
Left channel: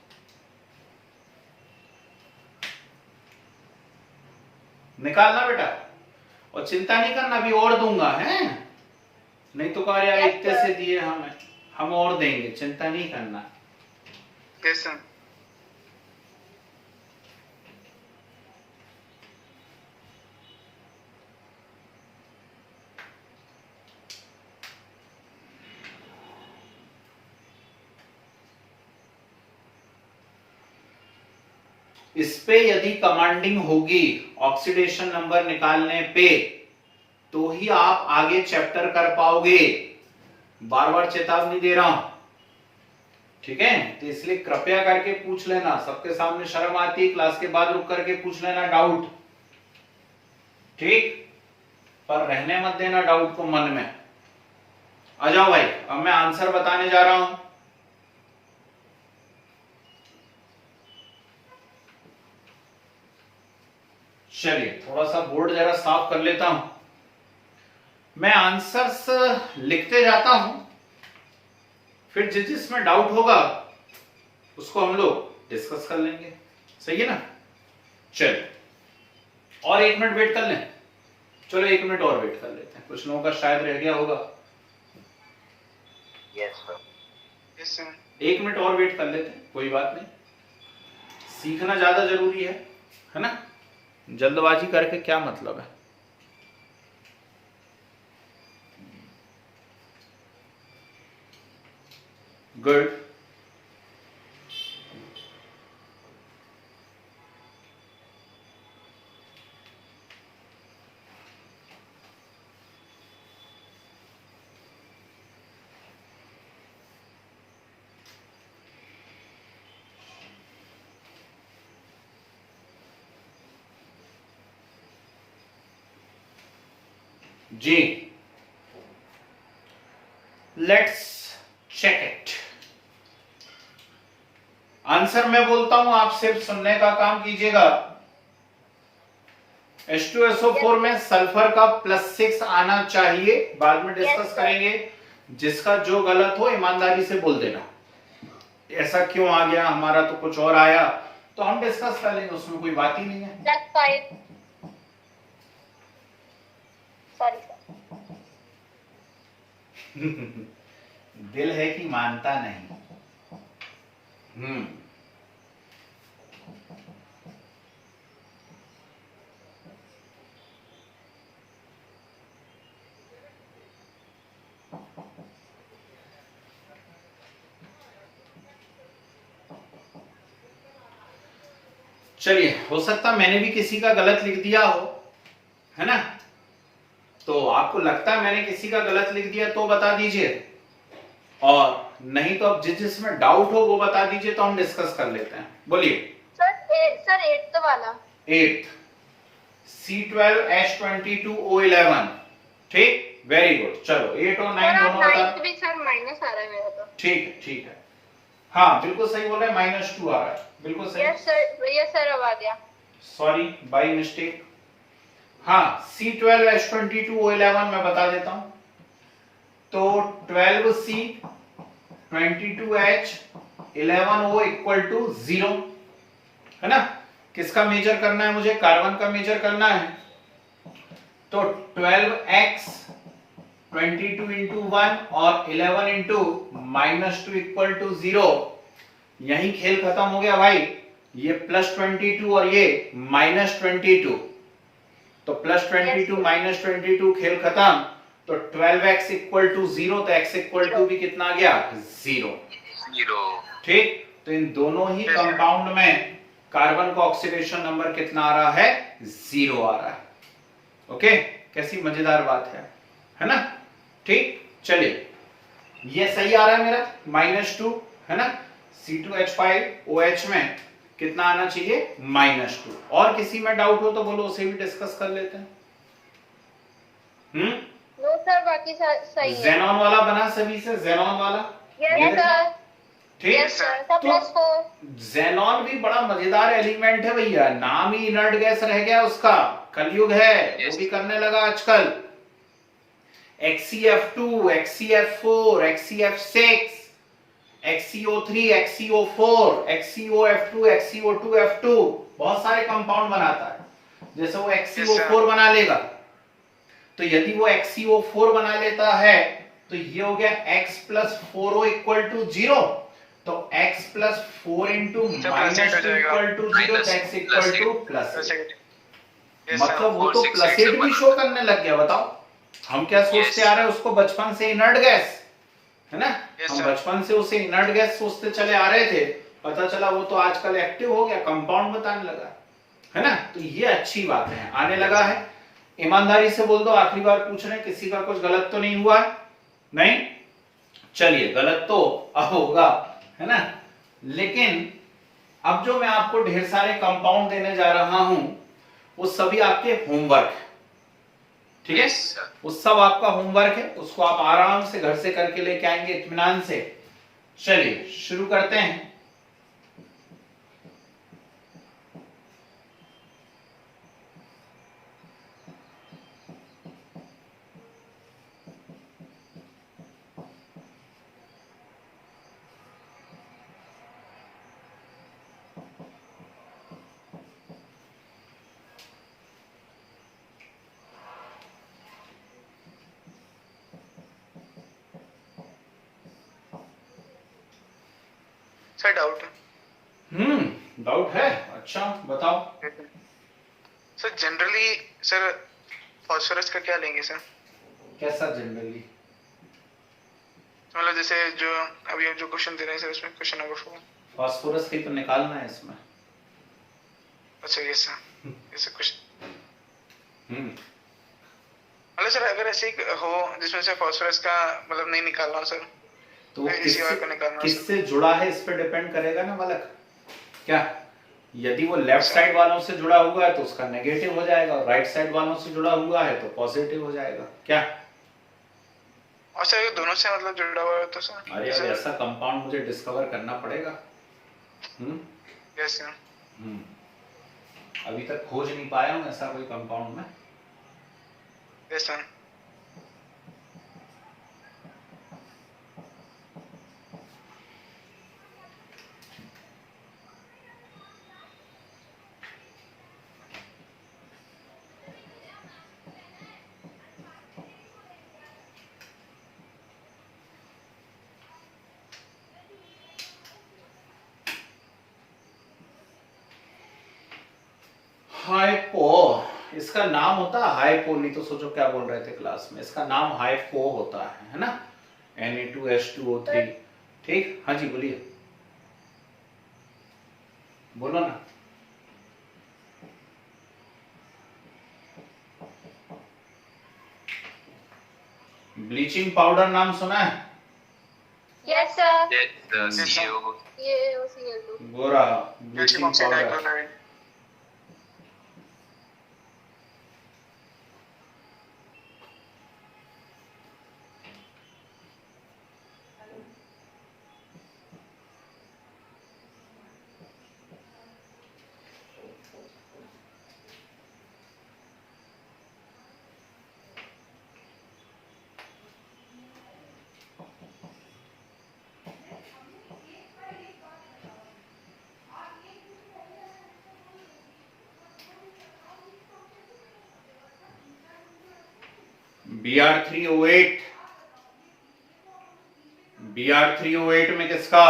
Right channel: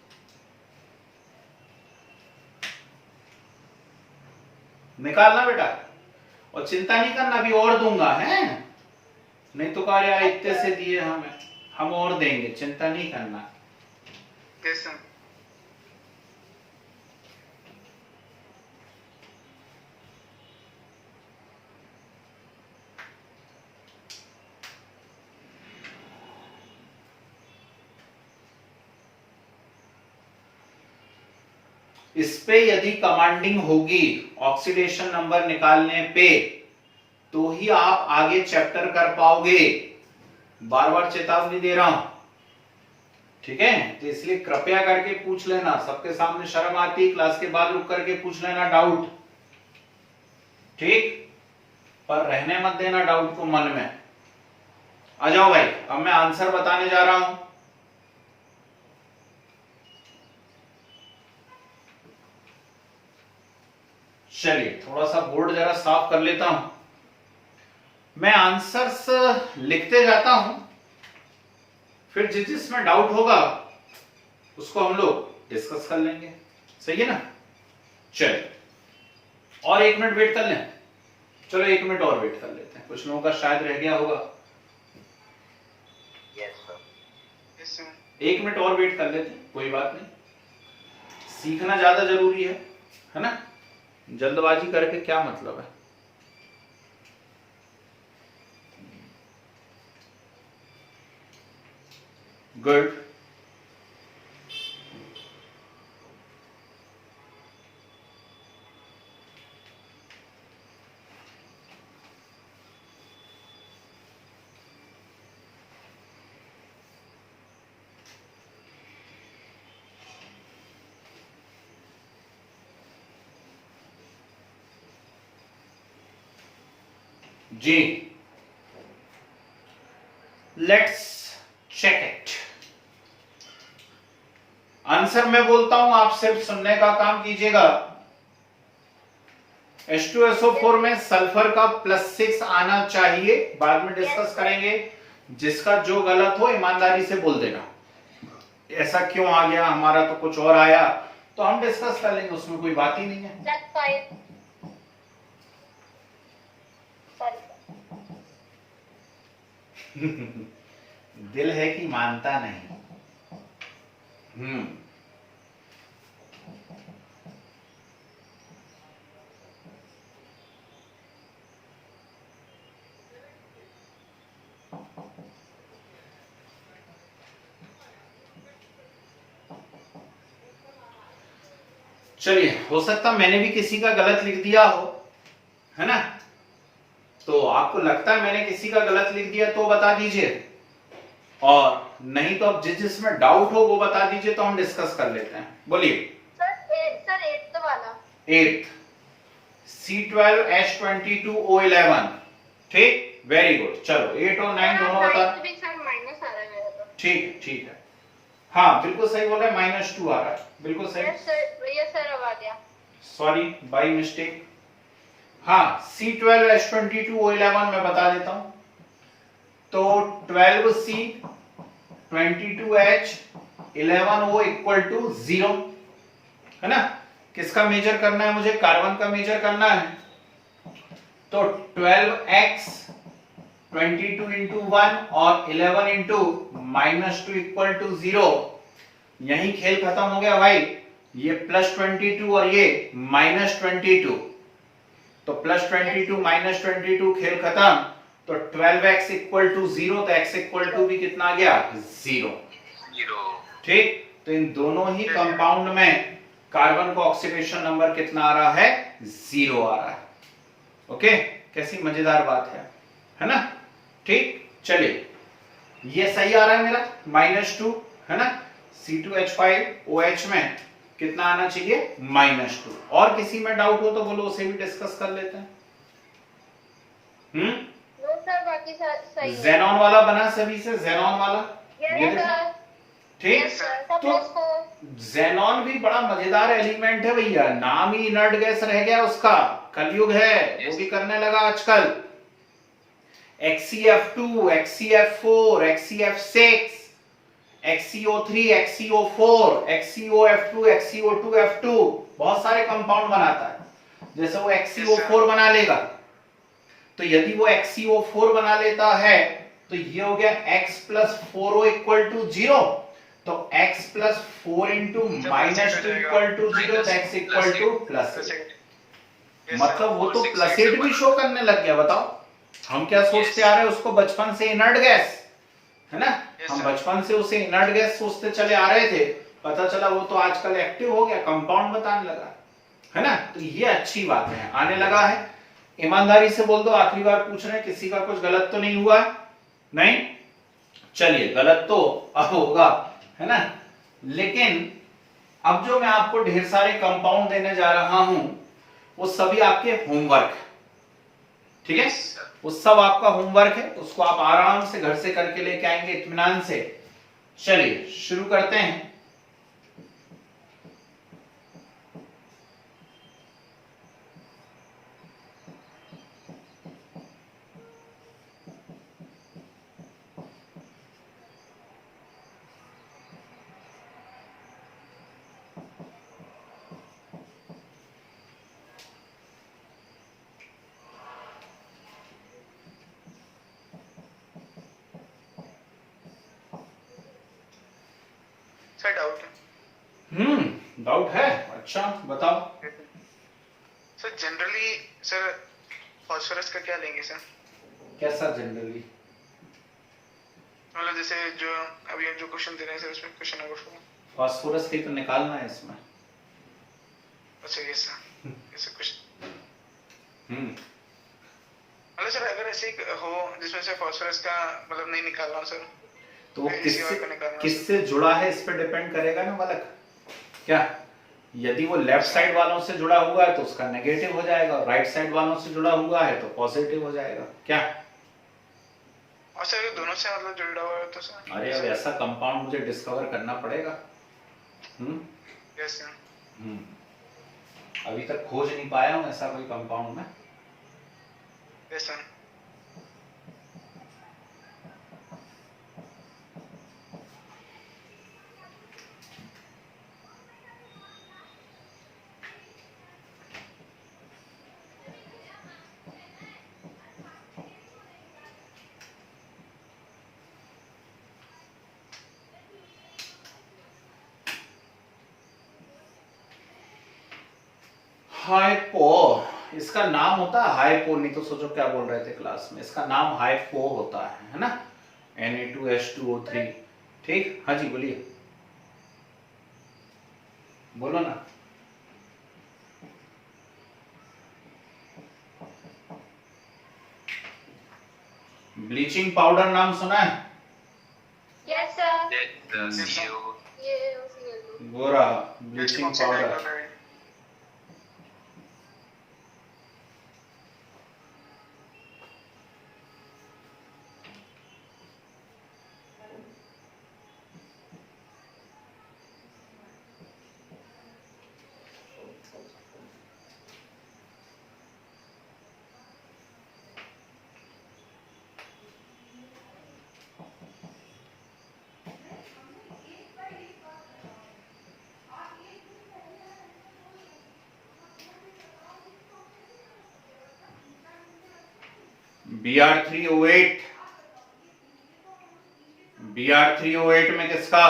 निकालना बेटा, और चिंता नहीं करना, अभी और दूंगा है, नहीं तो कहा यार इतने से दिए हमें, हम और देंगे, चिंता नहीं करना। Yes sir. इस पे यदि कमांडिंग होगी ऑक्सीडेशन नंबर निकालने पे, तो ही आप आगे चैप्टर कर पाओगे, बार बार चेतावनी दे रहा हूं। ठीक है, तो इसलिए कृपया करके पूछ लेना, सबके सामने शर्म आती है, क्लास के बाद रुक करके पूछ लेना डाउट, ठीक, पर रहने मत देना डाउट को मन में। आ जाओ भाई, अब मैं आंसर बताने जा रहा हूं। चलिए थोड़ा सा बोर्ड जरा साफ कर लेता हूं, मैं आंसर्स लिखते जाता हूं, फिर जिसमें डाउट होगा उसको हम लोग डिस्कस कर लेंगे, सही है ना। चलिए और 1 मिनट वेट कर लें, चलो 1 मिनट और वेट कर लेते हैं, कुछ लोगों का शायद रह गया होगा। यस सर 1 मिनट और वेट कर लेते हैं, कोई बात नहीं, सीखना ज्यादा जरूरी है ना, जल्दबाजी करके क्या मतलब है। गुड, जी लेट्स चेक इट। आंसर मैं बोलता हूं, आप सिर्फ सुनने का काम कीजिएगा। H2SO4 में सल्फर का +6 आना चाहिए, बाद में डिस्कस करेंगे, जिसका जो गलत हो ईमानदारी से बोल देना, ऐसा क्यों आ गया, हमारा तो कुछ और आया, तो हम डिस्कस कर लेंगे, उसमें कोई बात ही नहीं है। दिल है कि मानता नहीं। चलिए, हो सकता मैंने भी किसी का गलत लिख दिया हो, है ना, तो आपको लगता है मैंने किसी का गलत लिख दिया तो बता दीजिए, और नहीं तो अब जिसमें डाउट हो वो बता दीजिए, तो हम डिस्कस कर लेते हैं। बोलिए सर 8th वाला, 8th C12H22O11, ठीक, वेरी गुड। चलो 8 और 9 दोनों बता, सर माइनस आ रहा है मेरे को। ठीक है, हाँ बिल्कुल सही बोल रहे हैं, -2 आ रहा है, बिल्कुल सही। यस सर अब आ गया, सॉरी बाय मिस्टेक। हाँ C12H22O11 मैं बता देता हूं, तो 12C 22H 11O = 0, है ना। किसका मेजर करना है मुझे, कार्बन का मेजर करना है, तो 12x 22 into 1 और 11 into -2 = 0, यही खेल खत्म हो गया भाई, ये +22 और ये -22, तो +22 -22 खेल खत्म, तो 12x = 0, तो x = भी कितना आ गया, 0, ठीक। तो इन दोनों ही कंपाउंड में कार्बन का ऑक्सीडेशन नंबर कितना आ रहा है, 0 आ रहा है। ओके, कैसी मजेदार बात है ना, ठीक। चलिए ये सही आ रहा है मेरा, -2, है ना। C2H5OH में कितना आना चाहिए, -2। और किसी में डाउट हो तो बोलो, उसे भी डिस्कस कर लेते हैं। नो सर बाकी सही है। ज़ेनॉन वाला बना सभी से, ज़ेनॉन वाला, ठीक। तो ज़ेनॉन भी बड़ा मजेदार एलिमेंट है भैया, नाम ही इनर्ट गैस रह गया उसका, कलयुग है, वो भी करने लगा आजकल। XeF2, XeF4, XeF6, XeO3, XeO4, XeOF2, XeO2F2, बहुत सारे कंपाउंड बनाता है। जैसे वो XeO4 बना लेगा, तो यदि वो XeO4 बना लेता है तो ये हो गया x + 4O = 0, तो x + 4 × -2 = 0, तो x = +8। मतलब वो तो +8 भी शो करने लग गया। बताओ हम क्या सोचते आ रहे हैं उसको बचपन से, इनर्ट गैस, है ना। हम बचपन से उसे इनर्ट गैस सोचते चले आ रहे थे, पता चला वो तो आजकल एक्टिव हो गया, कंपाउंड बताने लगा, है ना। तो ये अच्छी बात है, आने लगा है। ईमानदारी से बोल दो, आखिरी बार पूछ रहे, किसी का कुछ गलत तो नहीं हुआ है, नहीं। चलिए गलत तो अब होगा, है ना, लेकिन अब जो मैं आपको ढेर सारे कंपाउंड देने जा रहा हूं वो सभी आपके होमवर्क है, ठीक है। वो सब आपका होमवर्क है, उसको आप आराम से घर से करके लेके आएंगे इत्मीनान से। चलिए शुरू करते हैं। सर डाउट डाउट है? अच्छा बताओ। सर जनरली सर फास्फोरस का क्या लेंगे सर? कैसा जनरली? मतलब जैसे जो अभी हम जो क्वेश्चन दे रहे हैं सर उसमें क्वेश्चन नंबर 4। फास्फोरस की तो निकालना है इसमें। अच्छा ये सर ऐसे कुछ हम्म मतलब सर अगर ऐसे हो जिसमें से फास्फोरस का मतलब नहीं निकालना हो सर तो वो इसी और को निकालना हो सर। किससे जुड़ा है इस पे डिपेंड करेगा ना बालक। क्या यदि वो लेफ्ट साइड वालों से जुड़ा हुआ है तो उसका नेगेटिव हो जाएगा, और राइट साइड वालों से जुड़ा हुआ है तो पॉजिटिव हो जाएगा। क्या? और सर ये दोनों से मतलब जुड़ा हुआ है तो सर अरे अब ऐसा कंपाउंड मुझे डिस्कवर करना पड़ेगा। Yes sir. अभी तक खोज नहीं पाया हूं ऐसा कोई कंपाउंड में। Yes sir. हाइपो, इसका नाम होता है हाइपो, नहीं तो सोचो क्या बोल रहे थे क्लास में। इसका नाम हाइपो होता है ना, Na2H2O3। ठीक, हाँ जी बोलिए, बोलो ना। ब्लीचिंग पाउडर नाम सुना है? Yes sir. ये वो रहा ब्लीचिंग पाउडर। Br3O8, Br3O8 में किसका?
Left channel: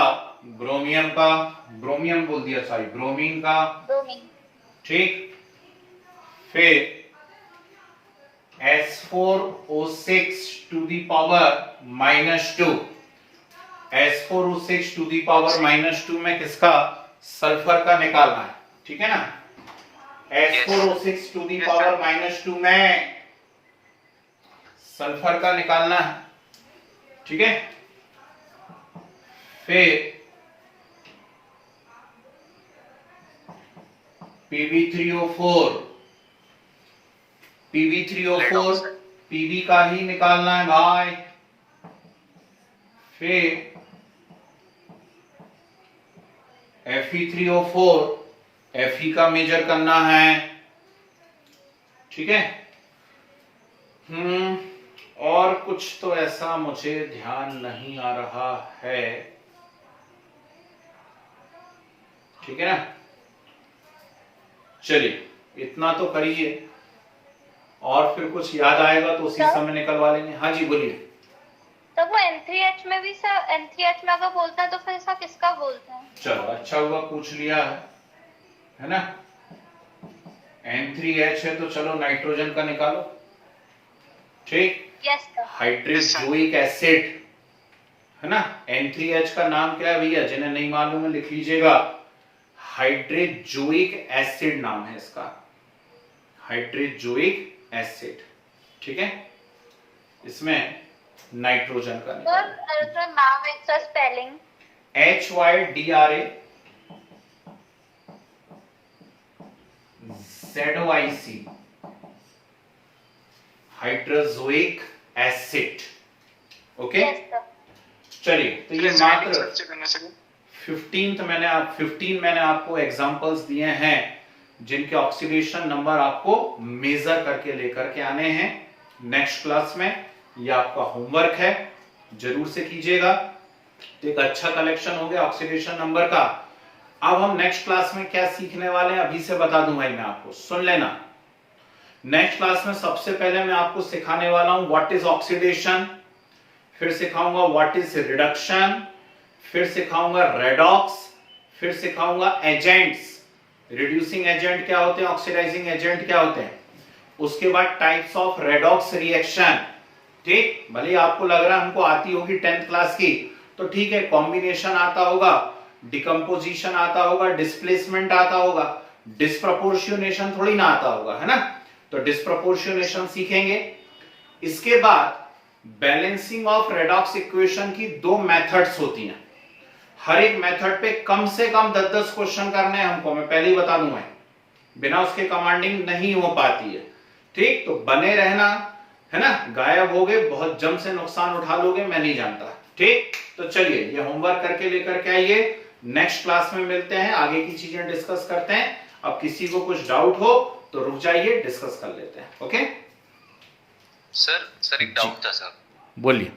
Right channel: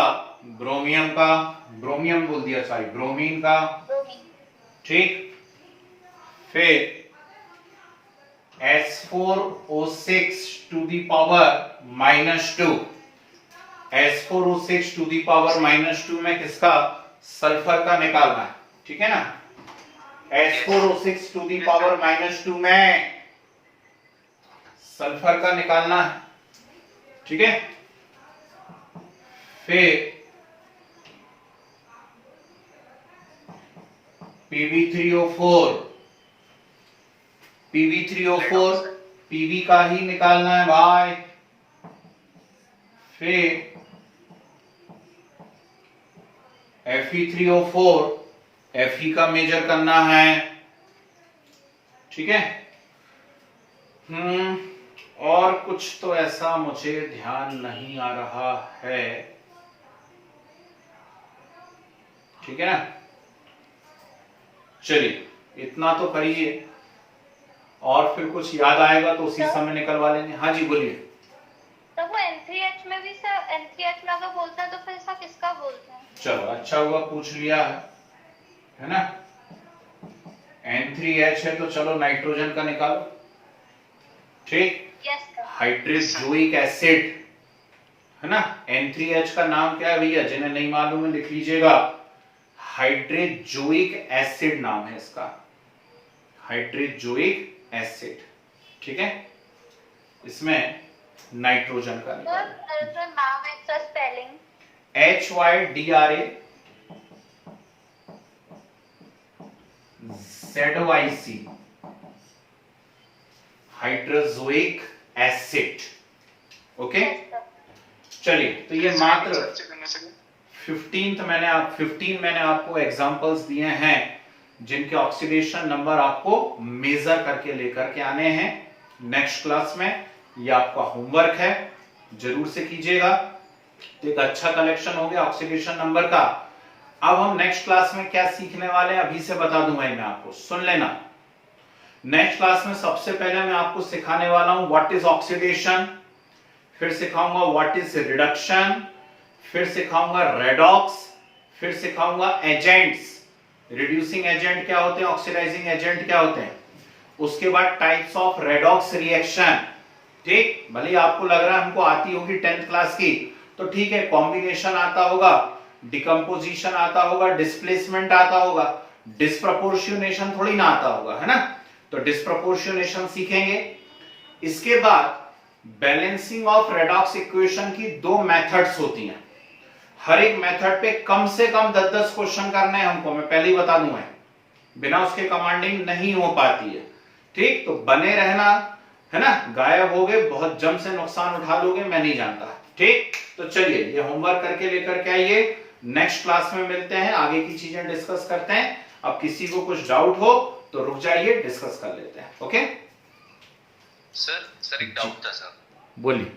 ब्रोमियम का, ब्रोमियम बोल दिया, सॉरी ब्रोमीन का। ठीक, फिर S4O6 to the power -2, S4O6 to the power -2 में किसका? सल्फर का निकालना है। ठीक है ना, S4O6 टू दी पावर -2 में सल्फर का निकालना है। ठीक है, फिर Pb3O4, Pb3O4 Pb का ही निकालना है भाई। फिर Fe3O4 Fe का मेजर करना है। ठीक है, और कुछ तो ऐसा मुझे ध्यान नहीं आ रहा है। ठीक है ना, चलिए इतना तो करिए, और फिर कुछ याद आएगा तो उसी समय निकलवा लेंगे। हाँ जी बोलिए। तो वो N3H में भी सर N3H में अगर बोलता है तो फिर ऐसा किसका बोलते हैं? चलो अच्छा हुआ पूछ लिया है ना। N3H है तो चलो नाइट्रोजन का निकालो। ठीक, हाइड्रोजोइक एसिड है ना। N3H का नाम क्या है भैया? जिन्हें नहीं मालूम है लिख लीजिएगा, हाइड्रोजोइक एसिड नाम है इसका, हाइड्रोजोइक एसिड। ठीक है, इसमें नाइट्रोजन का निकालो। नाम है इसका spelling HYDRAZYC, hydrazoic acid. Okay, चलिए तो ये मात्र 15 मैंने आपको एग्जांपल्स दिए हैं जिनके ऑक्सीडेशन नंबर आपको मेजर करके लेकर के आने हैं नेक्स्ट क्लास में। ये आपका होमवर्क है, जरूर से कीजिएगा। तो एक अच्छा कलेक्शन हो गया ऑक्सीडेशन नंबर का। अब हम नेक्स्ट क्लास में क्या सीखने वाले हैं अभी से बता दूं भाई मैं आपको, सुन लेना। नेक्स्ट क्लास में सबसे पहले मैं आपको सिखाने वाला हूं व्हाट इज ऑक्सीडेशन, फिर सिखाऊंगा व्हाट इज रिडक्शन, फिर सिखाऊंगा रेडॉक्स, फिर सिखाऊंगा एजेंट्स, रिड्यूसिंग एजेंट क्या होते हैं, ऑक्सीडाइजिंग एजेंट क्या होते हैं, उसके बाद टाइप्स ऑफ रेडॉक्स रिएक्शन। ठीक, भले आपको लग रहा है हमको आती होगी 10th क्लास की, तो ठीक है, कॉम्बिनेशन आता होगा, डिकम्पोजिशन आता होगा, डिस्प्लेसमेंट आता होगा, डिस्प्रपोर्शनेशन थोड़ी ना आता होगा, है ना। तो डिस्प्रपोर्शनेशन सीखेंगे। इसके बाद बैलेंसिंग ऑफ रेडॉक्स इक्वेशन की 2 मेथड्स होती हैं। हर एक मेथड पे कम से कम 10-10 क्वेश्चन करने हैं हमको, मैं पहले ही बता दूंगा, बिना उसके कमांडिंग नहीं हो पाती है। ठीक, तो बने रहना, है ना। गायब हो गए, बहुत जम से नुकसान उठा लोगे, मैं नहीं जानता। ठीक, तो चलिए ये होमवर्क करके लेकर के आइए, नेक्स्ट क्लास में मिलते हैं, आगे की चीजें डिस्कस करते हैं। अब किसी को कुछ डाउट हो तो रुक जाइए, डिस्कस कर लेते हैं। ओके सर एक डाउट था सर। बोलिए।